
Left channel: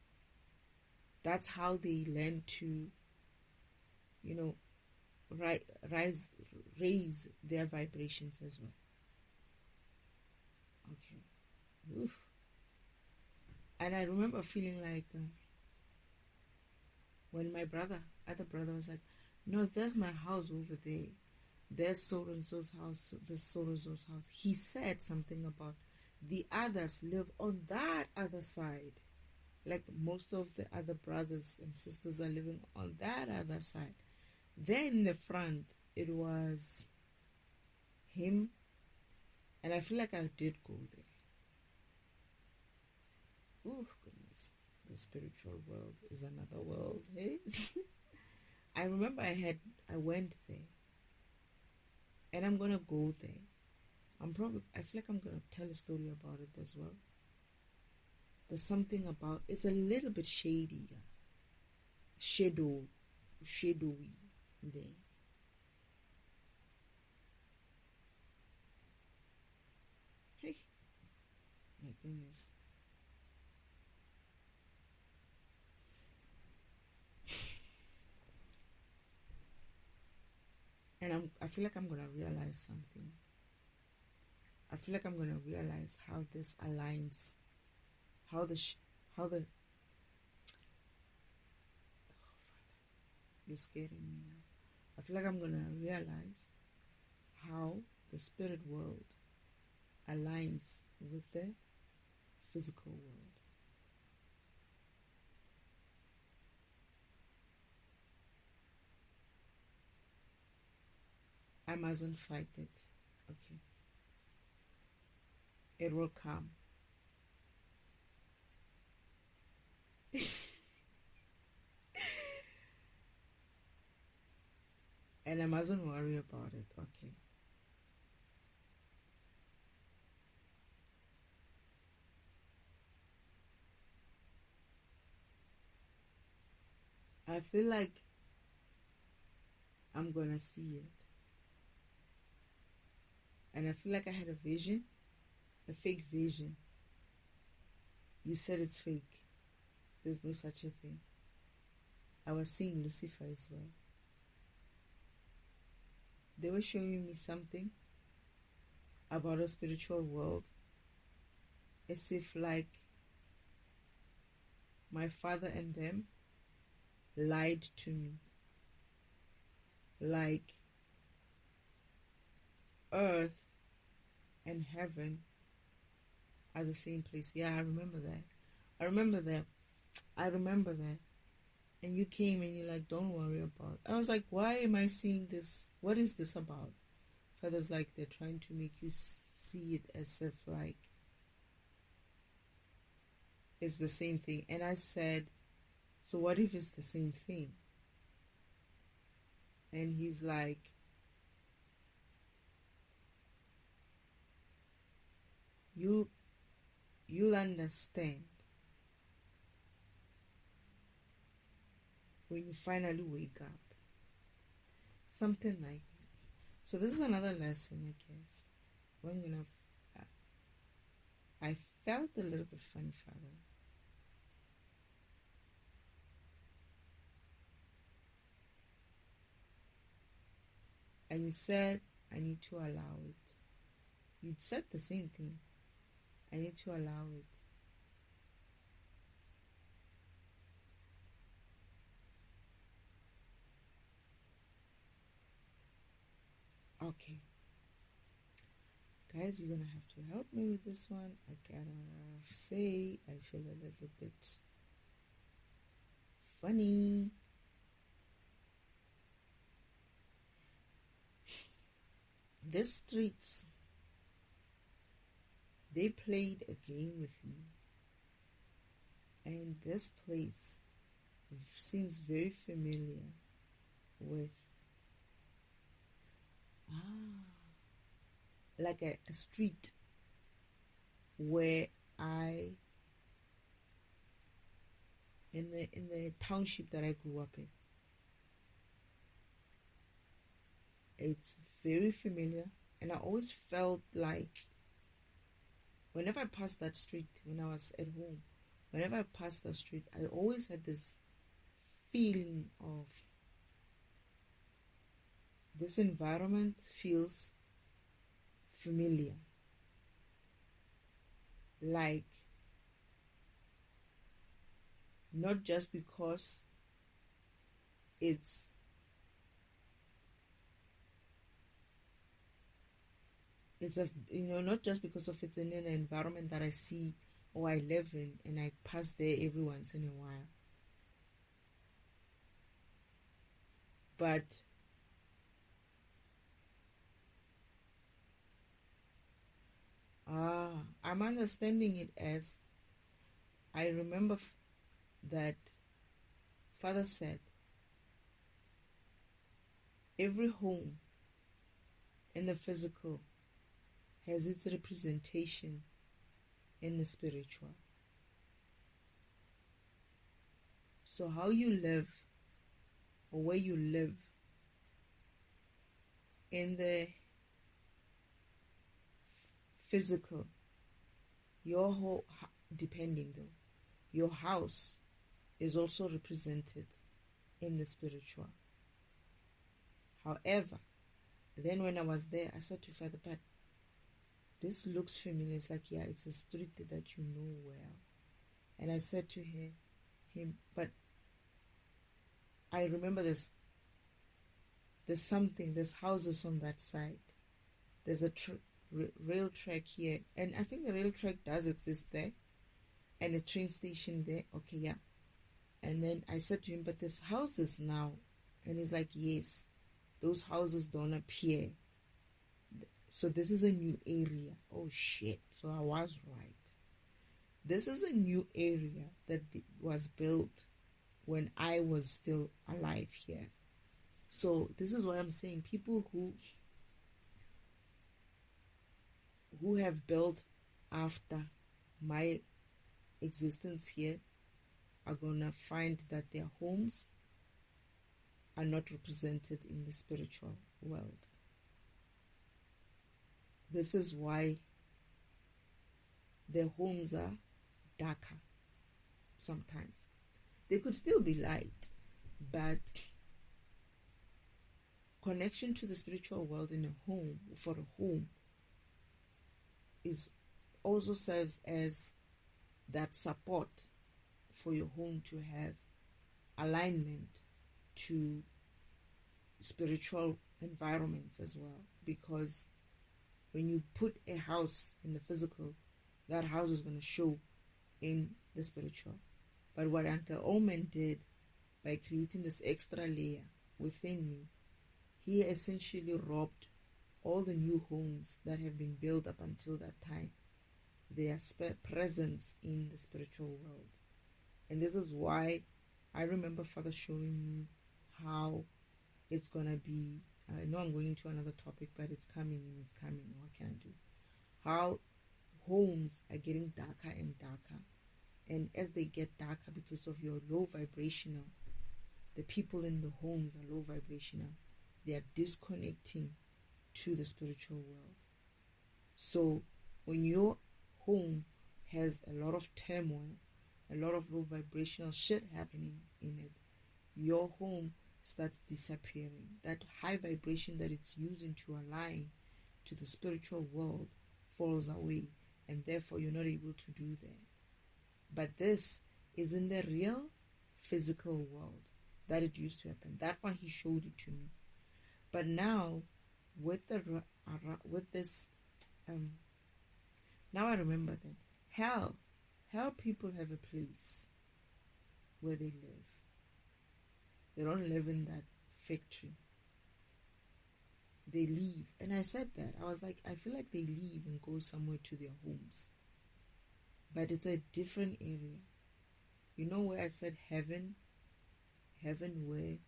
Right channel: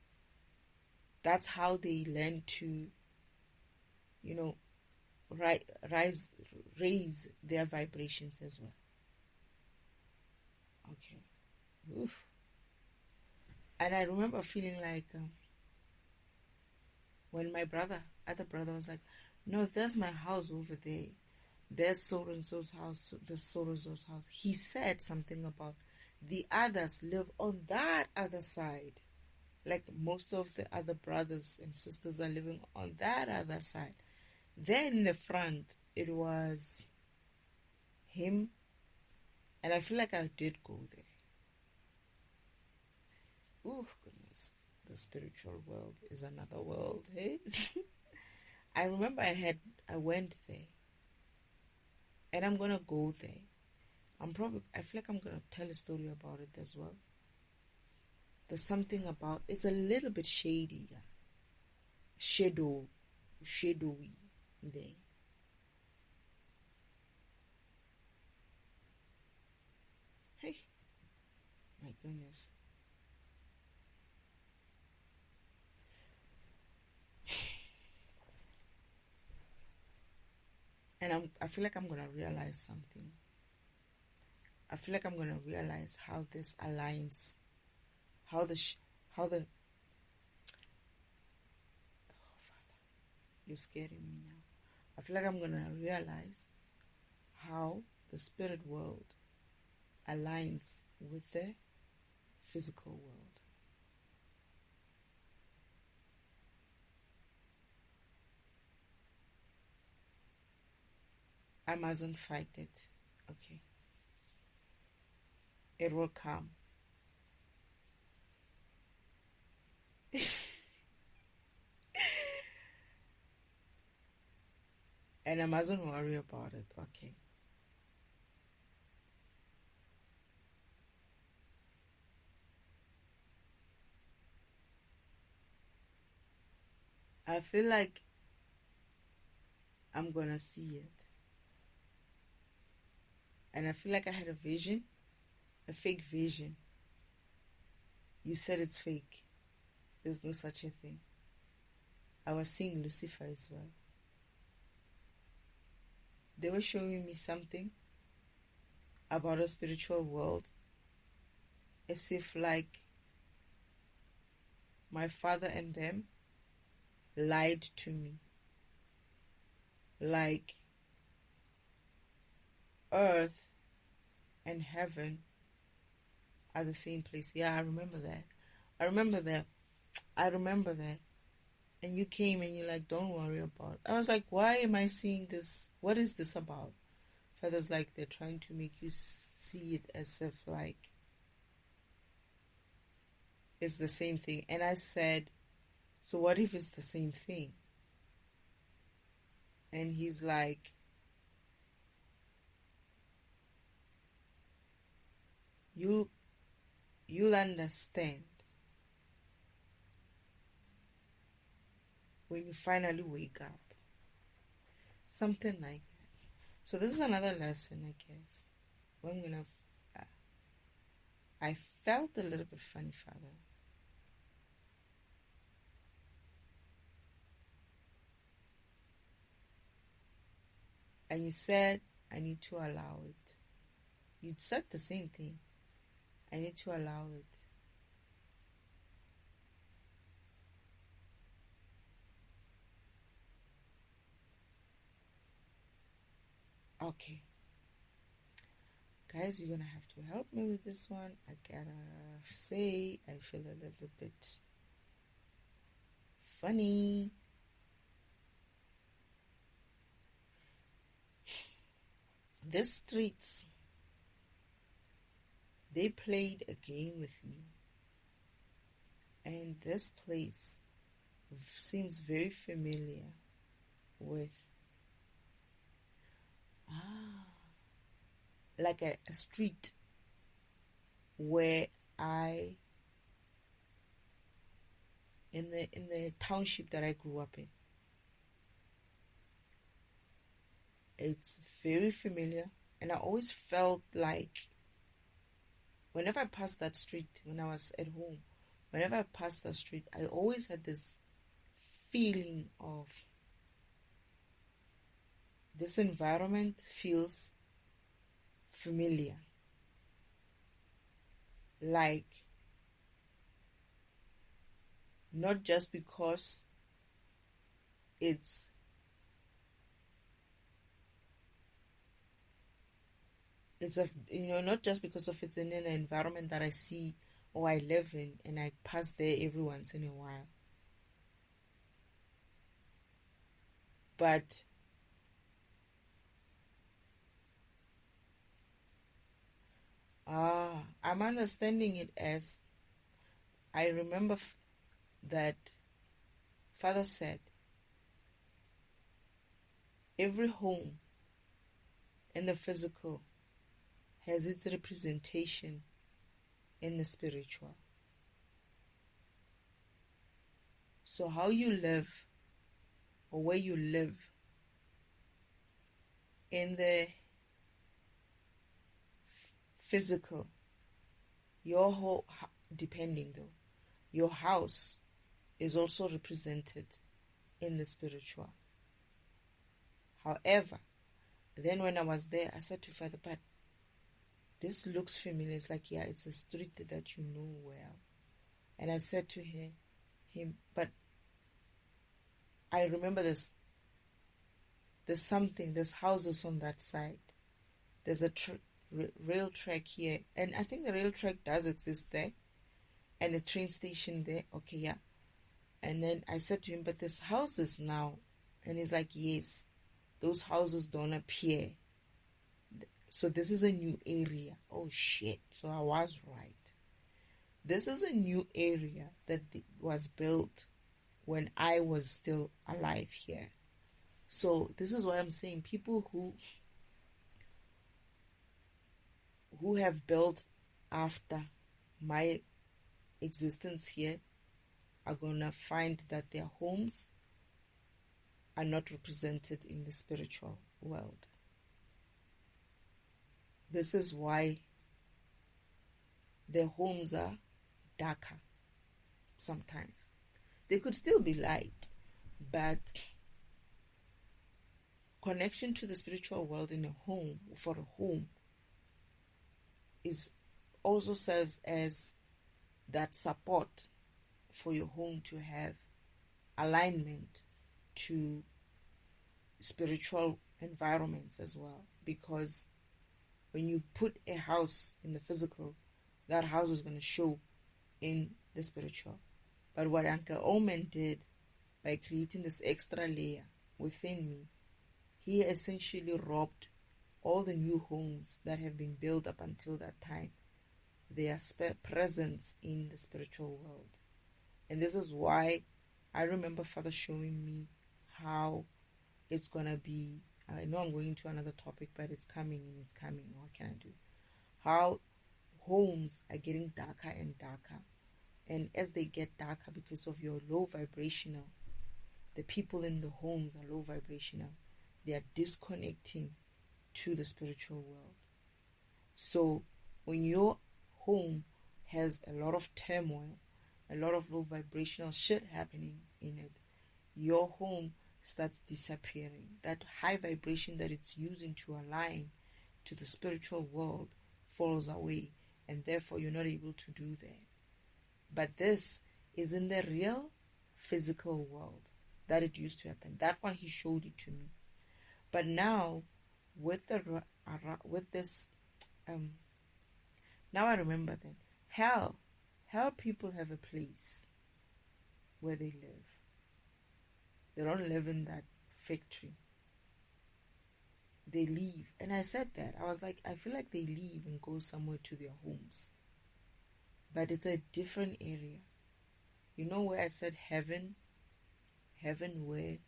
that's how they learn to, raise their vibrations as well. Okay. Oof. And I remember feeling like when my other brother was like, no, there's my house over there. There's so-and-so's house. There's so-and-so's house. He said something about the others live on that other side. Like most of the other brothers and sisters are living on that other side. Then in the front, it was him. And I feel like I did go there. Oh, goodness. The spiritual world is another world, hey? I remember I went there. And I'm going to go there. I feel like I'm going to tell a story about it as well. There's something about, it's a little bit shady. Shadowy there. Hey, my goodness. And I feel like I'm going to realize something. I feel like I'm going to realize how this aligns, how the oh, Father, you're scaring me now. I feel like I'm going to realize how the spirit world aligns with the physical world. I mustn't fight it. Okay. It will come. And I mustn't worry about it. Okay. I feel like I'm gonna see it. And I feel like I had a vision, a fake vision. You said it's fake. There's no such a thing. I was seeing Lucifer as well. They were showing me something about a spiritual world, as if like my father and them lied to me. Like earth and heaven are the same place. Yeah, I remember that. I remember that. I remember that. And you came and you're like, don't worry about it. I was like, why am I seeing this? What is this about? Father's like, they're trying to make you see it as if like it's the same thing. And I said, so what if it's the same thing? And he's like, you'll understand when you finally wake up. Something like that. So this is another lesson, I guess. I'm gonna. I felt a little bit funny, Father. And you said, I need to allow it. You said the same thing. I need to allow it. Okay. Guys, you're going to have to help me with this one. I gotta say, I feel a little bit funny. These streets, they played a game with me. And this place seems very familiar with like a street where I in the township that I grew up in. It's very familiar, and I always felt like whenever I passed that street when I was at home, whenever I passed that street, I always had this feeling of this environment feels familiar. Like, not just because it's not just because of it's in an environment that I see or I live in and I pass there every once in a while. But I'm understanding it as I remember that Father said every home in the physical has its representation in the spiritual. So how you live or where you live in the physical, your whole, depending though, your house is also represented in the spiritual. However, then when I was there, I said to Father, but this looks familiar. It's like, yeah, it's a street that you know well. And I said to him, but I remember there's something, there's houses on that side. There's a rail track here. And I think the rail track does exist there. And a train station there. Okay, yeah. And then I said to him, but there's houses now. And he's like, yes, those houses don't appear. So this is a new area. Oh shit. So I was right. This is a new area that was built when I was still alive here. So this is what I'm saying. People who have built after my existence here are gonna find that their homes are not represented in the spiritual world. This is why their homes are darker sometimes. They could still be light, but connection to the spiritual world in a home, for a home, is also serves as that support for your home to have alignment to spiritual environments as well. Because when you put a house in the physical, that house is going to show in the spiritual. But what Uncle Omen did by creating this extra layer within me, he essentially robbed all the new homes that have been built up until that time their presence in the spiritual world. And this is why I remember Father showing me how it's going to be. I know I'm going to another topic, but it's coming and it's coming. What can I do? How homes are getting darker and darker. And as they get darker because of your low vibrational, the people in the homes are low vibrational. They are disconnecting to the spiritual world. So when your home has a lot of turmoil, a lot of low vibrational shit happening in it, your home starts disappearing. That high vibration that it's using to align to the spiritual world falls away, and therefore you're not able to do that. But this is in the real physical world that it used to happen. That one he showed it to me. But now with this now I remember that hell people have a place where they live. They don't live in that factory. They leave. And I said that. I was like, I feel like they leave and go somewhere to their homes. But it's a different area. You know where I said heaven? Heaven where?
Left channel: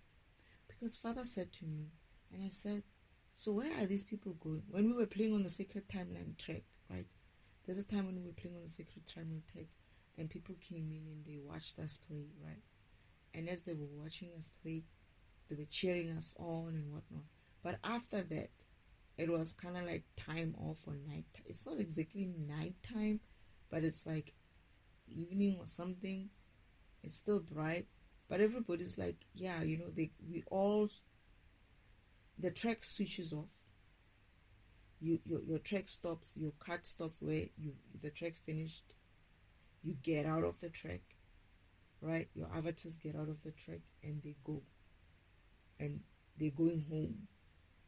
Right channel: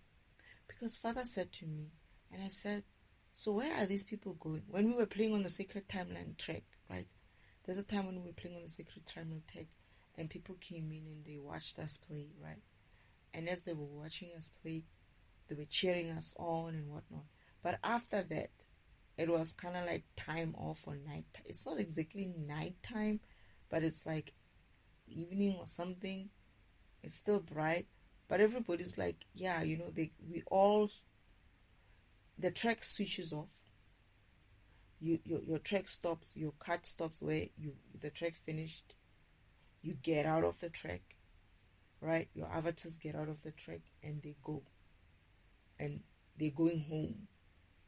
Because Father said to me, and I said, so where are these people going? When we were playing on the Sacred Timeline track, right? There's a time when we were playing on the Sacred Timeline track and people came in and they watched us play, right? And as they were watching us play, they were cheering us on and whatnot. But after that, it was kind of like time off or night. It's not exactly nighttime, but it's like evening or something. It's still bright, but everybody's like, yeah, you know, the track switches off. Your track stops, your cut stops where the track finished. You get out of the track, right? Your avatars get out of the track and they go. And they're going home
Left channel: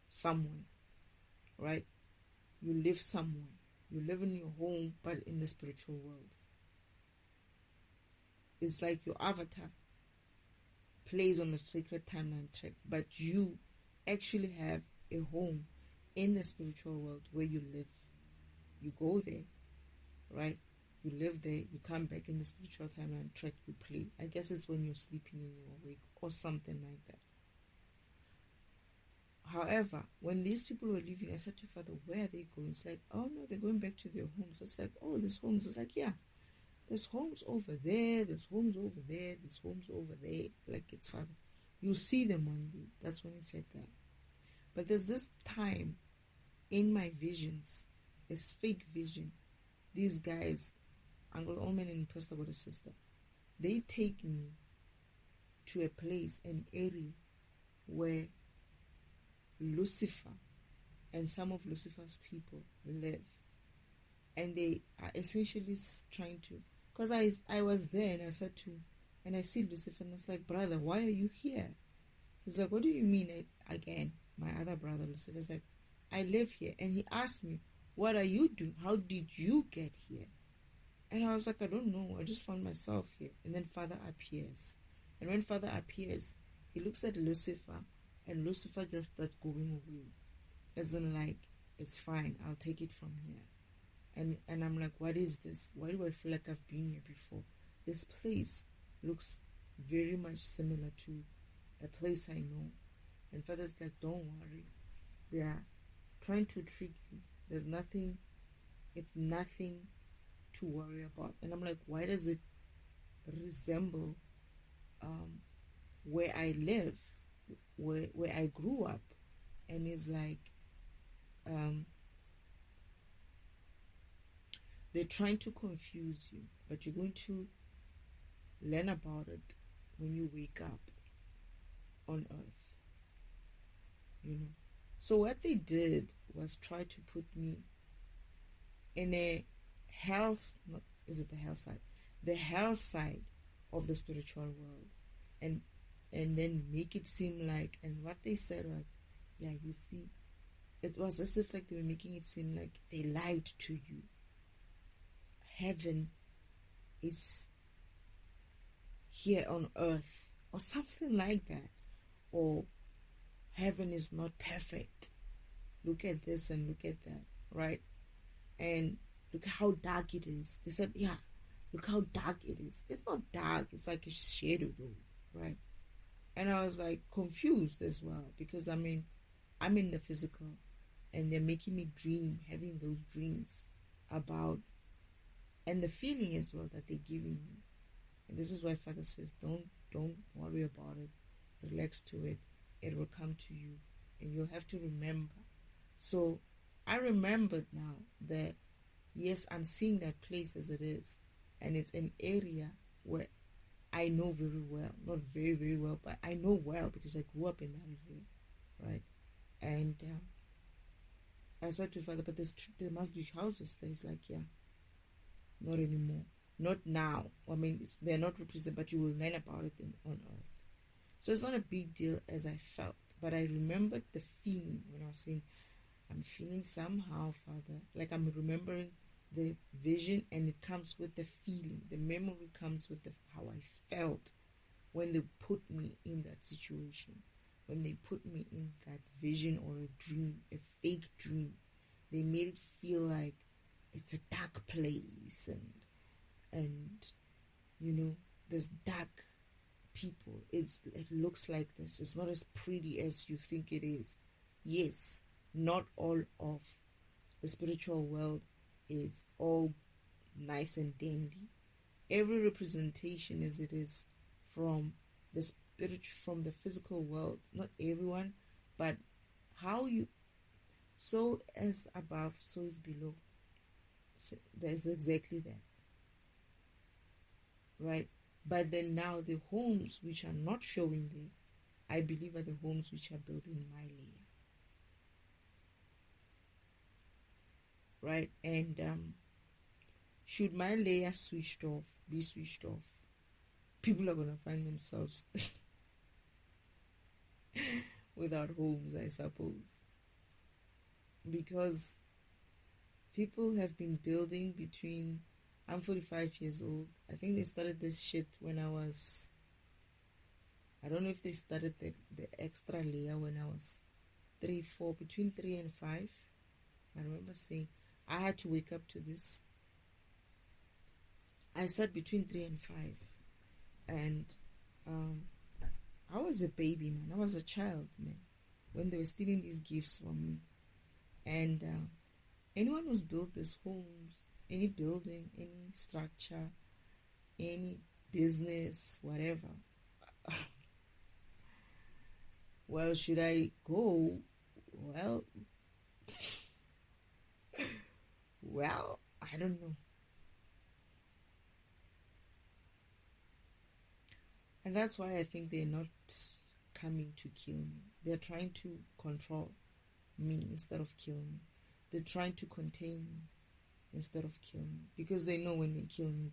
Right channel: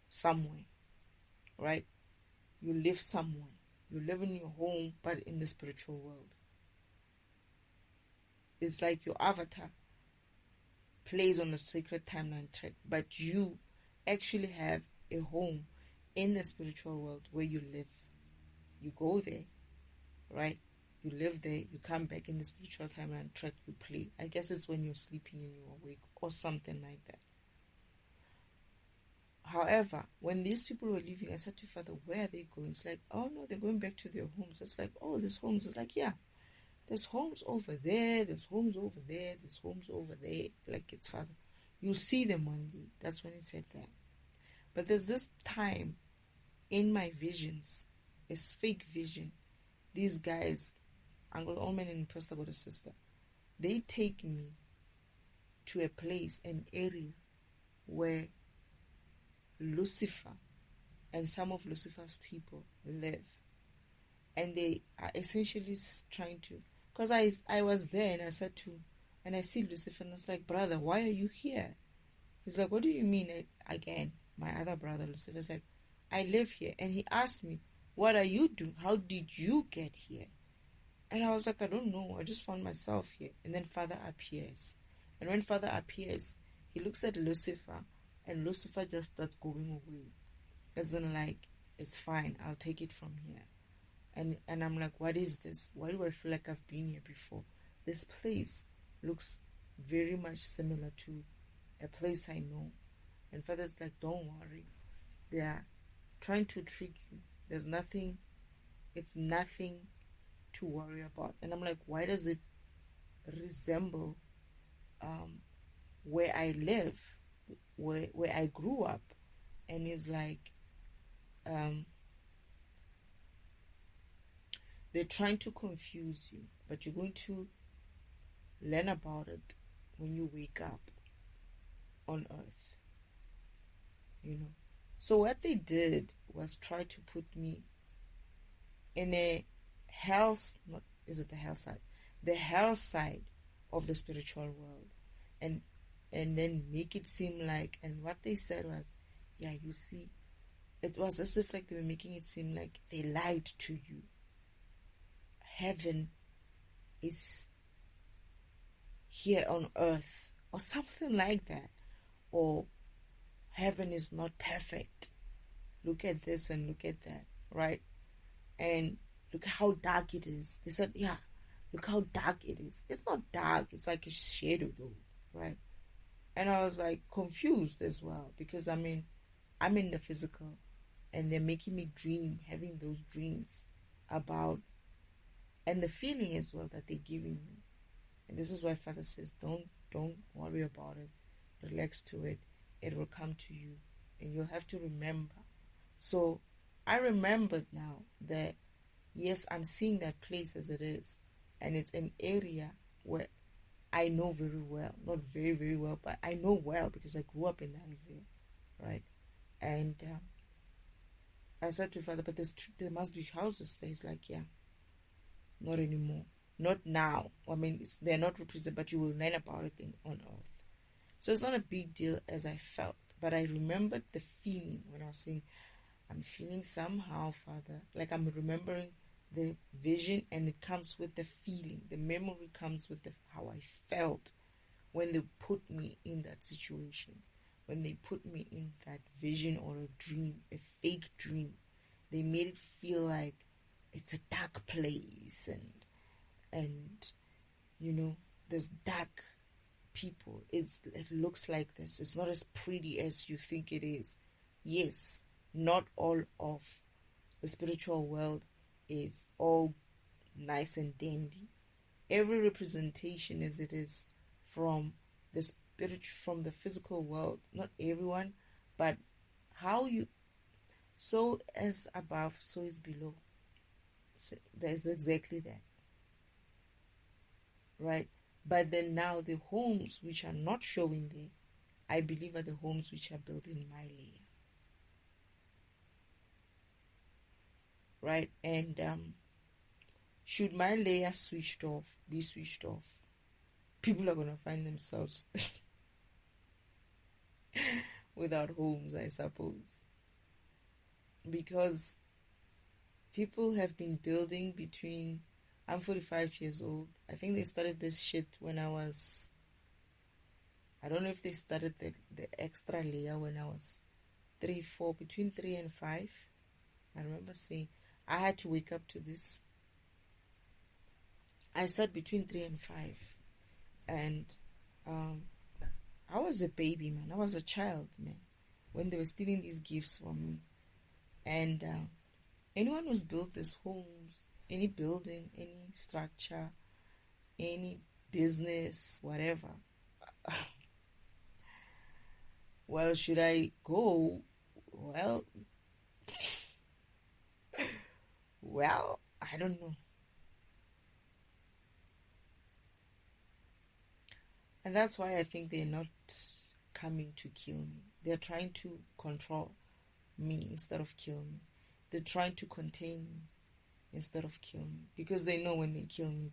somewhere, right? You live somewhere. You live in your home, but in the spiritual world. It's like your avatar plays on the Sacred Timeline track, but you actually have a home in the spiritual world where you live. You go there, right? You live there, you come back in the spiritual timeline track, you play. I guess it's when you're sleeping and you're awake or something like that. However, when these people were leaving, I said to Father, where are they going? It's like, oh no, they're going back to their homes. It's like, oh, there's homes. It's like, yeah, there's homes over there, there's homes over there, there's homes over there. Like, it's Father. You'll see them one day. That's when he said that. But there's this time in my visions, it's fake vision. These guys, Uncle Omen and Pastor God sister, they take me to a place, an area where Lucifer and some of Lucifer's people live. And they are essentially trying to, because I was there and I said to, and I see Lucifer and I was like, brother, why are you here? He's like, what do you mean? Again, my other brother Lucifer's like, I live here. And he asked me, what are you doing? How did you get here? And I was like, I don't know. I just found myself here. And then Father appears. And when Father appears, he looks at Lucifer and Lucifer just starts going away. As in like, it's fine. I'll take it from here. And I'm like, what is this? Why do I feel like I've been here before? This place looks very much similar to a place I know. And Father's like, don't worry. They are trying to trick you. There's nothing. It's nothing to worry about. And I'm like, why does it resemble where I live? where I grew up. And it's like they're trying to confuse you, but you're going to learn about it when you wake up on earth, you know. So what they did was try to put me in a not is it the hell side? The hell side of the spiritual world, and then make it seem like, and what they said was, yeah, you see, it was as if like they were making it seem like they lied to you. Heaven is here on earth, or something like that, or heaven is not perfect. Look at this and look at that, right? And look how dark it is. They said, yeah, look how dark it is. It's not dark, it's like a shadow though, right? And I was like confused as well, because I mean, I'm in the physical, and they're making me dream, having those dreams about, and the feeling as well that they're giving me. And this is why Father says, don't worry about it, relax to it, it will come to you, and you'll have to remember. So I remembered now that yes, I'm seeing that place as it is, and it's an area where I know very well, not very, very well, but I know well because I grew up in that area, right? And I said to Father, but there must be houses there. He's like, yeah, not anymore, not now. I mean, they're not represented, but you will learn about it on earth. So it's not a big deal as I felt, but I remembered the feeling when I was saying, I'm feeling somehow, Father, like I'm remembering the vision, and it comes with the feeling. The memory comes with how I felt when they put me in that situation, when they put me in that vision or a dream, a fake dream. They made it feel like it's a dark place, and you know, there's dark people. It looks like this. It's not as pretty as you think it is. Yes, not all of the spiritual world is all nice and dandy. Every representation as it is from the from the physical world, not everyone, but how you, so as above, so is below. So there's exactly that, right? But then now the homes which are not showing there, I believe are the homes which are built in my layer, right? And should my layer be switched off, people are gonna find themselves without homes, I suppose, because people have been building between, I'm 45 years old. I think they started this shit when I don't know if they started the extra layer when I was 3-4, between 3 and 5. I remember saying, I had to wake up to this. I said between 3 and 5. And I was a baby, man. I was a child, man, when they were stealing these gifts from me. And anyone who's built these homes, any building, any structure, any business, whatever, well, should I go? Well, I don't know. And that's why I think they're not coming to kill me. They're trying to control me instead of kill me. They're trying to contain me instead of kill me, because they know when they kill me,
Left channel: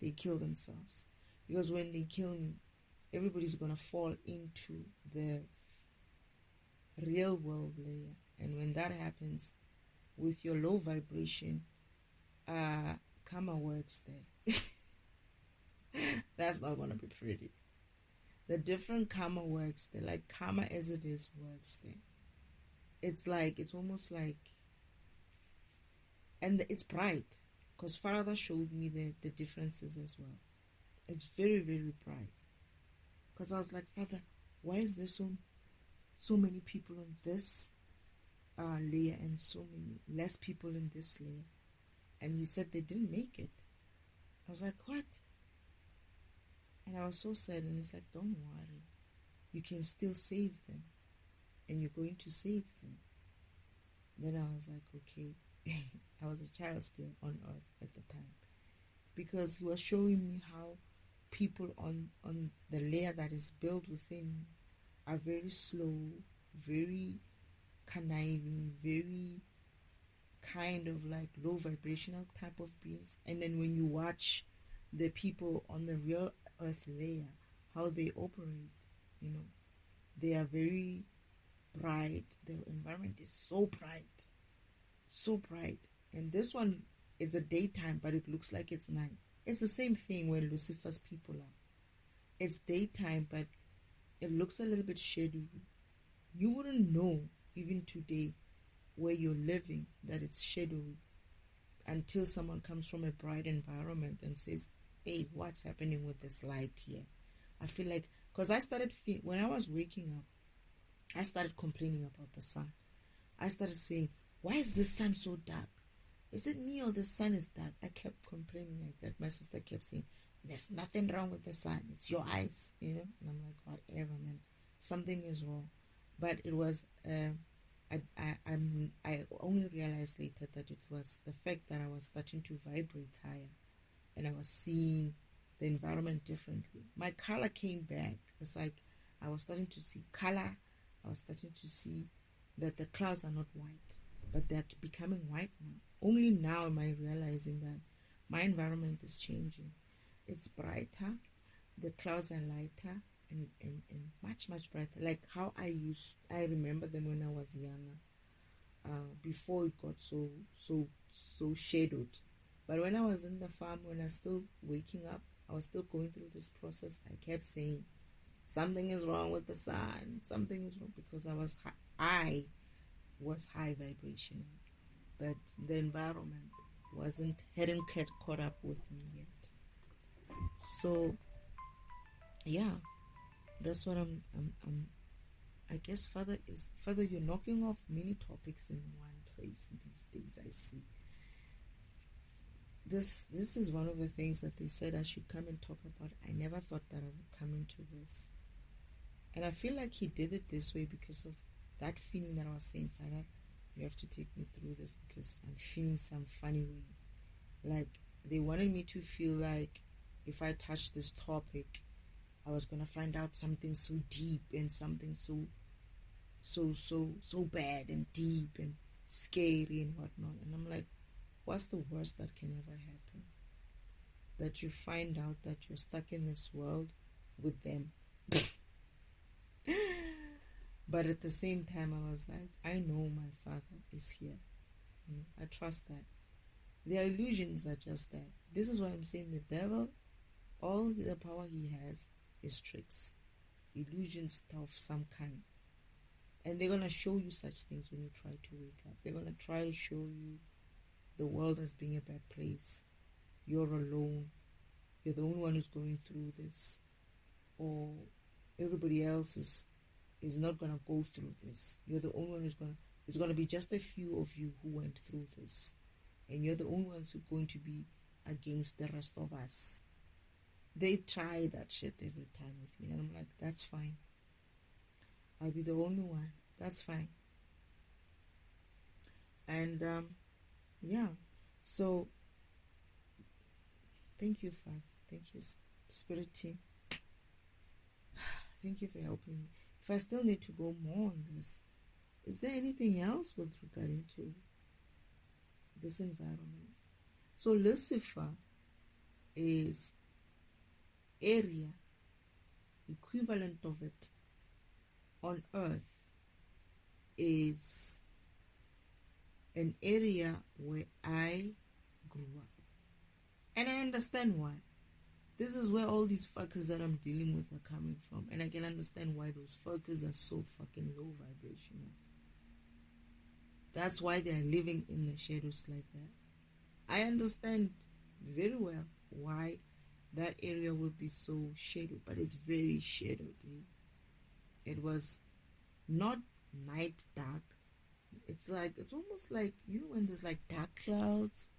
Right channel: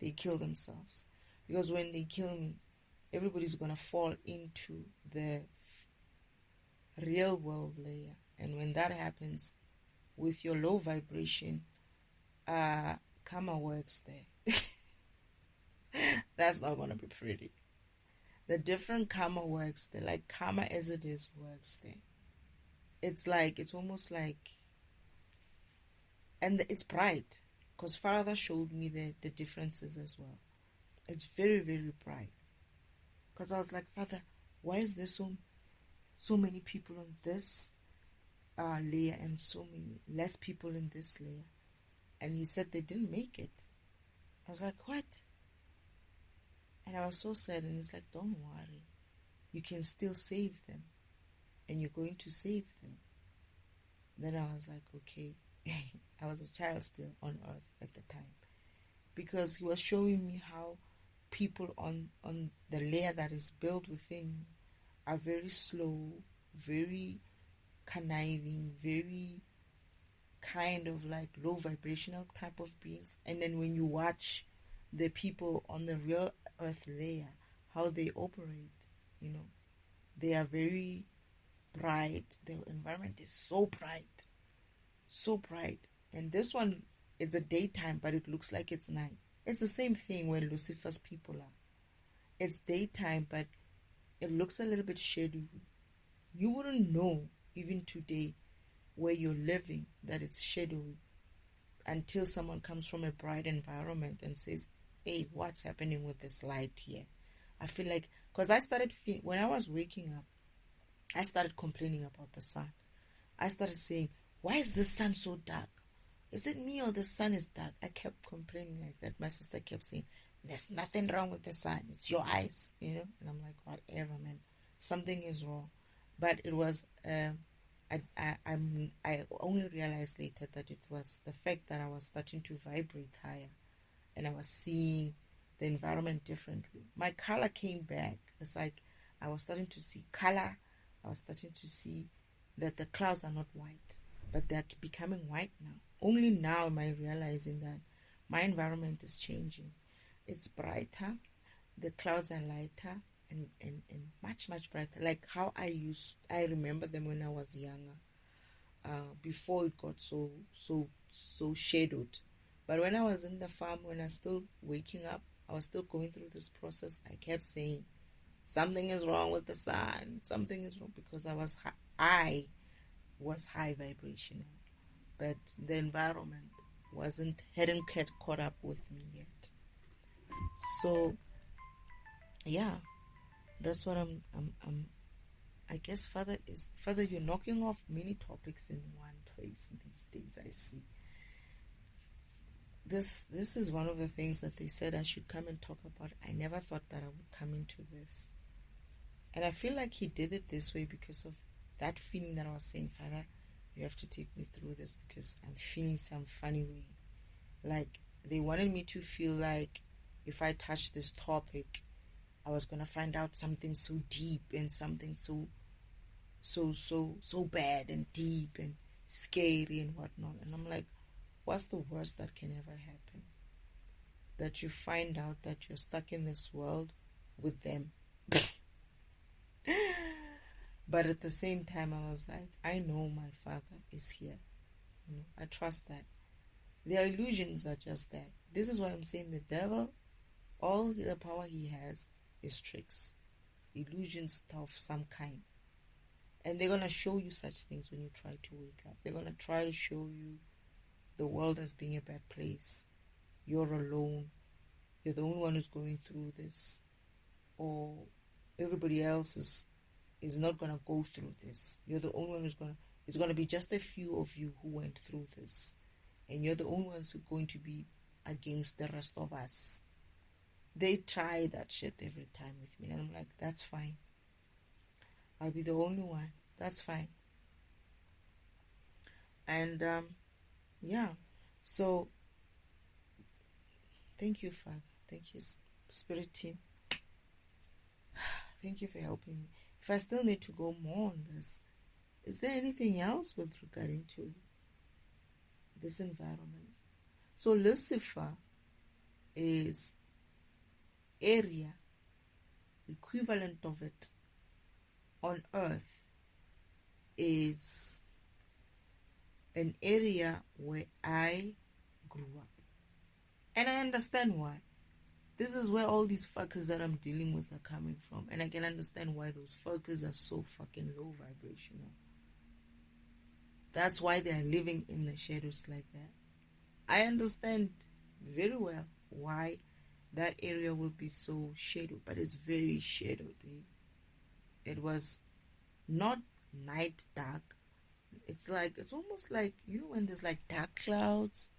they kill themselves. Because when they kill me, everybody's gonna fall into the real world layer, and when that happens with your low vibration, karma works there. That's not gonna be pretty. The different karma works there, like karma as it is works there. It's like, it's almost like, and it's bright, because Father showed me the differences as well. It's very, very bright, because I was like, Father, why is there so many people on this layer and so many less people in this layer? And he said they didn't make it. I was like, what? And I was so sad, and he's like, don't worry, you can still save them, and you're going to save them. Then I was like, okay. I was a child still on earth at the time, because he was showing me how people on the layer that is built within me are very slow, very conniving, very kind of like low vibrational type of beings. And then when you watch the people on the real earth layer, how they operate, they are very bright. The environment is so bright, so bright. And this one, it's a daytime, but it looks like it's night. It's the same thing where Lucifer's people are. It's daytime, but it looks a little bit shadowy. You wouldn't know even today where you're living that it's shadowy until someone comes from a bright environment and says, hey, what's happening with this light here? I feel like, because when I was waking up, I started complaining about the sun. I started saying, why is the sun so dark? Is it me or the sun is dark? I kept complaining like that. My sister kept saying, there's nothing wrong with the sun. It's your eyes, And I'm like, whatever, man. Something is wrong. But it was, I only realized later that it was the fact that I was starting to vibrate higher, and I was seeing the environment differently. My color came back. It's like I was starting to see color. I was starting to see that the clouds are not white, but they're becoming white now. Only now am I realizing that my environment is changing. It's brighter, the clouds are lighter, and much, much brighter. Like how I remember them when I was younger, before it got so shadowed. But when I was in the farm, when I was still waking up, I was still going through this process. I kept saying, something is wrong with the sun. Something is wrong, because I was high vibrational, but the environment hadn't caught up with me yet. So yeah, that's what I'm I guess Father, you're knocking off many topics in one place these days. I see. This is one of the things that they said I should come and talk about. I never thought that I would come into this. And I feel like he did it this way because of that feeling that I was saying, Father, you have to take me through this because I'm feeling some funny way. Like they wanted me to feel like if I touched this topic, I was going to find out something so deep and something so bad and deep and scary and whatnot. And I'm like, what's the worst that can ever happen? That you find out that you're stuck in this world with them. But at the same time, I was like, I know my Father is here. I trust that. Their illusions are just that. This is why I'm saying the devil, all the power he has is tricks, illusions of some kind. And they're going to show you such things when you try to wake up. They're going to try to show you the world as being a bad place. You're alone. You're the only one who's going through this. Or everybody else is not going to go through this. You're the only one it's going to be just a few of you who went through this. And you're the only ones who are going to be against the rest of us. They try that shit every time with me. And I'm like, that's fine. I'll be the only one. That's fine. And, yeah. So, thank you, Father. Thank you, Spirit team. Thank you for helping me. If I still need to go more on this, is there anything else with regarding to this environment? So Lucifer is area, equivalent of it on earth is an area where I grew up. And I understand why. This is where all these fuckers that I'm dealing with are coming from. And I can understand why those fuckers are so fucking low vibrational. That's why they're living in the shadows like that. I understand very well why that area would be so shadowed, but it's very shadowed. It was not night dark. It's almost like, when there's like dark clouds,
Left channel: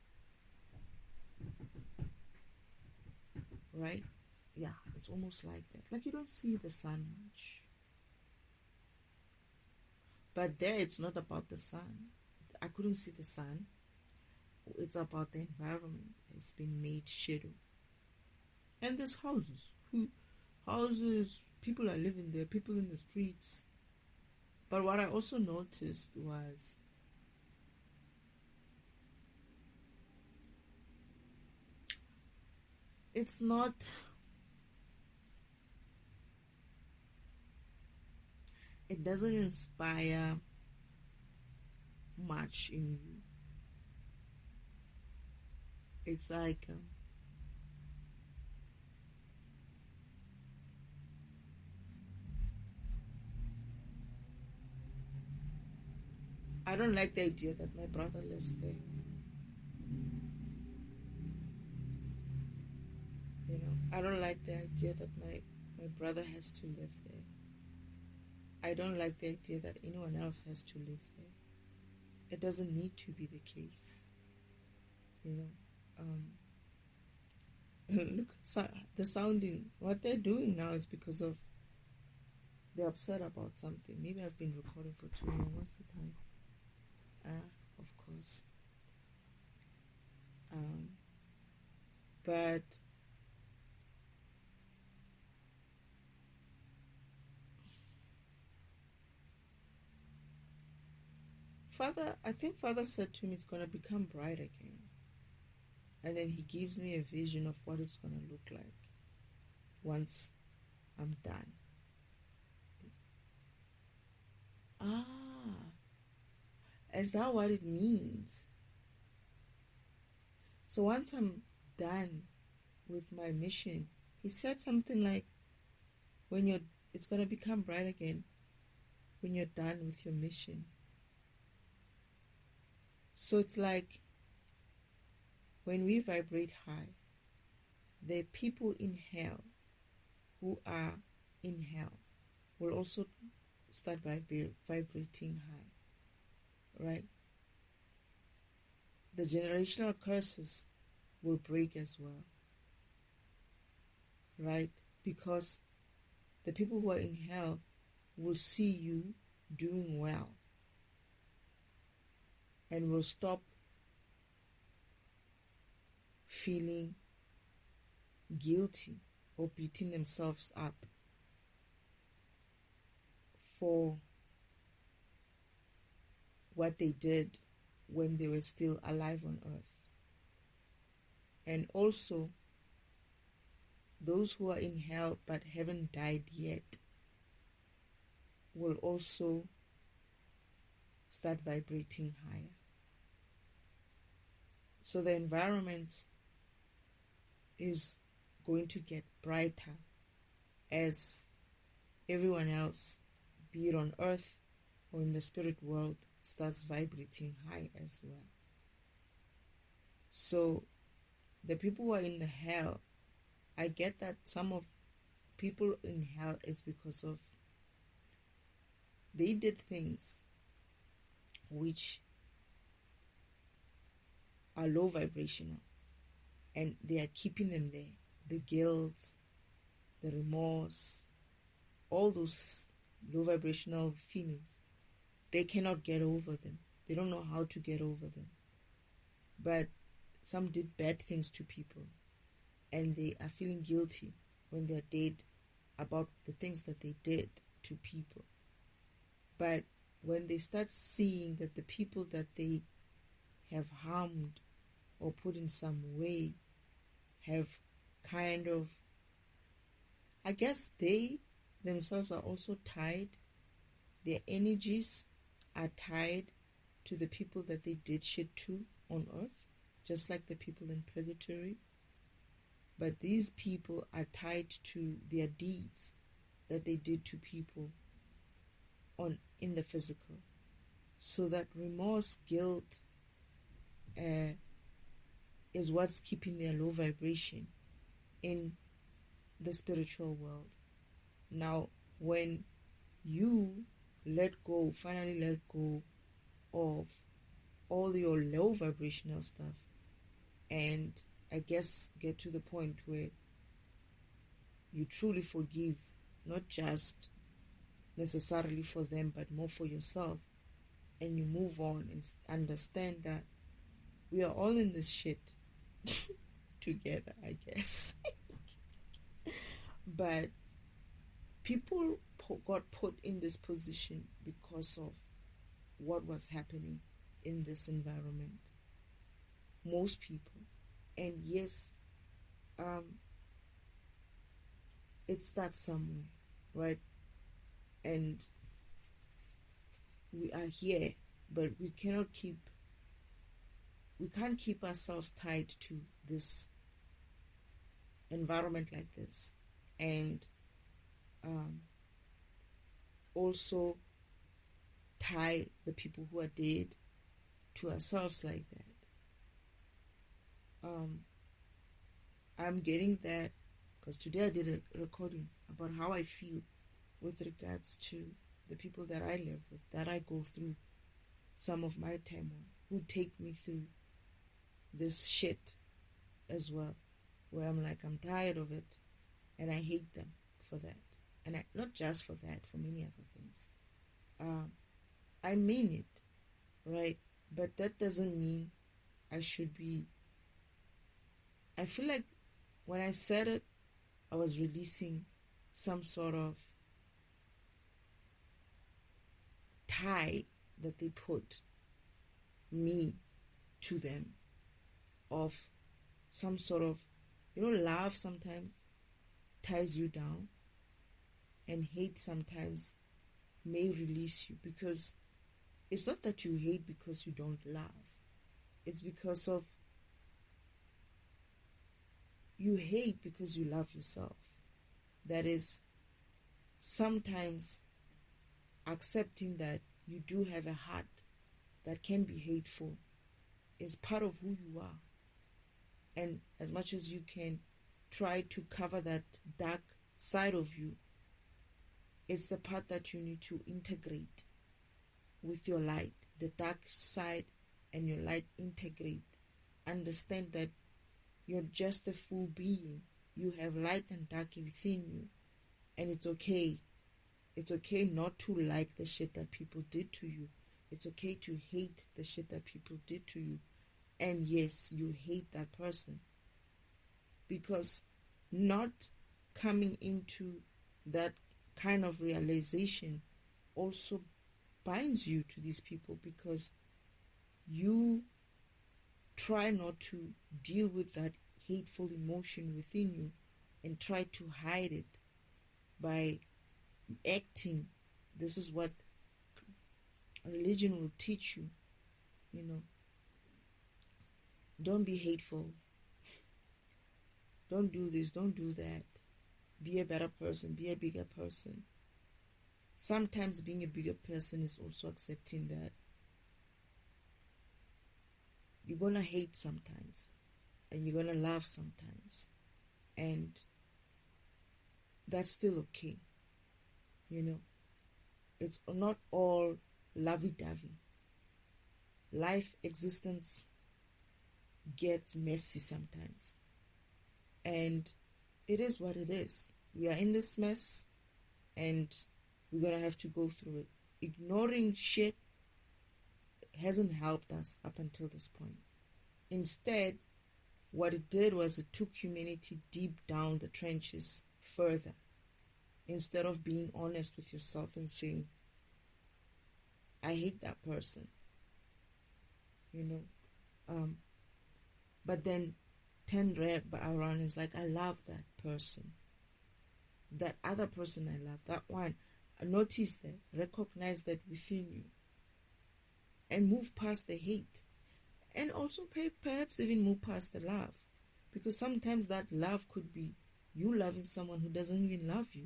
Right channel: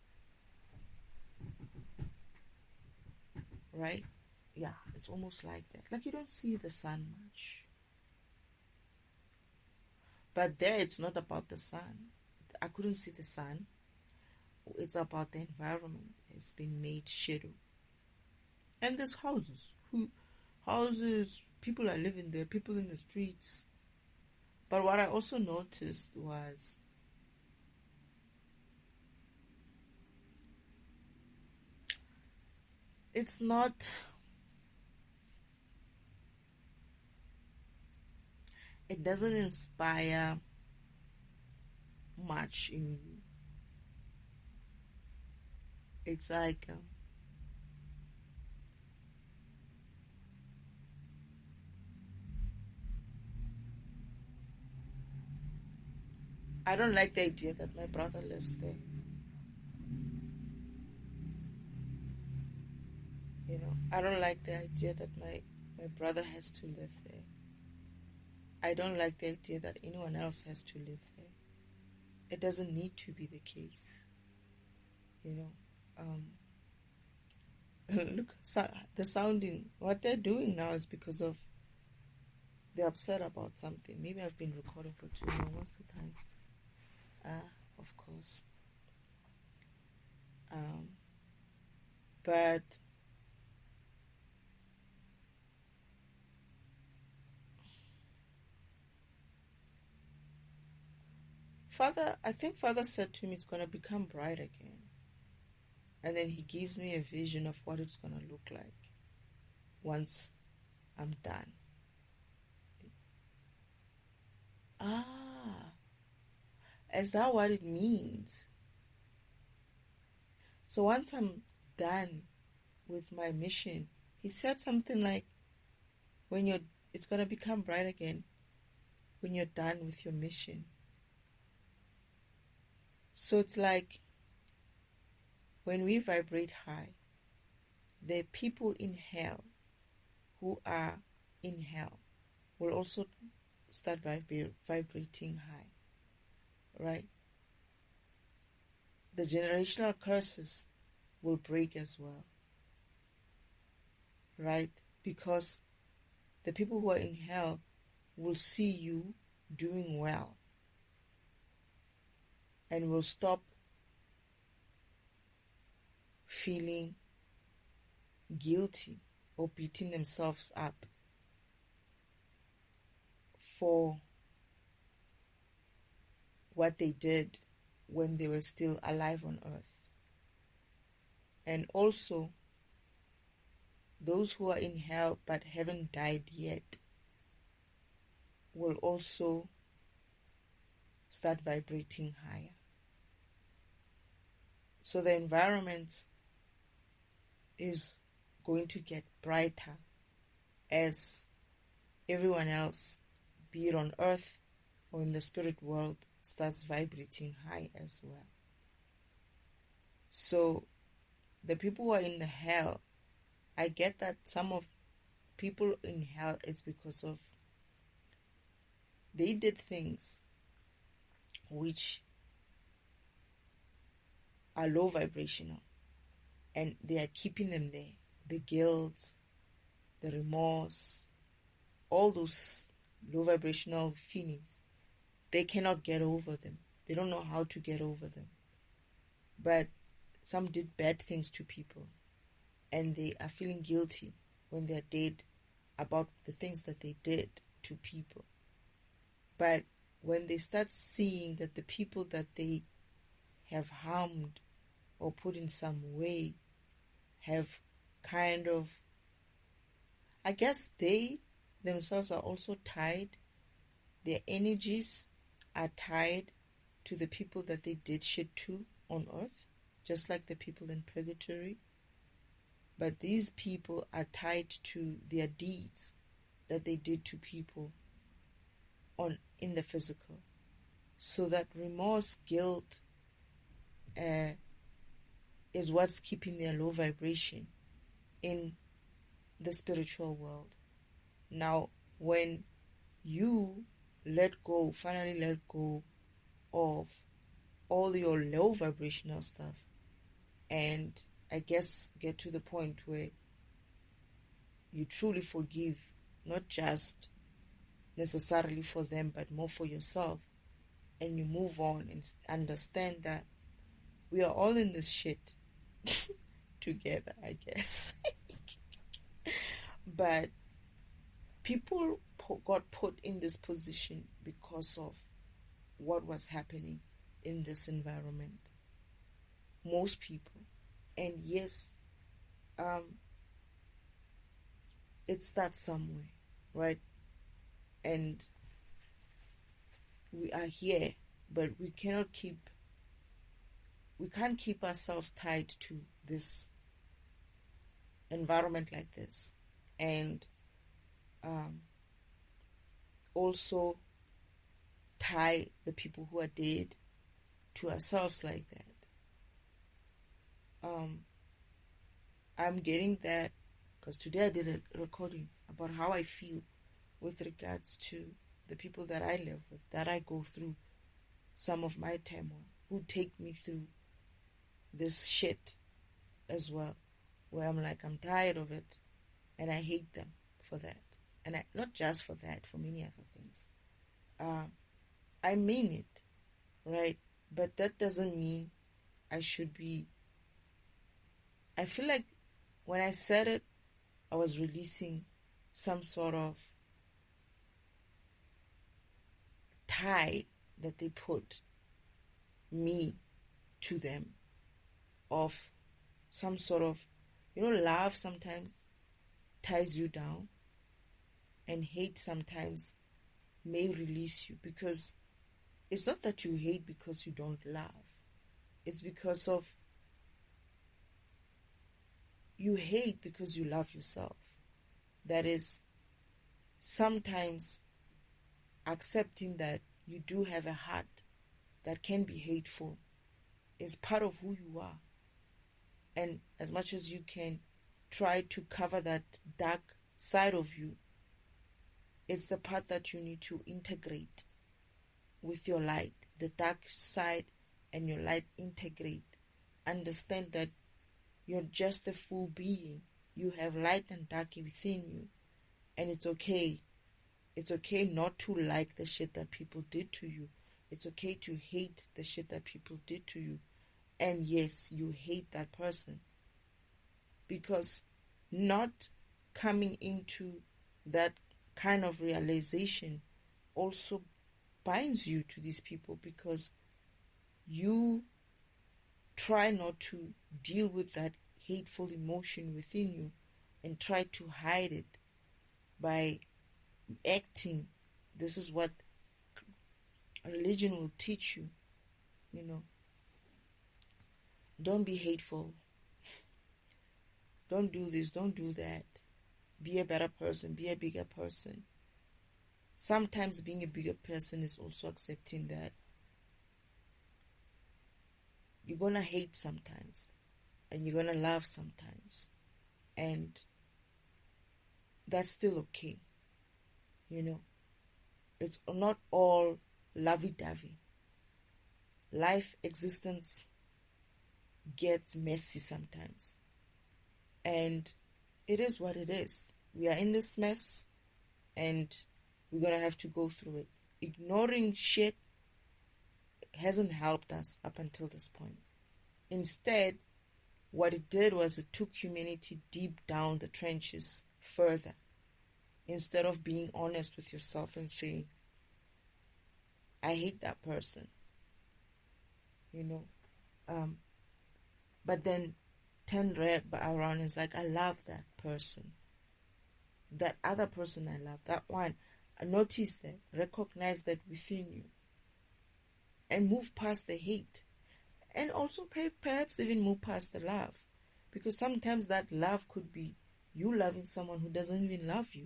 right? Yeah, it's almost like that. Like you don't see the sun much. But there it's not about the sun. I couldn't see the sun. It's about the environment. It's been made shadow. And there's houses. Houses, people are living there, people in the streets. But what I also noticed was it's not, it doesn't inspire much in you. It's like I don't like the idea that my brother lives there. You know, I don't like the idea that my brother has to live there. I don't like the idea that anyone else has to live there. It doesn't need to be the case. You know, look, the sounding, what they're doing now is because of they're upset about something. Maybe I've been recording for too long. What's the time? Of course. But I think Father said to me it's going to become bright again. And then he gives me a vision of what it's going to look like once I'm done. Is that what it means? So once I'm done with my mission, he said something like, it's going to become bright again when you're done with your mission. So it's like when we vibrate high, the people in hell who are in hell will also start vibrating high, right? The generational curses will break as well, right? Because the people who are in hell will see you doing well and will stop feeling guilty or beating themselves up for what they did when they were still alive on earth. And also, those who are in hell but haven't died yet will also start vibrating higher. So the environment is going to get brighter as everyone else, be it on earth or in the spirit world, starts vibrating high as well. So the people who are in the hell, I get that some of people in hell is because of they did things which are low vibrational and they are keeping them there. The guilt, the remorse, all those low vibrational feelings, they cannot get over them. They don't know how to get over them. But some did bad things to people and they are feeling guilty when they're dead about the things that they did to people. But when they start seeing that the people that they have harmed or put in some way have kind of, I guess they themselves are also tied, their energies are tied to the people that they did shit to on earth, just like the people in purgatory. But these people are tied to their deeds that they did to people in the physical. So that remorse, guilt is what's keeping their low vibration in the spiritual world. Now, when you finally let go of all your low vibrational stuff, and I guess get to the point where you truly forgive not just necessarily for them, but more for yourself, and you move on and understand that we are all in this shit together, I guess. But people got put in this position because of what was happening in this environment. Most people. And yes, it starts somewhere, right? And we are here, but we can't keep ourselves tied to this environment like this, and also tie the people who are dead to ourselves like that. I'm getting that because today I did a recording about how I feel with regards to the people that I live with, that I go through some of my turmoil, who take me through this shit as well, where I'm like, I'm tired of it, and I hate them for that. And not just for that, for many other things. I mean it, right? But that doesn't mean I should be... I feel like when I said it, I was releasing some sort of tie that they put me to them, of some sort of, love sometimes ties you down, and hate sometimes may release you, because it's not that you hate because you don't love. It's because of you hate because you love yourself. That is, sometimes accepting that you do have a heart that can be hateful is part of who you are. And as much as you can try to cover that dark side of you, it's the part that you need to integrate with your light. The dark side and your light integrate. Understand that you're just a full being. You have light and dark within you. And it's okay. It's okay not to like the shit that people did to you. It's okay to hate the shit that people did to you. And yes, you hate that person. Because not coming into that kind of realization also binds you to these people, because you try not to deal with that hateful emotion within you and try to hide it by acting. This is what religion will teach you, Don't be hateful. Don't do this, don't do that. Be a better person, be a bigger person. Sometimes being a bigger person is also accepting that you're going to hate sometimes, and you're going to love sometimes, and that's still okay. It's not all lovey-dovey. Life existence gets messy sometimes, and it is what it is. We are in this mess, and we're going to have to go through it. Ignoring shit hasn't helped us up until this point. Instead, what it did was it took humanity deep down the trenches further, instead of being honest with yourself and saying, I hate that person, but then turn around and it's like, I love that person, that other person I love, that one. Notice that, recognize that within you, and move past the hate, and also perhaps even move past the love, because sometimes that love could be you loving someone who doesn't even love you.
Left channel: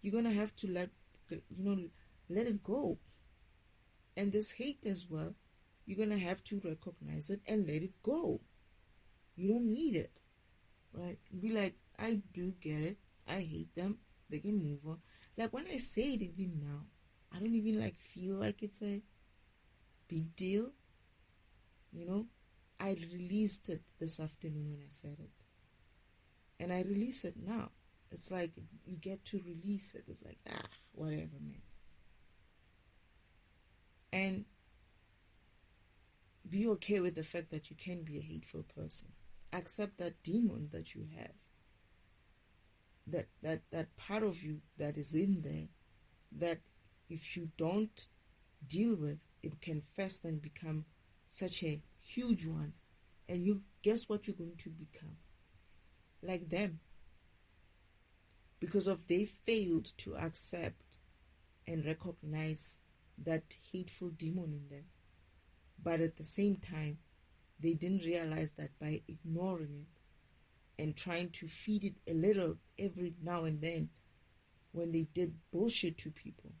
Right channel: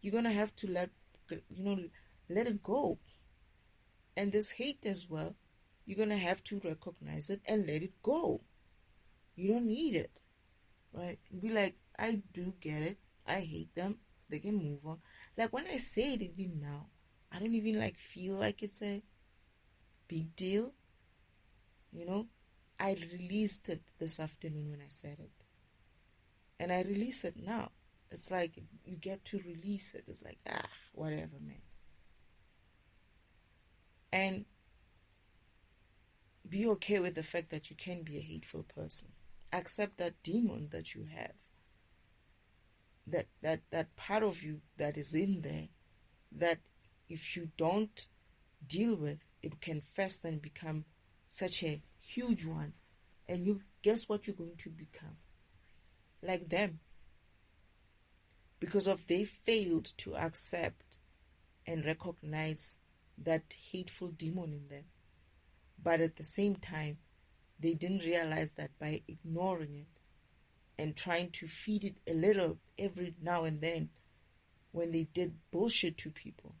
You're gonna have to let it go. And this hate as well, you're gonna have to recognize it and let it go. You don't need it, right? Be like, I do get it, I hate them, they can move on. Like, when I say it even now, I don't even feel like it's a big deal. I released it this afternoon when I said it, and I release it now. It's like you get to release it. It's like, whatever, man. And be okay with the fact that you can be a hateful person. Accept that demon that you have, that part of you that is in there, that if you don't deal with, it can fester and become such a huge one. And you guess what you're going to become? Like them. Because of they failed to accept and recognize that hateful demon in them. But at the same time, they didn't realize that by ignoring it and trying to feed it a little every now and then, when they did bullshit to people,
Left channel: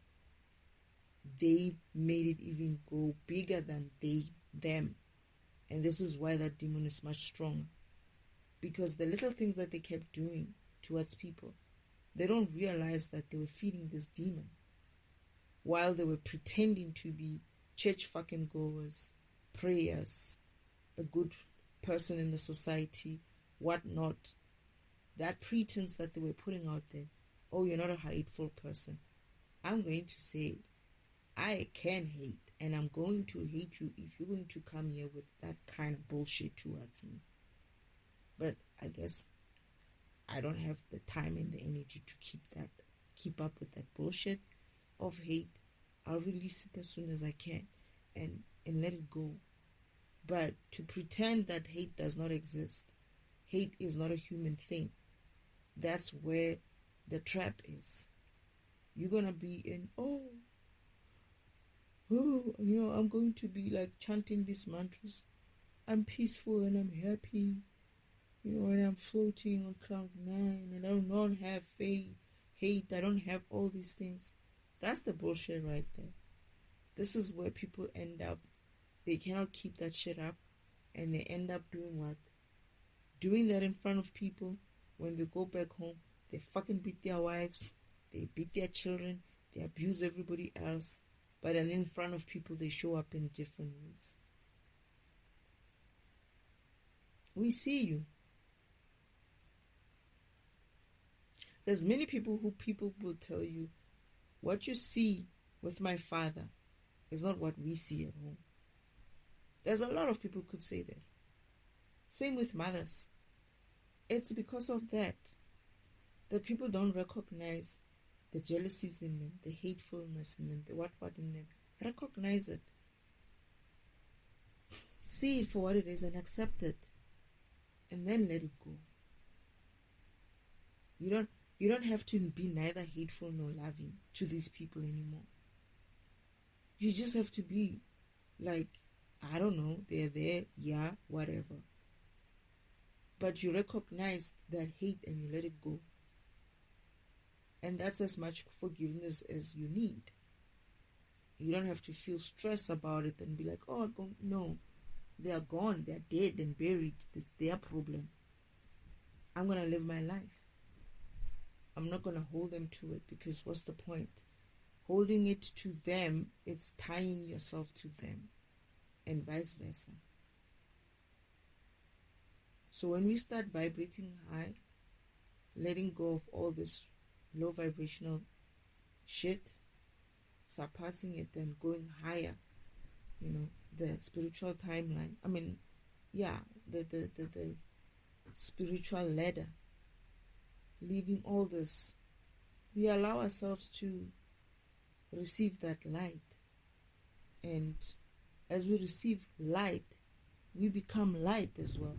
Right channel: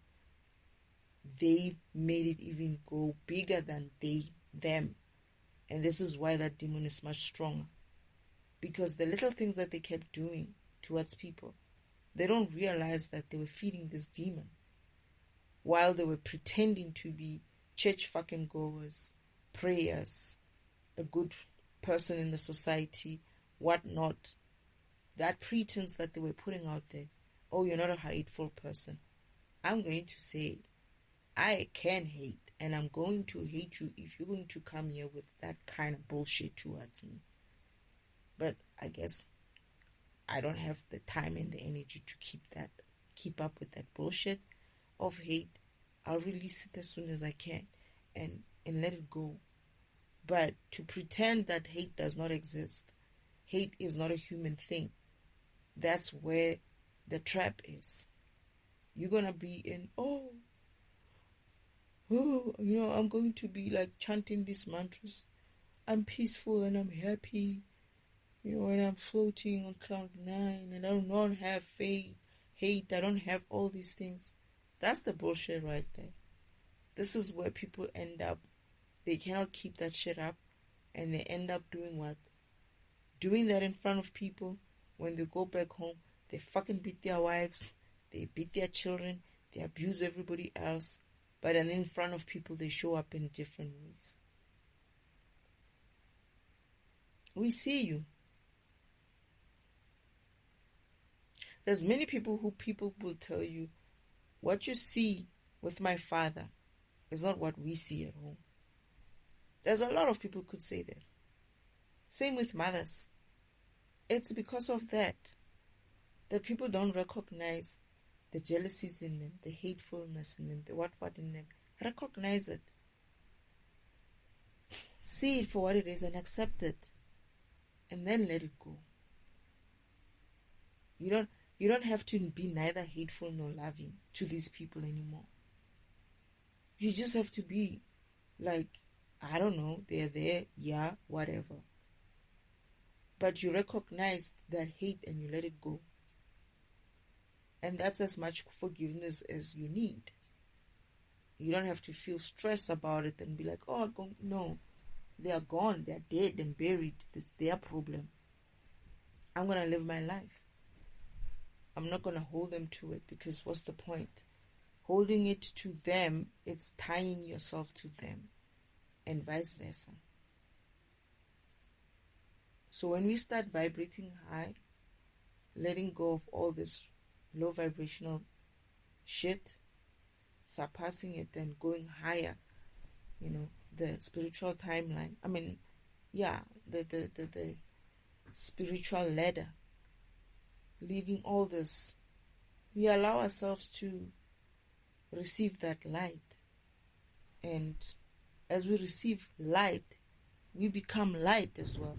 they made it even go bigger than them. And this is why that demon is much stronger. Because the little things that they kept doing towards people, they don't realize that they were feeding this demon while they were pretending to be church fucking goers, prayers, a good person in the society, whatnot. That pretense that they were putting out there, oh, you're not a hateful person. I'm going to say, I can hate, and I'm going to hate you if you're going to come here with that kind of bullshit towards me. But I guess I don't have the time and the energy to keep up with that bullshit of hate. I'll release it as soon as I can and let it go. But to pretend that hate does not exist, hate is not a human thing, that's where the trap is. You're gonna be in, I'm going to be like chanting these mantras. I'm peaceful and I'm happy, and I'm floating on cloud 9, and I don't have hate, I don't have all these things. That's the bullshit right there. This is where people end up. They cannot keep that shit up, and they end up doing what? Doing that in front of people. When they go back home, they fucking beat their wives, they beat their children, they abuse everybody else, but then in front of people they show up in different ways. We see you. There's many people will tell you, what you see with my father is not what we see at home. There's a lot of people who could say that. Same with mothers. It's because of that people don't recognize the jealousies in them, the hatefulness in them, the what in them. Recognize it. See it for what it is and accept it. And then let it go. You don't have to be neither hateful nor loving to these people anymore. You just have to be like, I don't know, they're there, yeah, whatever. But you recognize that hate and you let it go. And that's as much forgiveness as you need. You don't have to feel stressed about it and be like, no, they are gone, they're dead and buried. It's their problem. I'm going to live my life. I'm not going to hold them to it, because what's the point? Holding it to them, it's tying yourself to them, and vice versa. So when we start vibrating high, letting go of all this low vibrational shit, surpassing it and going higher, the spiritual timeline. The spiritual ladder. Leaving all this, we allow ourselves to receive that light. And as we receive light, we become light as well.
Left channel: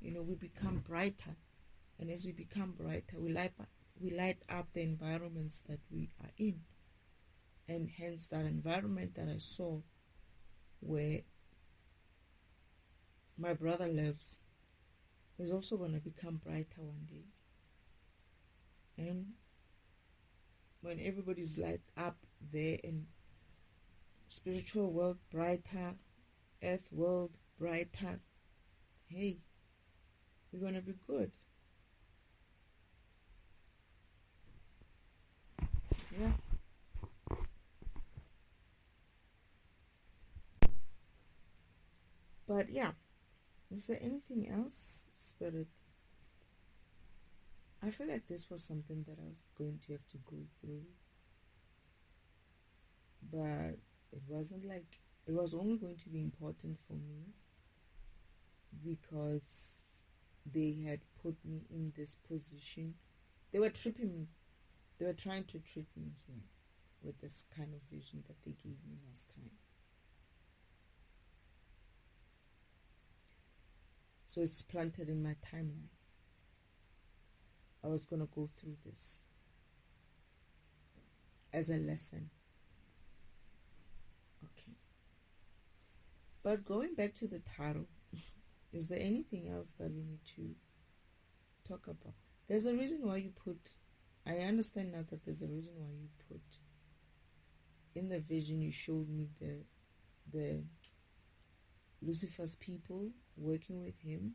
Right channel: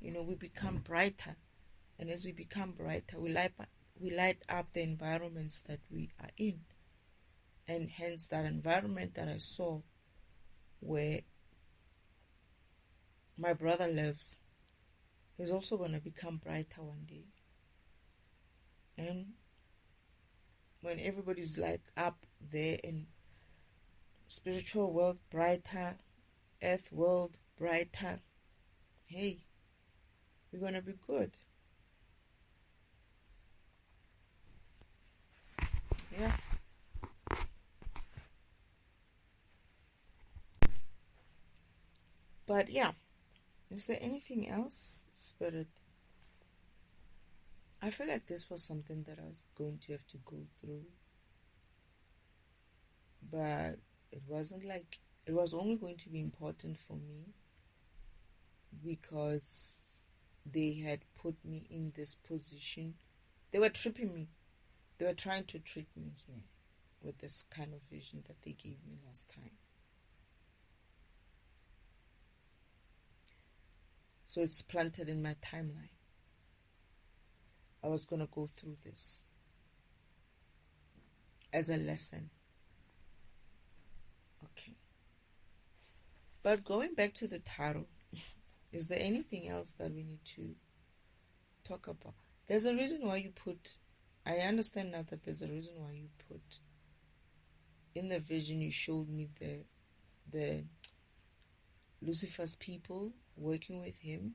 We become brighter. And as we become brighter, we light up the environments that we are in. And hence that environment that I saw where my brother lives is also going to become brighter one day. And when everybody's like up there in spiritual world brighter, earth world brighter, hey, we're going to be good. Yeah. But yeah, is there anything else, Spirit? I feel like this was something that I was going to have to go through. But It wasn't like it was only going to be important for me because they had put me in this position. They were tripping me. They were trying to trick me here with this kind of vision that they gave me last time. So it's planted in my timeline. I was going to go through this as a lesson. Okay. But going back to the tarot, is there anything else that we need to talk about? There's a reason why you put, I understand now that there's a reason why you put, in the vision you showed me the Lucifer's people working with him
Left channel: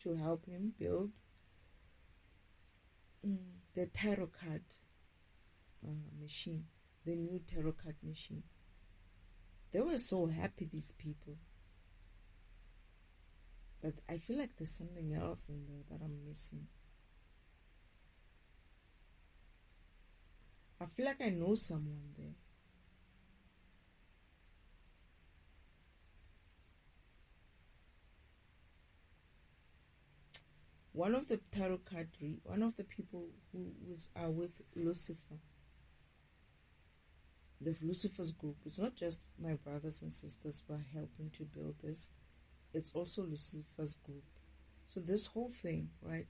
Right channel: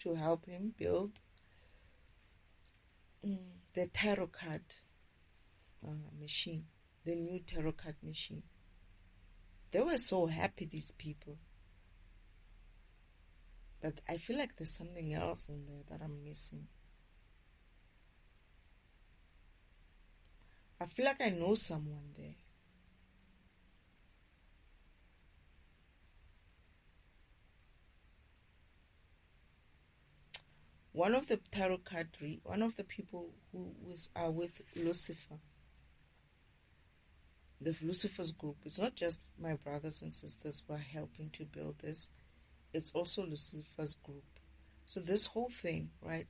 to help him build the tarot card machine, the new tarot card machine. They were so happy, these people. But I feel like there's something else in there that I'm missing. I feel like I know someone there. One of the tarot card one of the people who are with Lucifer, the Lucifer's group, it's not just my brothers and sisters who are helping to build this, it's also Lucifer's group. So this whole thing, right?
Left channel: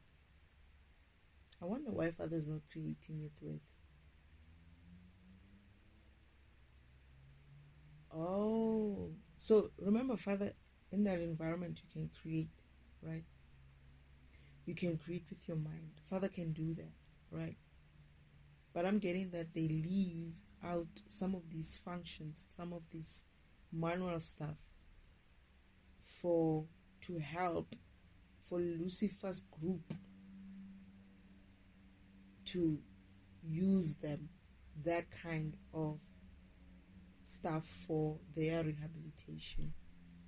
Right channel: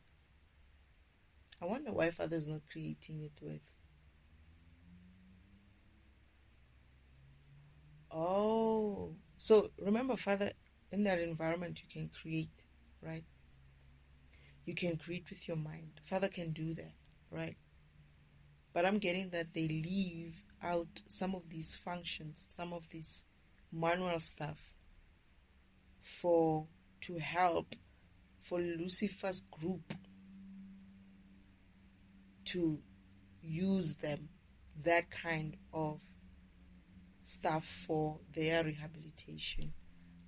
I wonder why Father's not creating it with. Oh, so remember, Father, in that environment you can create, right? You can create with your mind. Father can do that, right? But I'm getting that they leave out some of these functions, some of this manual stuff to help for Lucifer's group to use them, that kind of stuff for their rehabilitation.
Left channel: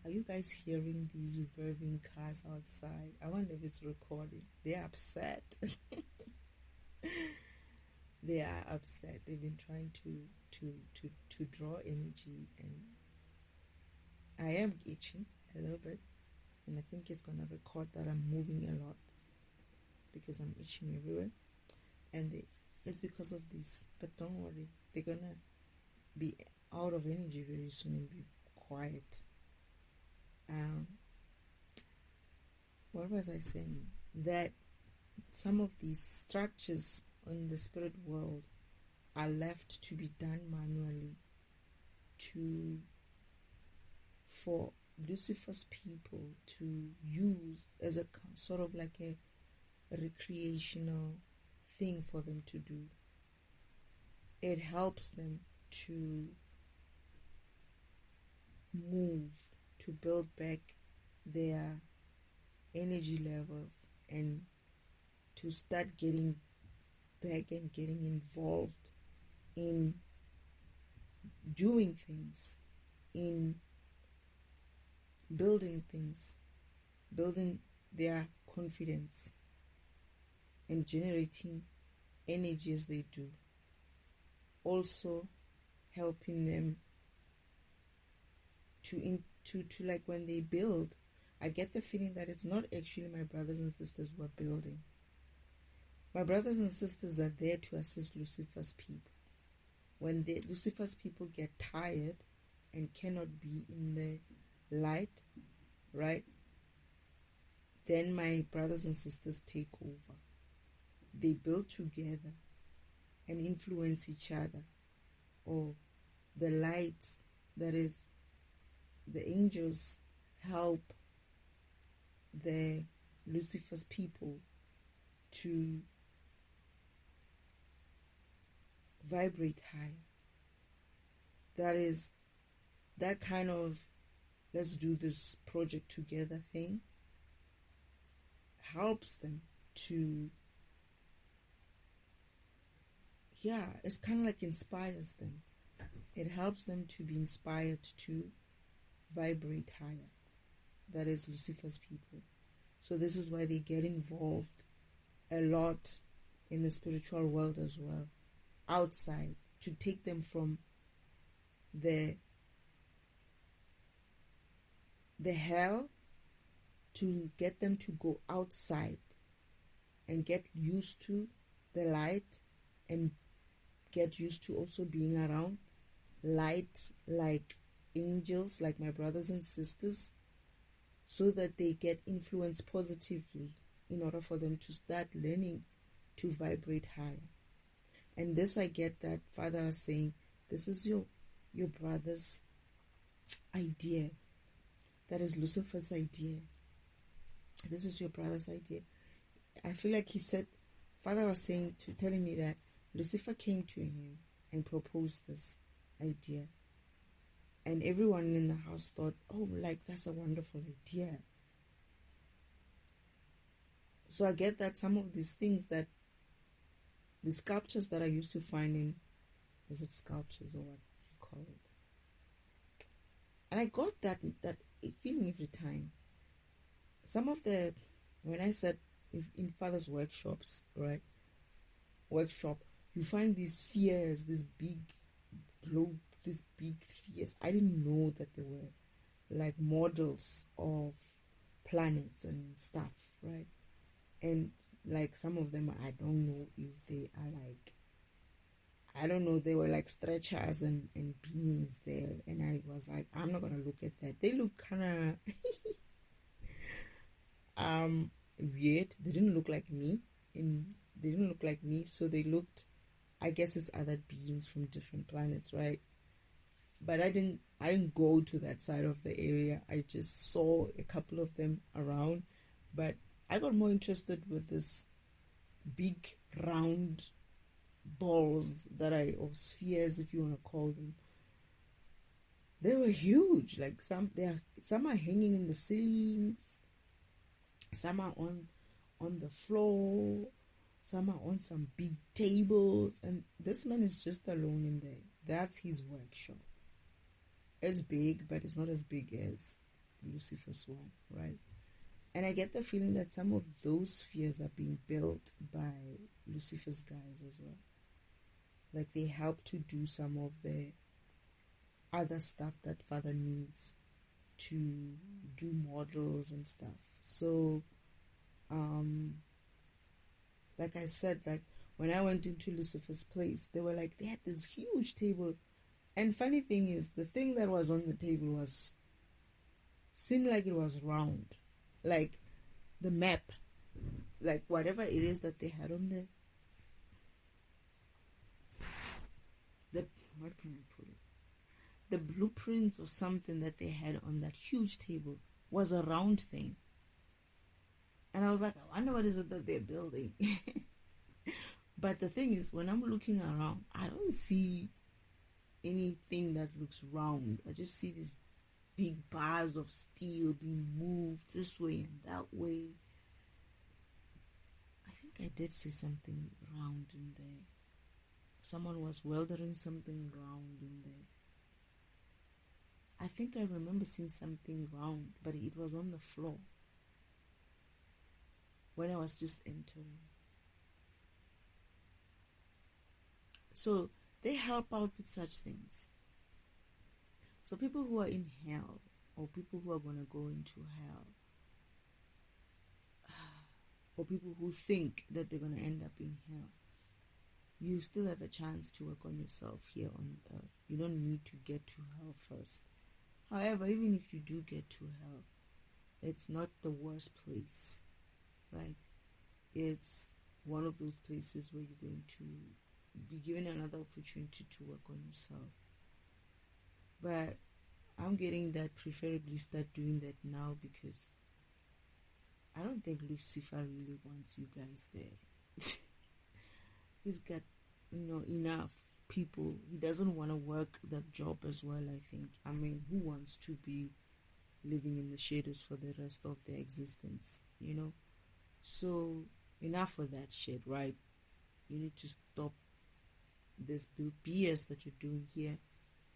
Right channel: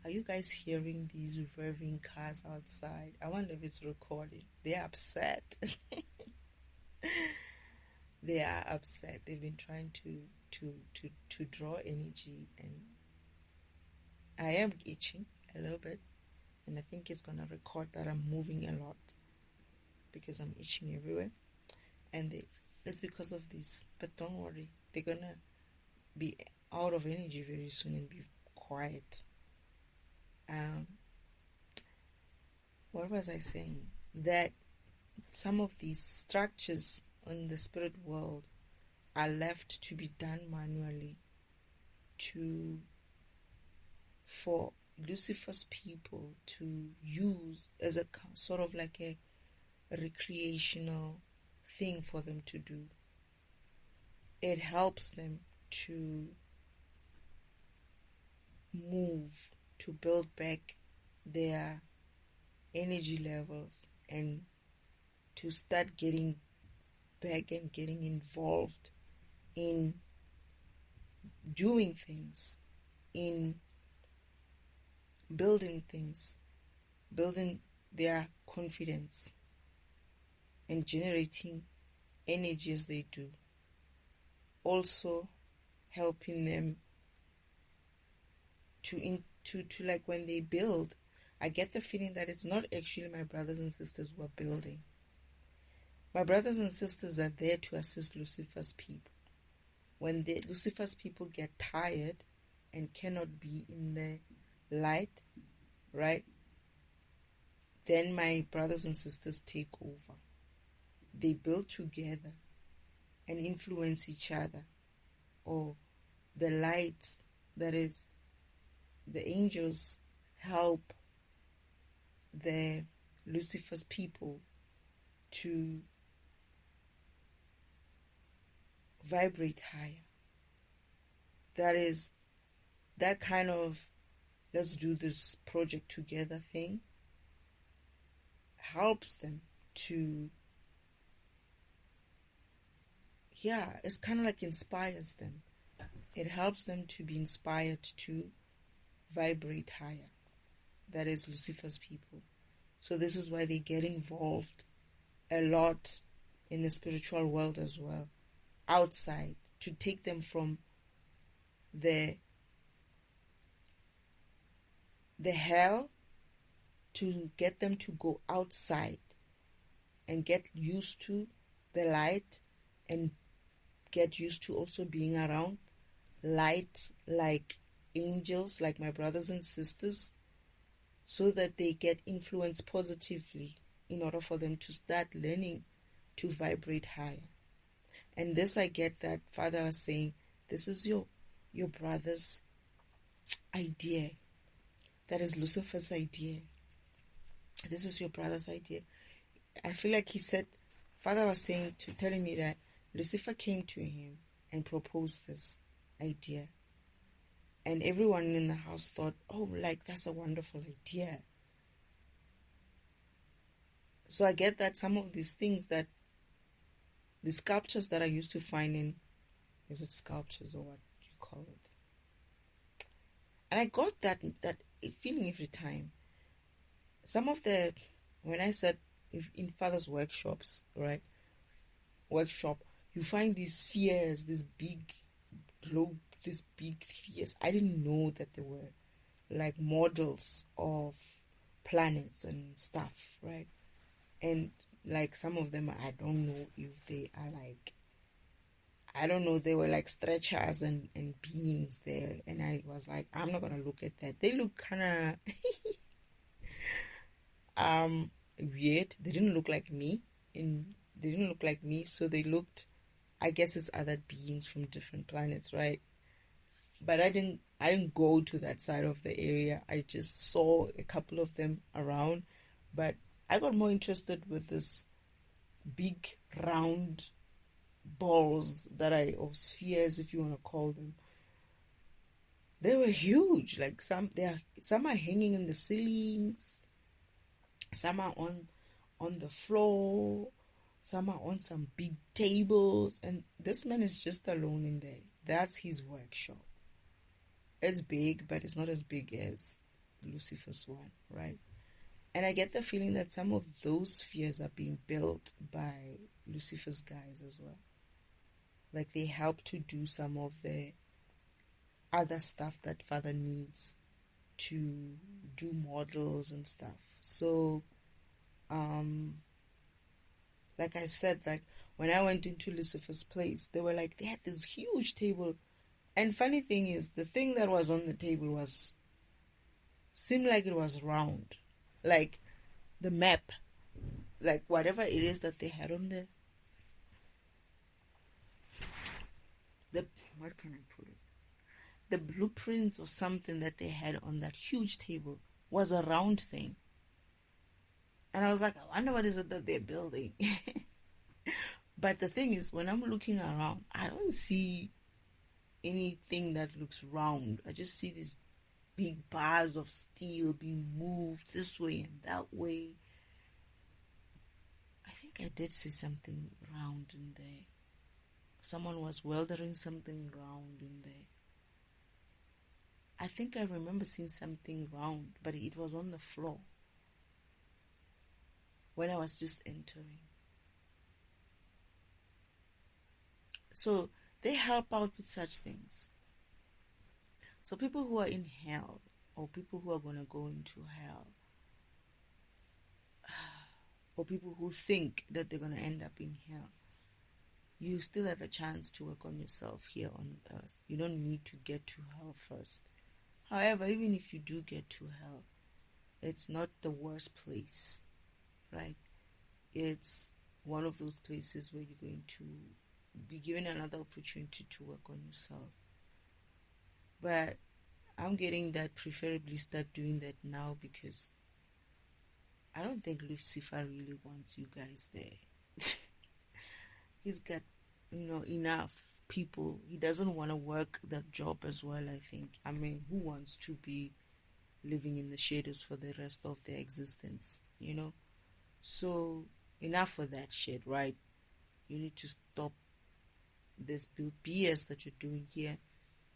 Are you guys hearing these revving cars outside? I wonder if it's recording. They're upset. They are upset. They've been trying to draw energy, and I am itching a little bit, and I think it's gonna record that I'm moving a lot because I'm itching everywhere, and it's because of this. But don't worry, they're gonna be out of energy very soon and be quiet. What was I saying? That some of these structures in the spirit world are left to be done manually for Lucifer's people to use as a sort of like a recreational thing for them to do. It helps them to move, to build back their energy levels and to start getting back and getting involved in doing things, in building things, building their confidence and generating energy as they do. Also helping them to like when they build, I get the feeling that it's not actually my brothers and sisters who are building. My brothers and sisters are there to assist Lucifer's people. When Lucifer's people get tired and cannot be in the light, right, then my brothers and sisters take over. They build together and influence each other. Or the light, that is, the angels help the Lucifer's people to vibrate higher. That is, that kind of let's do this project together thing helps them to, it's kind of like inspires them. It helps them to be inspired to vibrate higher. That is Lucifer's people. So this is why they get involved a lot in the spiritual world as well, outside, to take them from the the hell to get them to go outside and get used to the light and get used to also being around light like angels, like my brothers and sisters, so that they get influenced positively in order for them to start learning to vibrate higher. And this, I get that Father was saying, this is your brother's idea. That is Lucifer's idea. This is your brother's idea. I feel like he said, Father was saying, telling me that Lucifer came to him and proposed this idea. And everyone in the house thought, oh, like, that's a wonderful idea. So I get that some of these things, that the sculptures that I used to find in, is it sculptures or what you call it? And I got that feeling every time. Some of the, when I said, if in Father's workshops, right? Workshop, you find these spheres, this big globe, these big spheres. I didn't know that they were like models of planets and stuff, right? And like some of them, I don't know if they are like, I don't know, they were like stretchers and beings there. And I was like, I'm not going to look at that. They look kind of weird. They didn't look like me. So they looked, I guess it's other beings from different planets, right? But I didn't go to that side of the area. I just saw a couple of them around, but I got more interested with this big round balls or spheres, if you want to call them. They were huge. Like some are hanging in the ceilings, some are on the floor, some are on some big tables, and this man is just alone in there. That's his workshop. It's big, but it's not as big as Lucifer's one, right? And I get the feeling that some of those spheres are being built by Lucifer's guys as well. Like they help to do some of the other stuff that Father needs to do models and stuff. So, like I said, like when I went into Lucifer's place, they had this huge table. And funny thing is, the thing that was on the table seemed like it was round. Like the map, like whatever it is that they had on what can I put it? The blueprints or something that they had on that huge table was a round thing. And I was like, I wonder what is it that they're building. But the thing is, when I'm looking around, I don't see anything that looks round. I just see these big bars of steel being moved this way and that way. I think I did see something round in there. Someone was welding something round in there. I think I remember seeing something round, but it was on the floor when I was just entering. So they help out with such things. So people who are in hell, or people who are going to go into hell, or people who think that they're going to end up in hell, you still have a chance to work on yourself here on earth. You don't need to get to hell first. However, even if you do get to hell, it's not the worst place, right? It's one of those places where you're going to be given another opportunity to work on yourself. But I'm getting that preferably start doing that now, because I don't think Lucifer really wants you guys there. He's got, enough people. He doesn't want to work that job as well, I think. I mean, who wants to be living in the shadows for the rest of their existence, So, enough of that shit, right? You need to stop this BS that you're doing here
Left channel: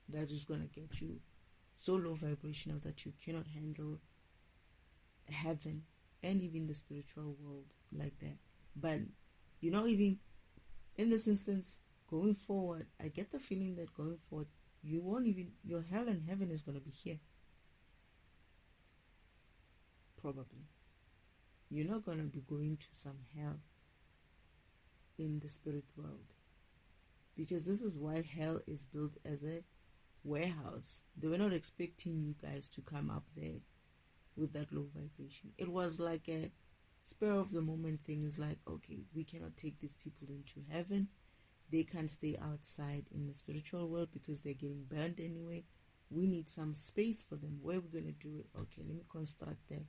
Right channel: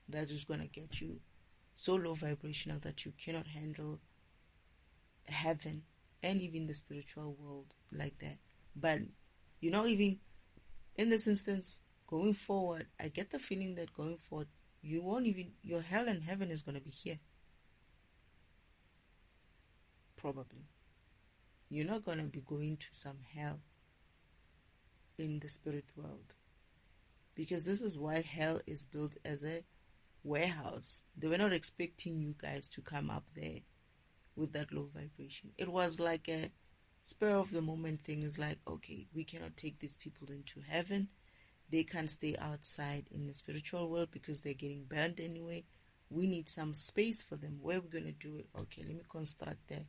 that is going to get you so low vibrational that you cannot handle heaven and even the spiritual world like that. But, even in this instance, going forward, I get the feeling that going forward, your hell and heaven is going to be here. probably. You're not going to be going to some hell in the spirit world, because this is why hell is built as a warehouse. They were not expecting you guys to come up there with that low vibration. It was like a spur of the moment thing. Is like, okay, we cannot take these people into heaven. They can't stay outside in the spiritual world because they're getting burned anyway. We need some space for them. Where we're going to do it? Okay, let me construct a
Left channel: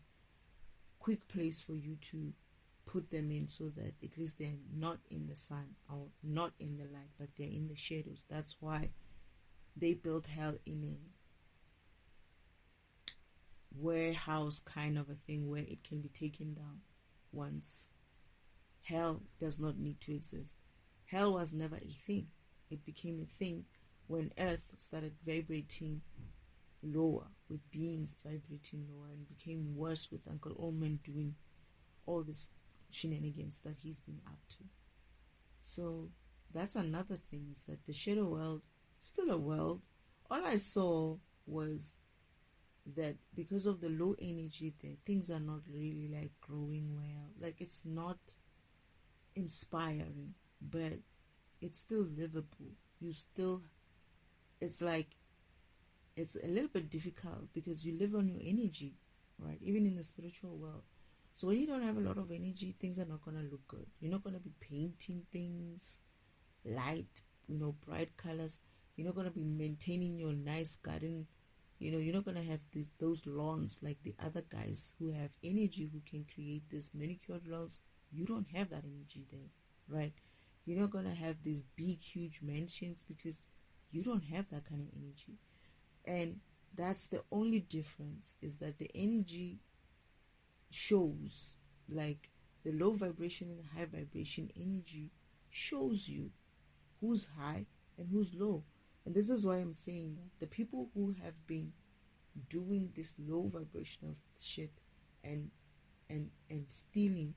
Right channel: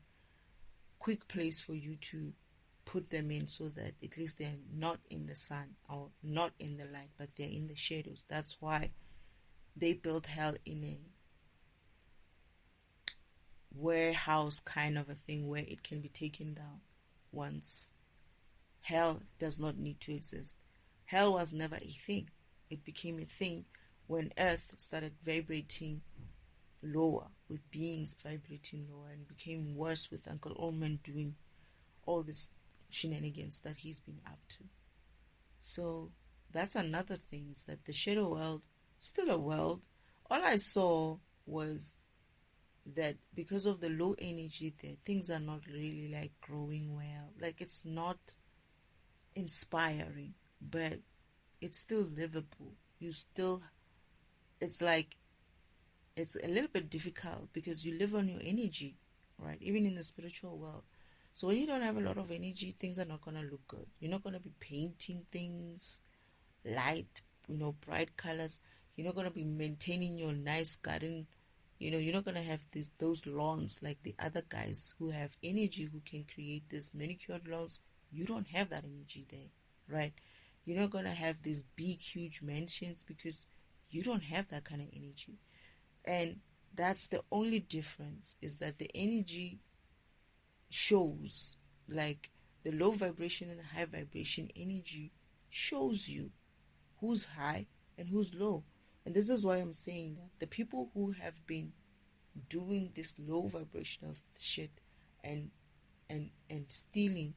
quick place for you to put them in, so that at least they're not in the sun or not in the light, but they're in the shadows. That's why they built hell in a warehouse kind of a thing, where it can be taken down once. Hell does not need to exist. Hell was never a thing. It became a thing when Earth started vibrating lower, with beings vibrating lower, and became worse with Uncle Olman doing all this shenanigans that he's been up to. So that's another thing, is that the shadow world, still a world. All I saw was that because of the low energy there, things are not really like growing well. Like, it's not inspiring, but it's still livable. It's like, it's a little bit difficult because you live on your energy, right? Even in the spiritual world. So when you don't have a lot of energy, things are not going to look good. You're not going to be painting things light, bright colors. You're not going to be maintaining your nice garden. You're not going to have those lawns like the other guys who have energy, who can create these manicured lawns. You don't have that energy there, right? You're not going to have these big, huge mansions because you don't have that kind of energy. And that's the only difference, is that the energy shows, like the low vibration and the high vibration energy shows you who's high and who's low. And this is why I'm saying that the people who have been doing this low vibrational shit and stealing,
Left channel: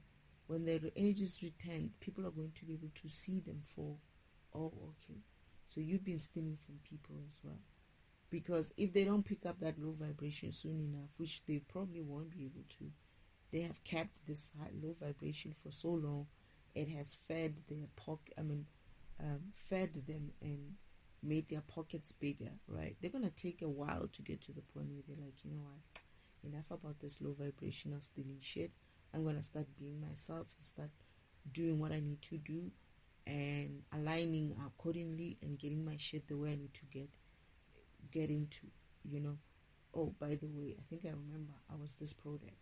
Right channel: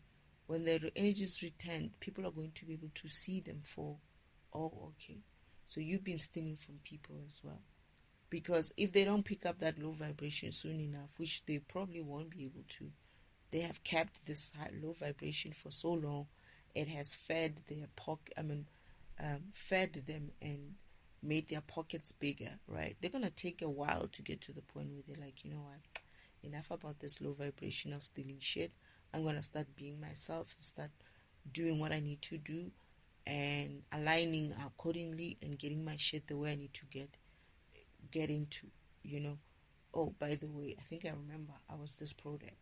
when their energies return, people are going to be able to see them for, oh, okay, so you've been stealing from people as well. Because if they don't pick up that low vibration soon enough, which they probably won't be able to, they have kept this high, low vibration for so long, it has fed their fed them and made their pockets bigger, right? They're going to take a while to get to the point where they're like, you know what, enough about this low vibrational stealing shit. I'm going to start being myself, start doing what I need to do, and aligning accordingly, and getting my shit the way I need to get into, Oh, by the way, I think I remember I was this program.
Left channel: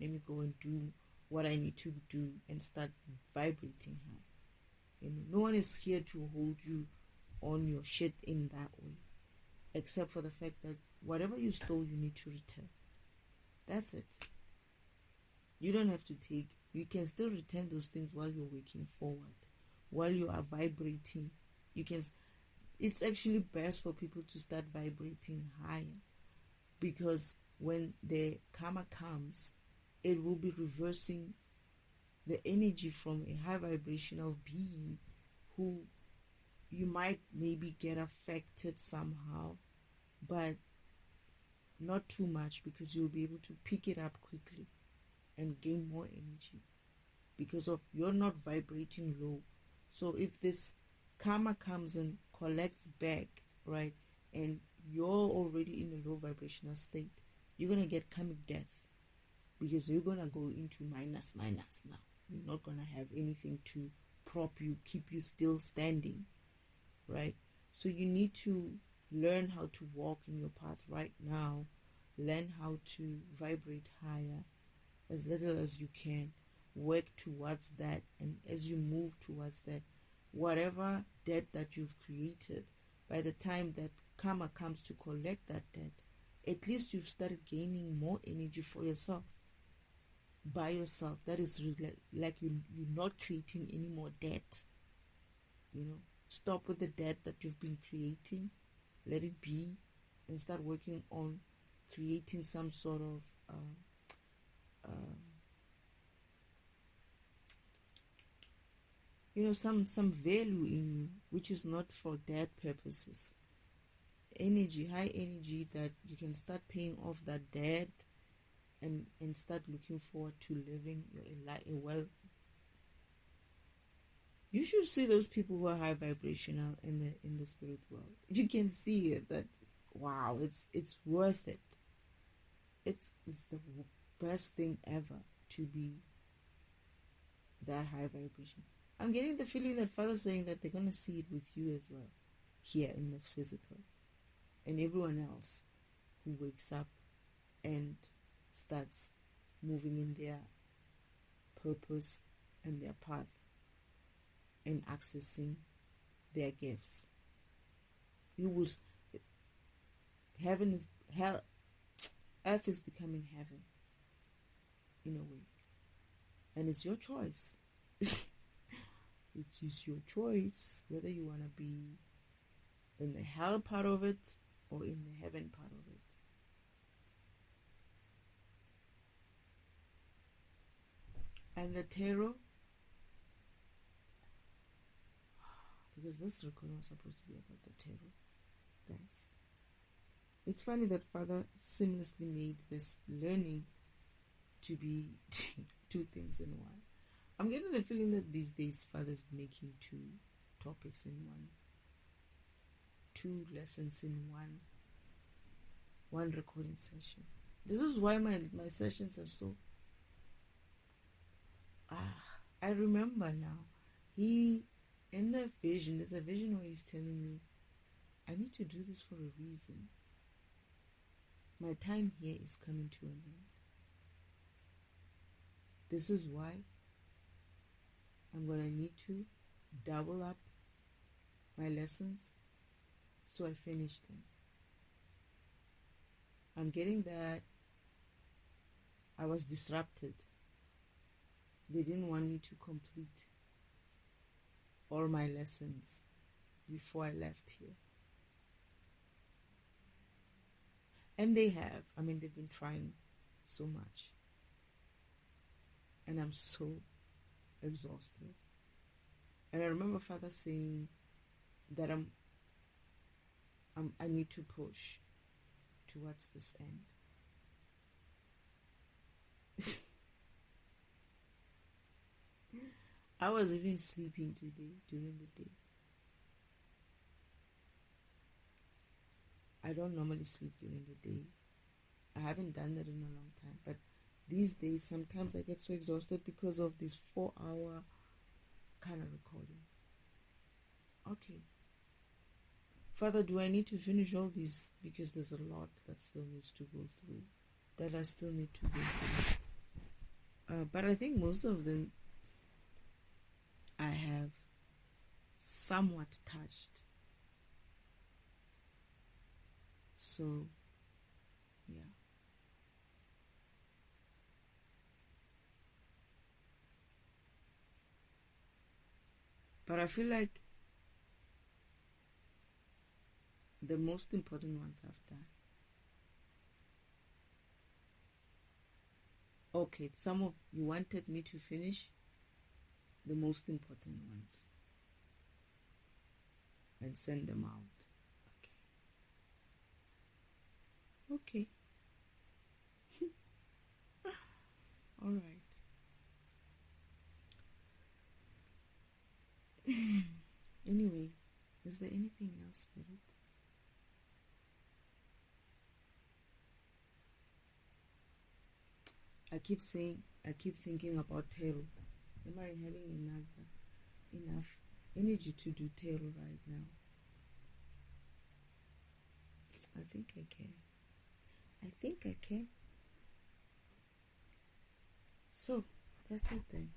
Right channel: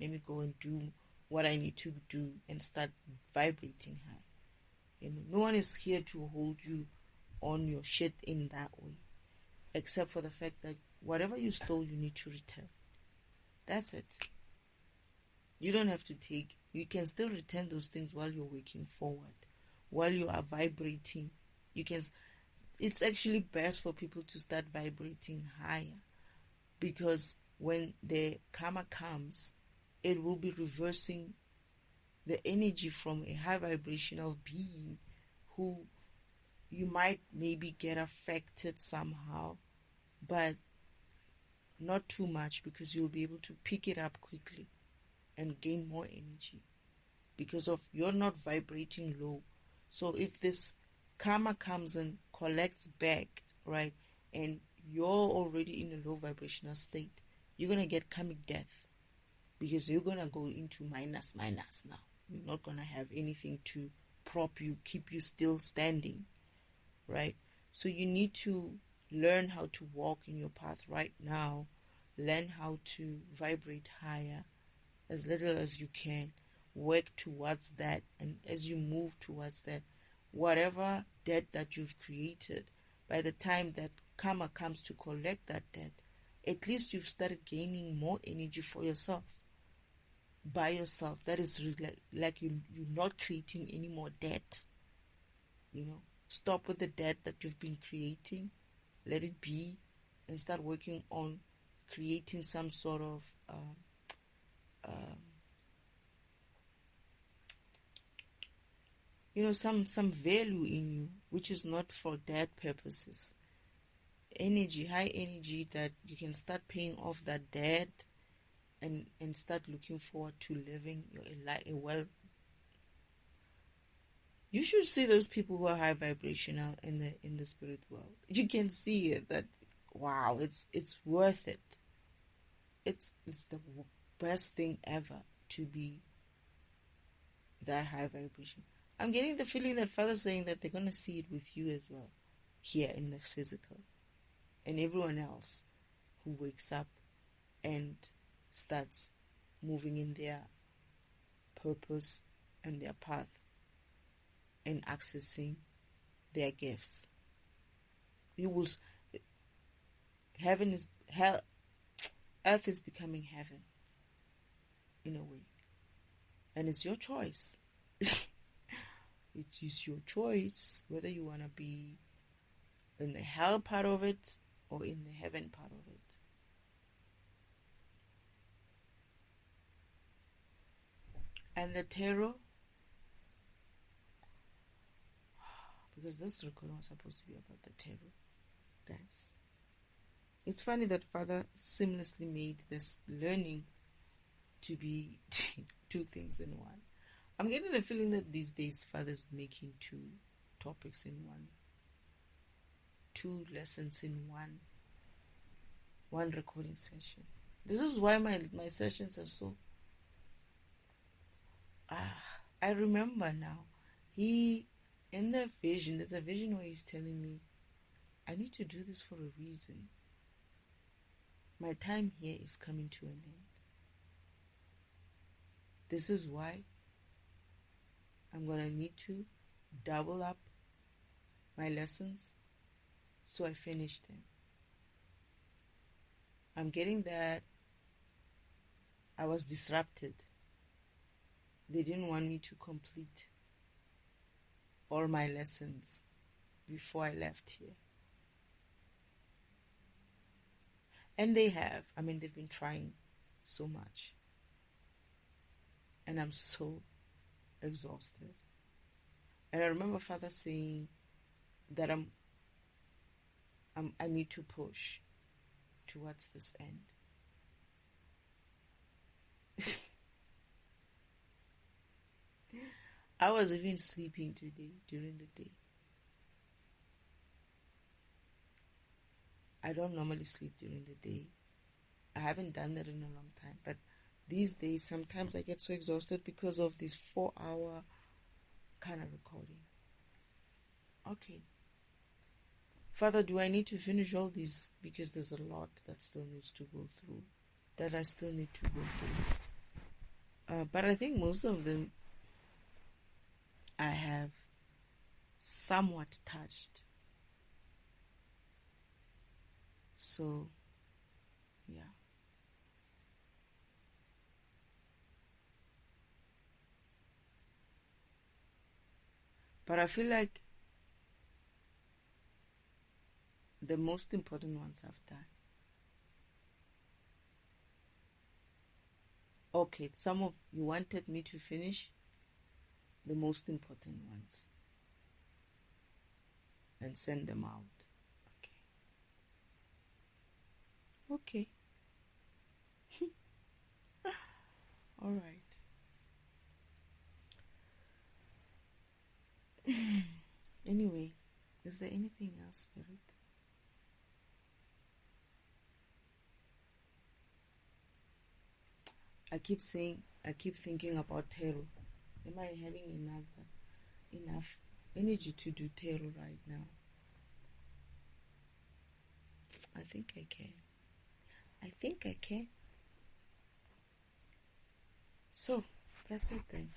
Let me go and do what I need to do and start vibrating high. No one is here to hold you on your shit in that way, except for the fact that whatever you stole, you need to return. That's it. You don't have to take. You can still return those things while you're waking forward, while you are vibrating. You can. It's actually best for people to start vibrating higher, because when the karma comes, it will be reversing the energy from a high vibrational being who you might maybe get affected somehow, but not too much, because you'll be able to pick it up quickly and gain more energy because of you're not vibrating low. So if this karma comes and collects back, right, and you're already in a low vibrational state, you're going to get karmic death, because you're going to go into minus now. You're not going to have anything to prop you, keep you still standing, right? So you need to learn how to walk in your path right now. Learn how to vibrate higher as little as you can. Work towards that, and as you move towards that, whatever debt that you've created, by the time that karma comes to collect that debt, at least you've started gaining more energy for yourself, by yourself. That is really like you're not creating any more debt. Stop with the debt that you've been creating, let it be, and start working on creating some sort of some value in you, which is not for debt purposes. Energy, high energy, that you can start paying off that debt and start looking forward to living a well. You should see those people who are high vibrational in the spirit world. You can see it, that wow, it's worth it. It's the best thing ever to be that high vibration. I'm getting the feeling that Father's saying that they're gonna see it with you as well, here in the physical, and everyone else who wakes up and starts moving in their purpose and their path and accessing their gifts. You will. Heaven is hell. Earth is becoming heaven, in a way, and it's your choice. It is your choice whether you want to be in the hell part of it or in the heaven part of it. And the tarot, because this recording was supposed to be about the tarot, guys. It's funny that Father seamlessly made this learning to be two things in one. I'm getting the feeling that these days Father's making two topics in one, two lessons in one recording session. This is why my sessions are so... I remember now. In the vision, there's a vision where he's telling me, I need to do this for a reason. My time here is coming to an end. This is why I'm going to need to double up my lessons so I finish them. I'm getting that I was disrupted. They didn't want me to complete all my lessons before I left here. And they have. I mean, they've been trying so much. And I'm so exhausted. And I remember Father saying that I need to push towards this end. I was even sleeping today, during the day. I don't normally sleep during the day. I haven't done that in a long time. But these days, sometimes I get so exhausted because of this 4-hour kind of recording. Okay. Father, do I need to finish all these? Because there's a lot that still needs to go through. That I still need to go through. But I think most of them I have somewhat touched. So, yeah. But I feel like the most important ones I've done. Okay, some of you wanted me to finish the most important ones and send them out. Okay. All right. Anyway, is there anything else, Spirit? I keep thinking about tarot. Am I having enough energy to do tarot right now? I think I can. So, that's it then.